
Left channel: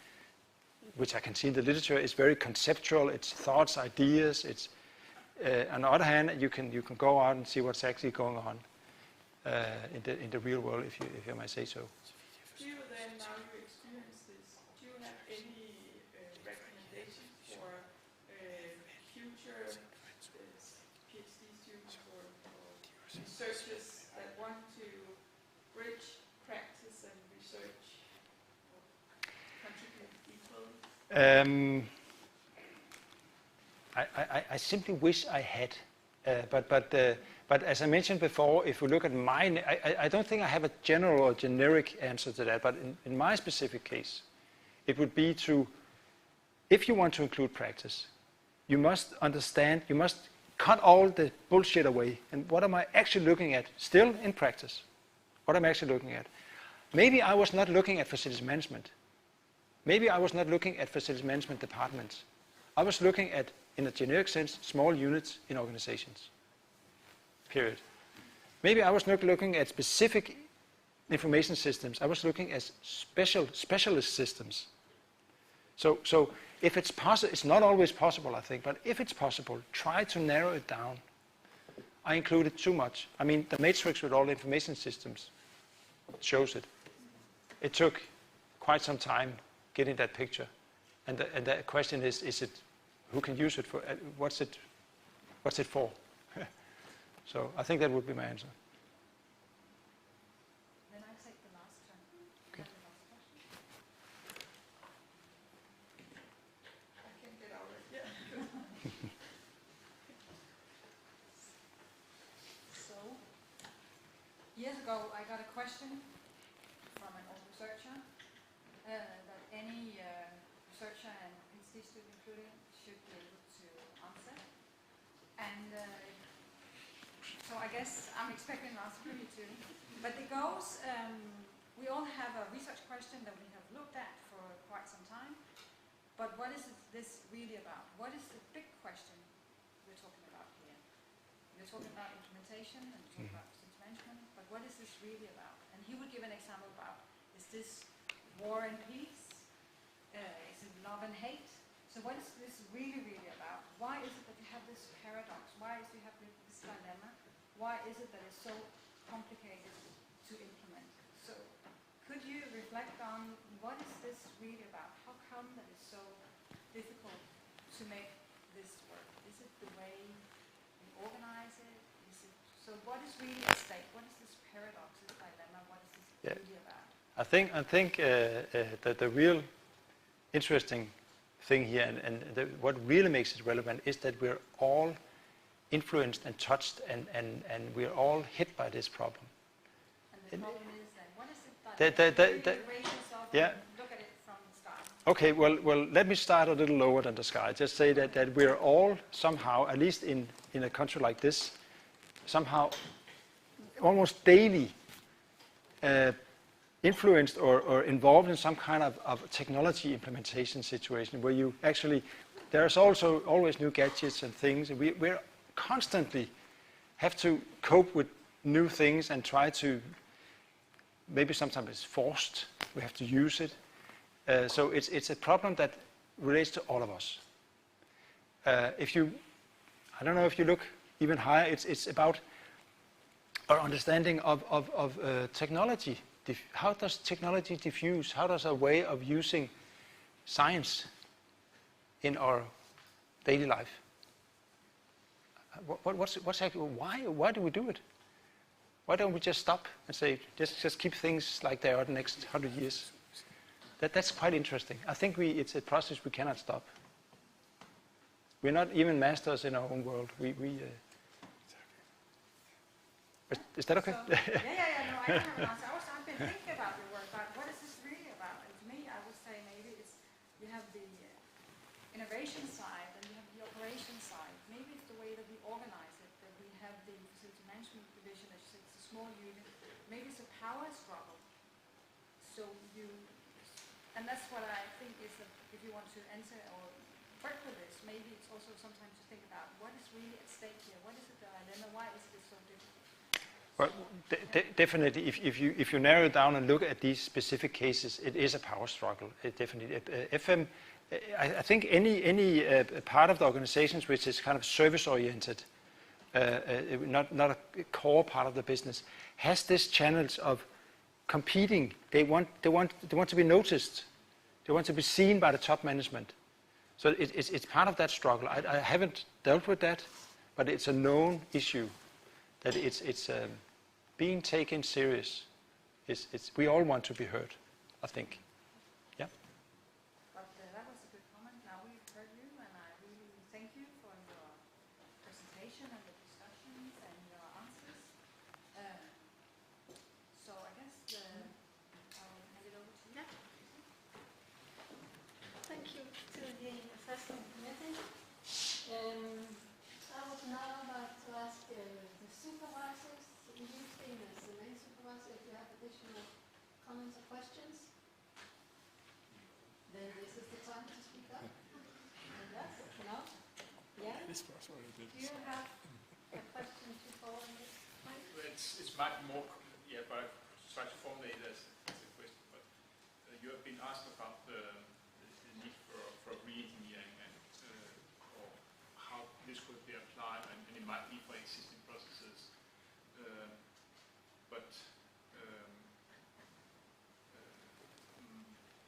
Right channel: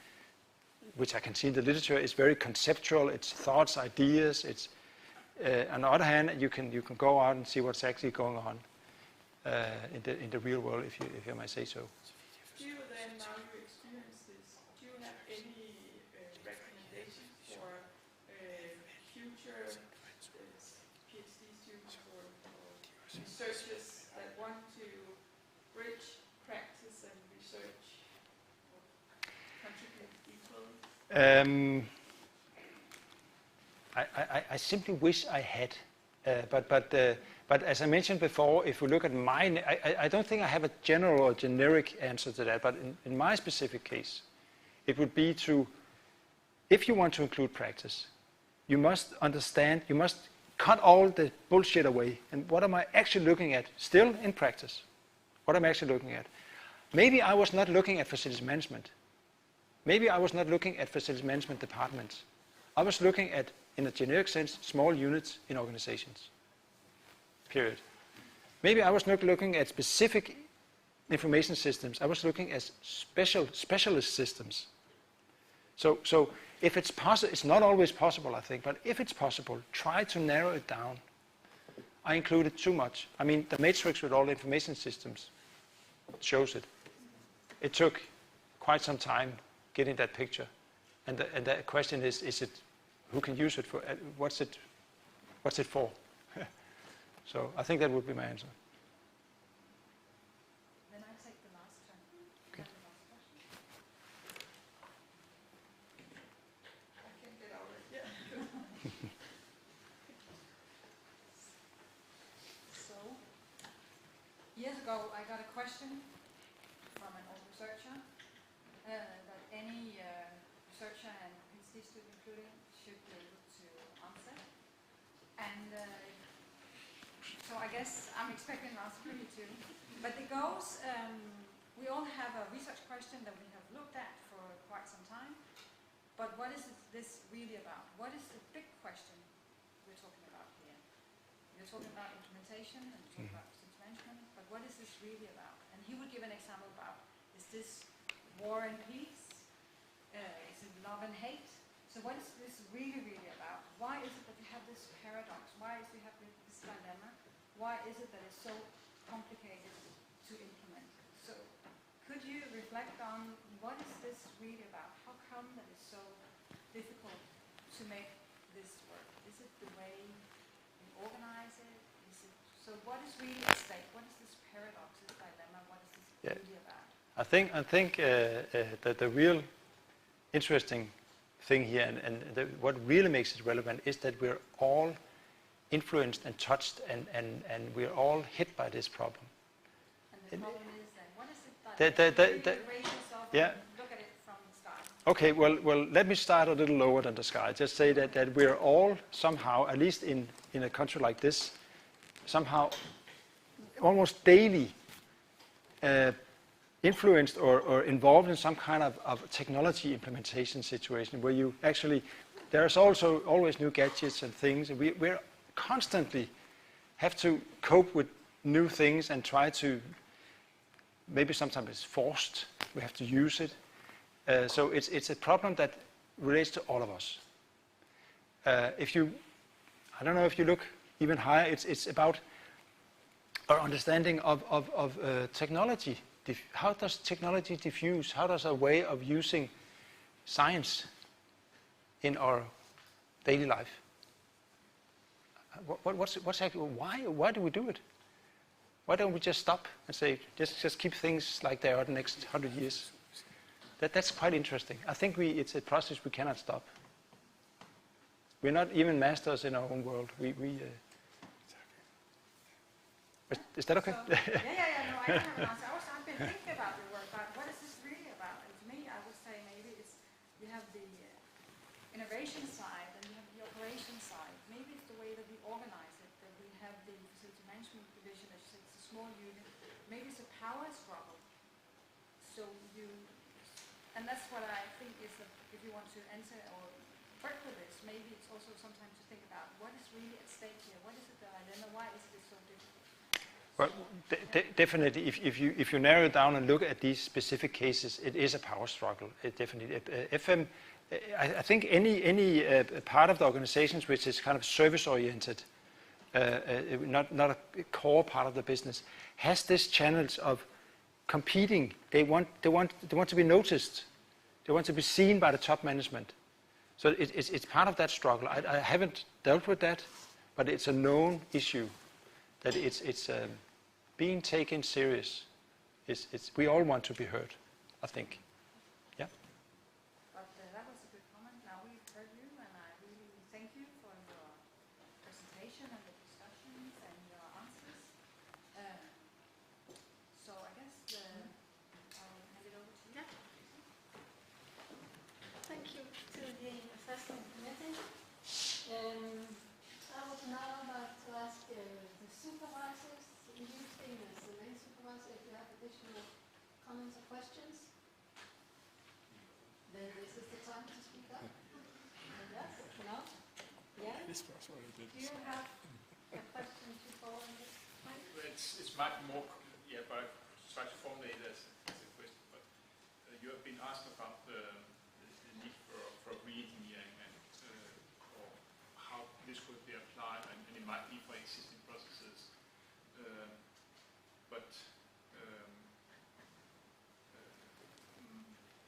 which I can see in the literature, is very conceptual. It's thoughts, ideas. It's on the other hand, you can go out and see what's actually going on in the real world, if you might say so. Do you then, now you experience this, do you have any recommendations for future PhD students or researchers that want to bridge practice and research or contribute equally? I simply wish I had, but as I mentioned before, if we look at mine, I don't think I have a general or generic answer to that, but in my specific case, it would be to, if you want to include practice, you must understand, you must cut all the bullshit away. And what am I actually looking at? Still in practice. What am I actually looking at? Maybe I was not looking at facilities management. Maybe I was not looking at facilities management departments. I was looking at, in a generic sense, small units in organizations. Period. Maybe I was not looking at specific information systems. I was looking at specialist systems. So if it's possible, it's not always possible, I think, but if it's possible, try to narrow it down. I included too much. I mean, the matrix with all the information systems shows it. It took quite some time getting that picture. And the question is it, who can use it for, what's it for? So I think that would be my answer. Then I take the last turn. Okay. The last question. I can get out of here. So, years ago, I got a question from an old researcher that any researcher and PhD student included should be able to answer. And so I guess I'm expecting an answer from you too. But it goes, we all have a research question that we have looked at for quite some time. But what is this really about? What is the big question we're talking about here? We're talking about implementation and we're talking about systems management, but what is this really about? And he would give an example about, is this war and peace? Is it love and hate? So what is this really about? Why is it that you have this paradox? Why is it you have this dilemma? Why is it that it's so complicated to implement? So could you reflect on what is this really about? How come that it's so difficult to make this work? Is it the way we organize it? So what is really at stake? What is this paradox, this dilemma? What is this really about? I think that the real interesting thing here and what really makes it relevant is that we're all influenced and touched and we're all hit by this problem. And the problem is that what is it that you raise yourself and look at it from the sky? Okay, well, let me start a little lower than the sky. Just say that we're all somehow, at least in a country like this, somehow almost daily influenced or involved in some kind of technology implementation situation where you actually, there's also always new gadgets and things, and we're constantly have to cope with new things and try to, maybe sometimes it's forced, we have to use it. So it's a problem that relates to all of us. I don't know if you look even higher, it's about our understanding of technology. How does technology diffuse? How does a way of using science in our daily life? What's actually, why do we do it? Why don't we just stop and say, just keep things like they are the next 100 years? That's quite interesting. I think it's a process we cannot stop. We're not even masters in our own world. Is that okay? So, no, I don't have an answer. I've been thinking about your work, about what is this really about? And to me, I would say maybe we have the innovation side and we have the operation side. Maybe it's the way that we organize it, that we have the facility management division, it's a small unit. Maybe it's a power struggle. And that's what I think is that if you want to enter or work with this, maybe it's also sometimes to think about what is really at stake here. What is it that I don't know, why is it so difficult? Well, definitely, if you narrow it down and look at these specific cases, it is a power struggle. Definitely, FM. I think any part of the organizations which is kind of service-oriented, not a core part of the business, has this challenge of competing. They want to be noticed. They want to be seen by the top management. So it's part of that struggle. I haven't dealt with that, but it's a known issue that it's being taken serious. We all want to be heard, I think. Yeah. But that was a good comment. Now we've heard you, and I really thank you for your presentation and the discussions and your answers. So I guess I'll hand it over to you. Thank you to the assessment committee. I would question now I'd like to ask the supervisors, you being as the main supervisor, if you have additional comments or questions, then this is the time to speak up. Yes, no? Yes? Do you have a question to follow on this point? It's much more, yeah, but I try to formulate as a question. But you have been asked about the need for re-engineering and or how this could be applied, and it might be for existing processes. But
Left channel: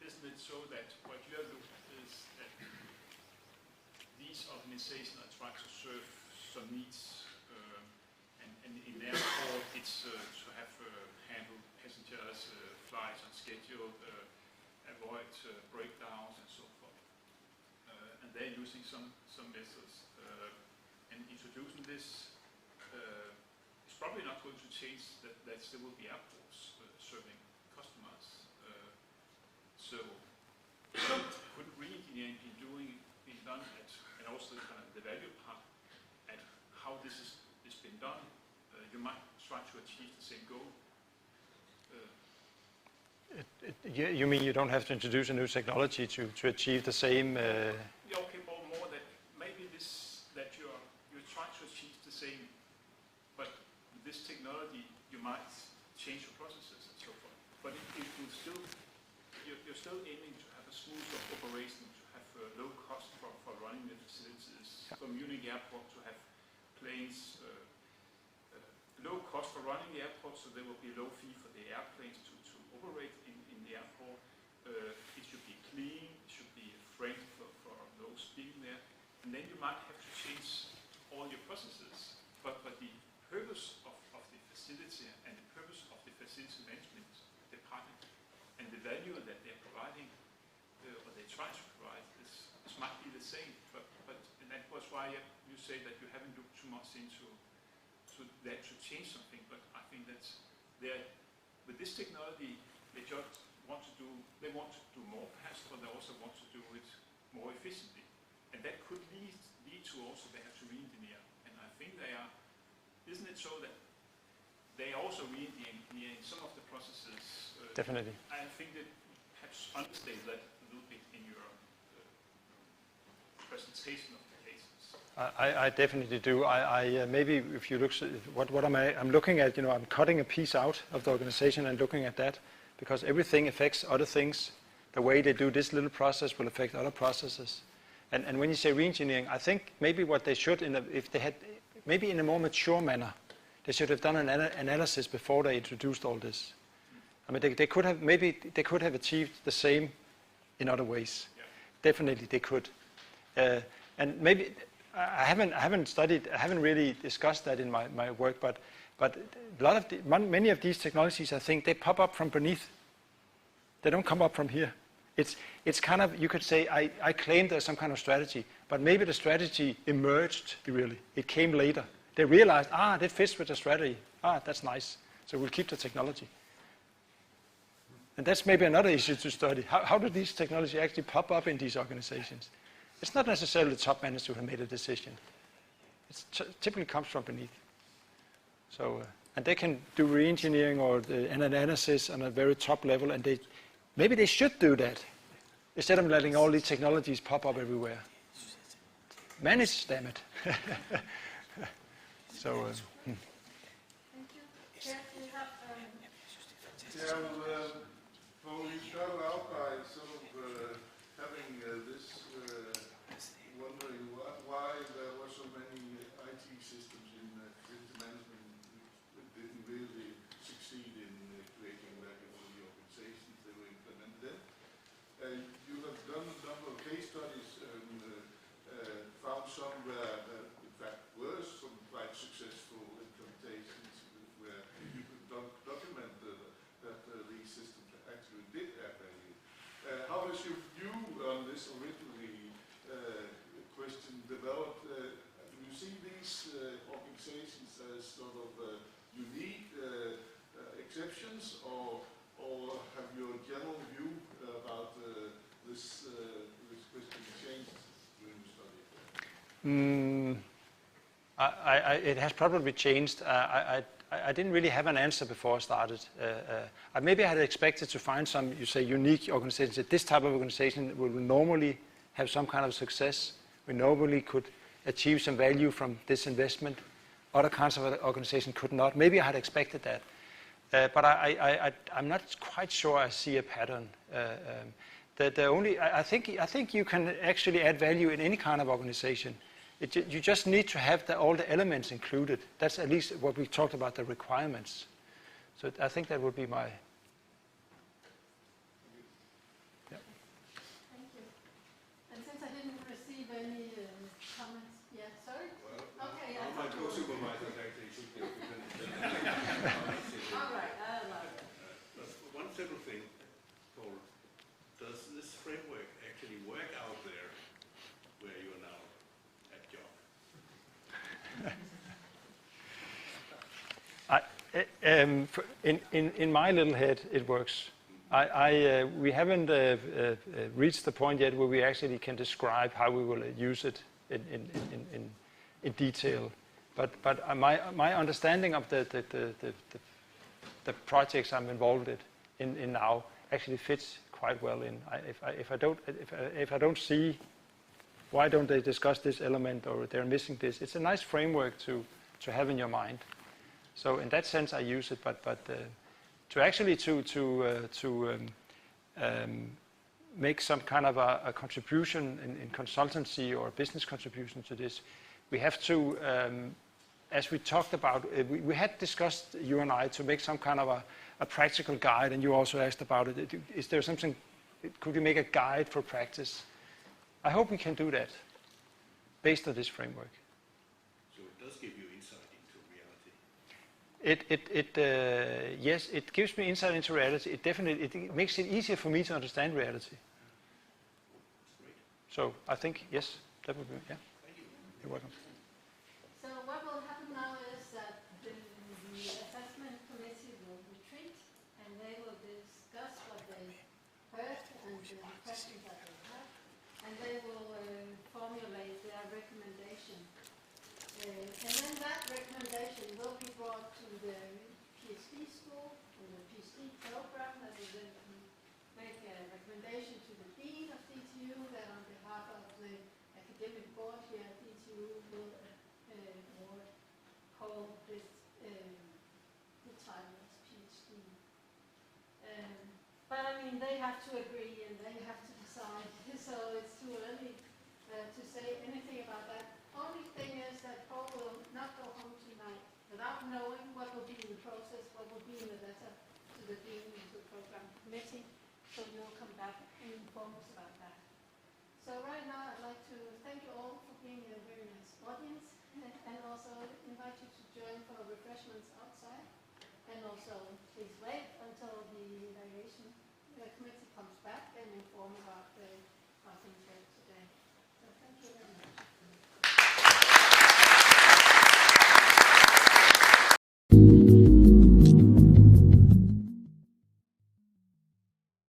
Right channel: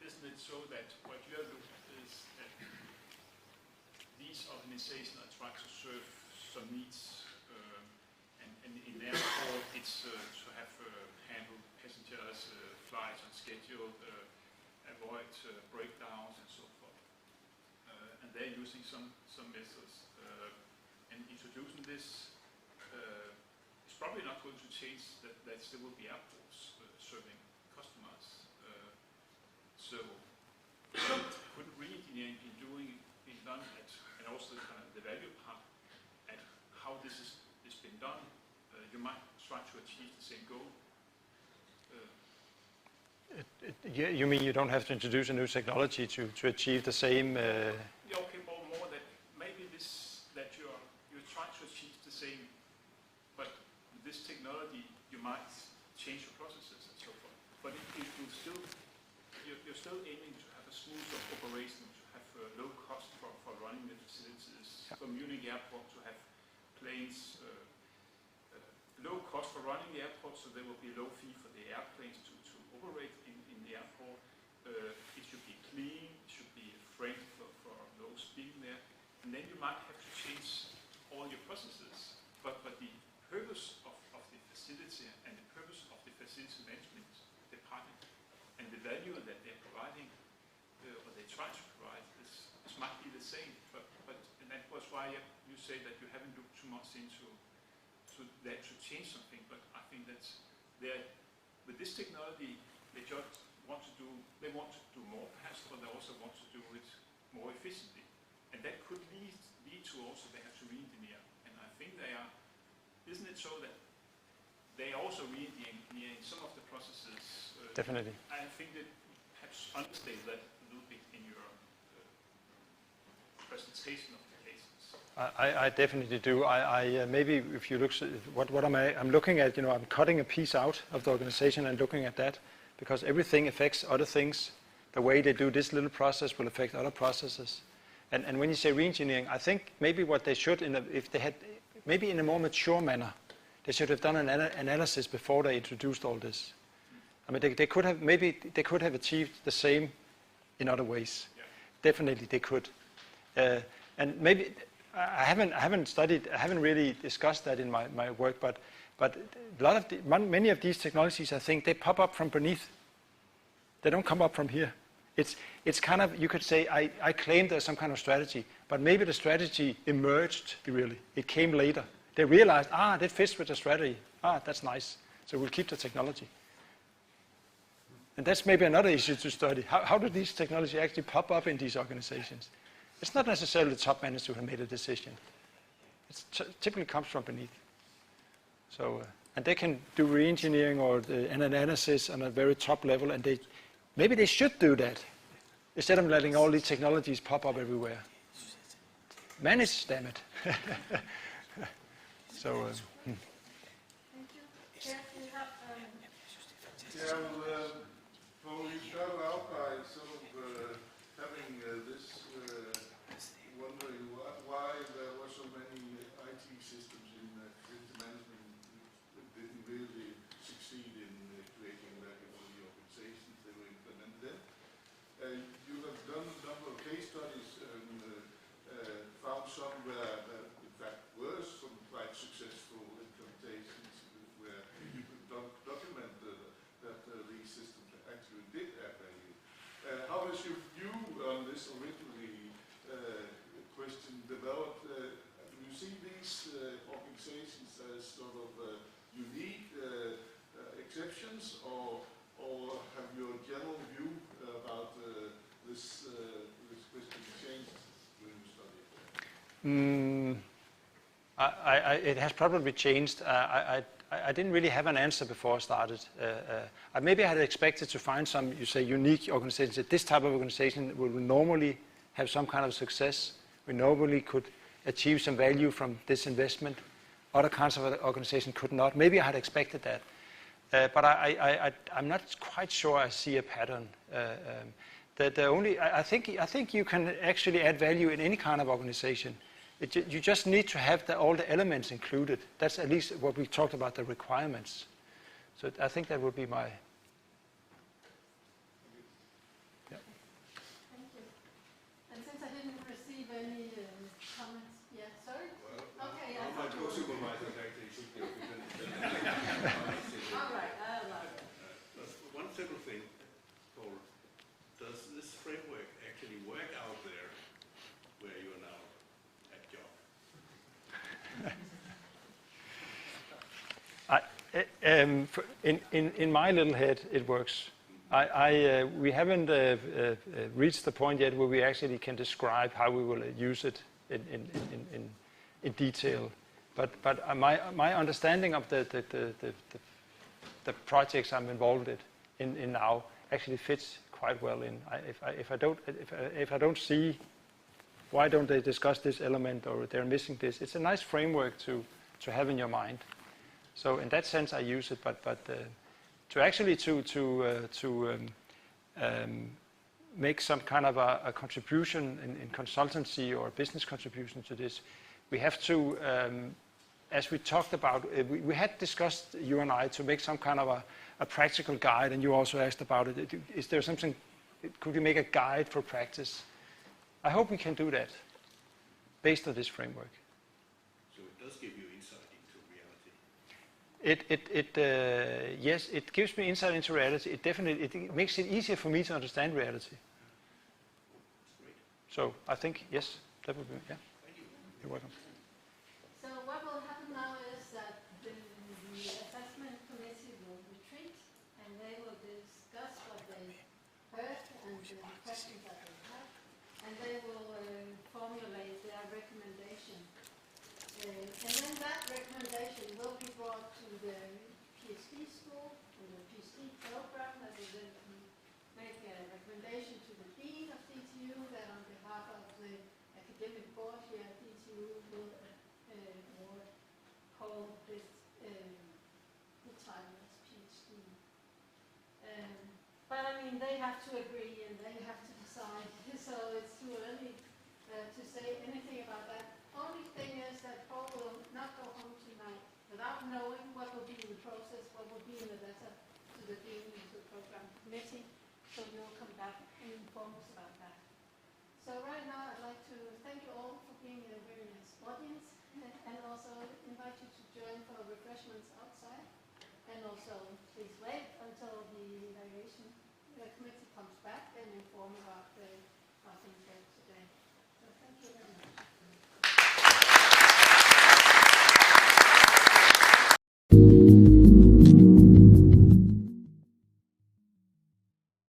isn't it so that what you are looking at is that these organizations are trying to serve some needs, and in therefore it's to have handle passengers, flights on schedule, avoid breakdowns and so forth. And they're using some methods. And introducing this is probably not going to change that there will be airports serving customers. So could re-engineering be done at, and also kind of the value part, at how this is been done? You might try to achieve the same goal. You mean you don't have to introduce a new technology to achieve the same? Yeah, okay, more that maybe this that you're trying to achieve the same, but with this technology you might change your processes and so forth. But if you still you're still aiming to have a smooth operation, to have low cost for running the facilities, for Munich Airport to have planes, low cost for running the airport, so there will be low fee for the airplanes to operate in the airport. It should be clean, it should be friendly for those being there, and then you might have to change all your processes. But the purpose of the facility and the purpose of the facility management department and the value that they're providing, or they try to provide, this might be the same. But and that was why you say that you haven't looked too much into that to change something. But I think that with this technology, they just want to do more perhaps, but they also want to do it more efficiently. And that could lead to also they have to re-engineer. And I think they are, isn't it so that they are also re-engineering some of the processes? Definitely. I think that perhaps understate that a little bit in your presentation of the cases. I definitely do. I maybe if you look, what am I? I'm looking at. I'm cutting a piece out of the organization and looking at that, because everything affects other things. The way they do this little process will affect other processes. And when you say re-engineering, I think maybe what they should, if they had, maybe in a more mature manner, they should have done an analysis before they introduced all this. I mean, they could have achieved the same in other ways. Yeah. Definitely they could. And maybe I haven't really discussed that in my work, but a lot of many of these technologies, I think, they pop up from beneath. They don't come up from here. It's kind of, you could say, I claim there's some kind of strategy, but maybe the strategy emerged really. It came later. They realized, that fits with the strategy. That's nice. So we'll keep the technology. And that's maybe another issue to study. How do these technologies actually pop up in these organizations? It's not necessarily the top managers who have made a decision. It typically comes from beneath. So, and they can do re-engineering or an analysis on a very top level, and maybe they should do that instead of letting all these technologies pop up everywhere. Manage, damn it. So. Thank you. Jeff, you have Poul, you started out by sort of having this wondering why there were so many IT systems in facility management that didn't really succeed in creating value for the organizations they were implemented in. And you have done a number of case studies and found some where in fact were some quite successful implementations where you could document that these systems actually did add value. How is your view on this originally question developed? Do you see these organizations as sort of unique exceptions, or have you a general view about this question changed during the study? It has probably changed. I didn't really have an answer before I started. Maybe I had expected to find some, you say, unique organizations. That this type of organization will normally have some kind of success. We normally could achieve some value from this investment. Other kinds of organizations could not. Maybe I had expected that. But I'm not quite sure I see a pattern. I think you can actually add value in any kind of organization. You just need to have all the elements included. That's at least what we talked about, the requirements. So I think that would be my... Thank you. And since I didn't receive any comments yet, sorry? Okay, I thought you were... supervisors actually should be All right, One simple thing, Poul. Does this framework actually work out there where you are now at job? In my little head, it works. We haven't reached the point yet where we actually can describe how we will use it in detail. But my understanding of the projects I'm involved in now actually fits quite well in. If I don't see why don't they discuss this element or they're missing this, it's a nice framework to have in your mind. So in that sense, I use it. But to actually make some kind of a contribution in consultancy or business contribution to this, we have to, as we talked about, we had discussed, you and I, to make some kind of a practical guide, and you also asked about it. Is there something, could we make a guide for practice? I hope we can do that based on this framework. So it does give you insight into reality. Yes, it gives me insight into reality. It makes it easier for me to understand reality. So I think, yes, that would be, yeah. You're welcome. So what will happen now is that the assessment committee will retreat and they will discuss what they heard and the questions that they have, and they will formulate their recommendation. And then that recommendation will be brought to the Ph.D. school, to the Ph.D. program, that will then make a recommendation to the dean of DTU, that on behalf of the academic board here at DTU will call this the title as Ph.D. But I mean, they have to agree and they have to decide, so it's too early to say anything about that. Only thing is that Poul will not go home tonight without knowing what will be in the process, what will be in the letter to the dean of the program committee. So you'll come back and inform us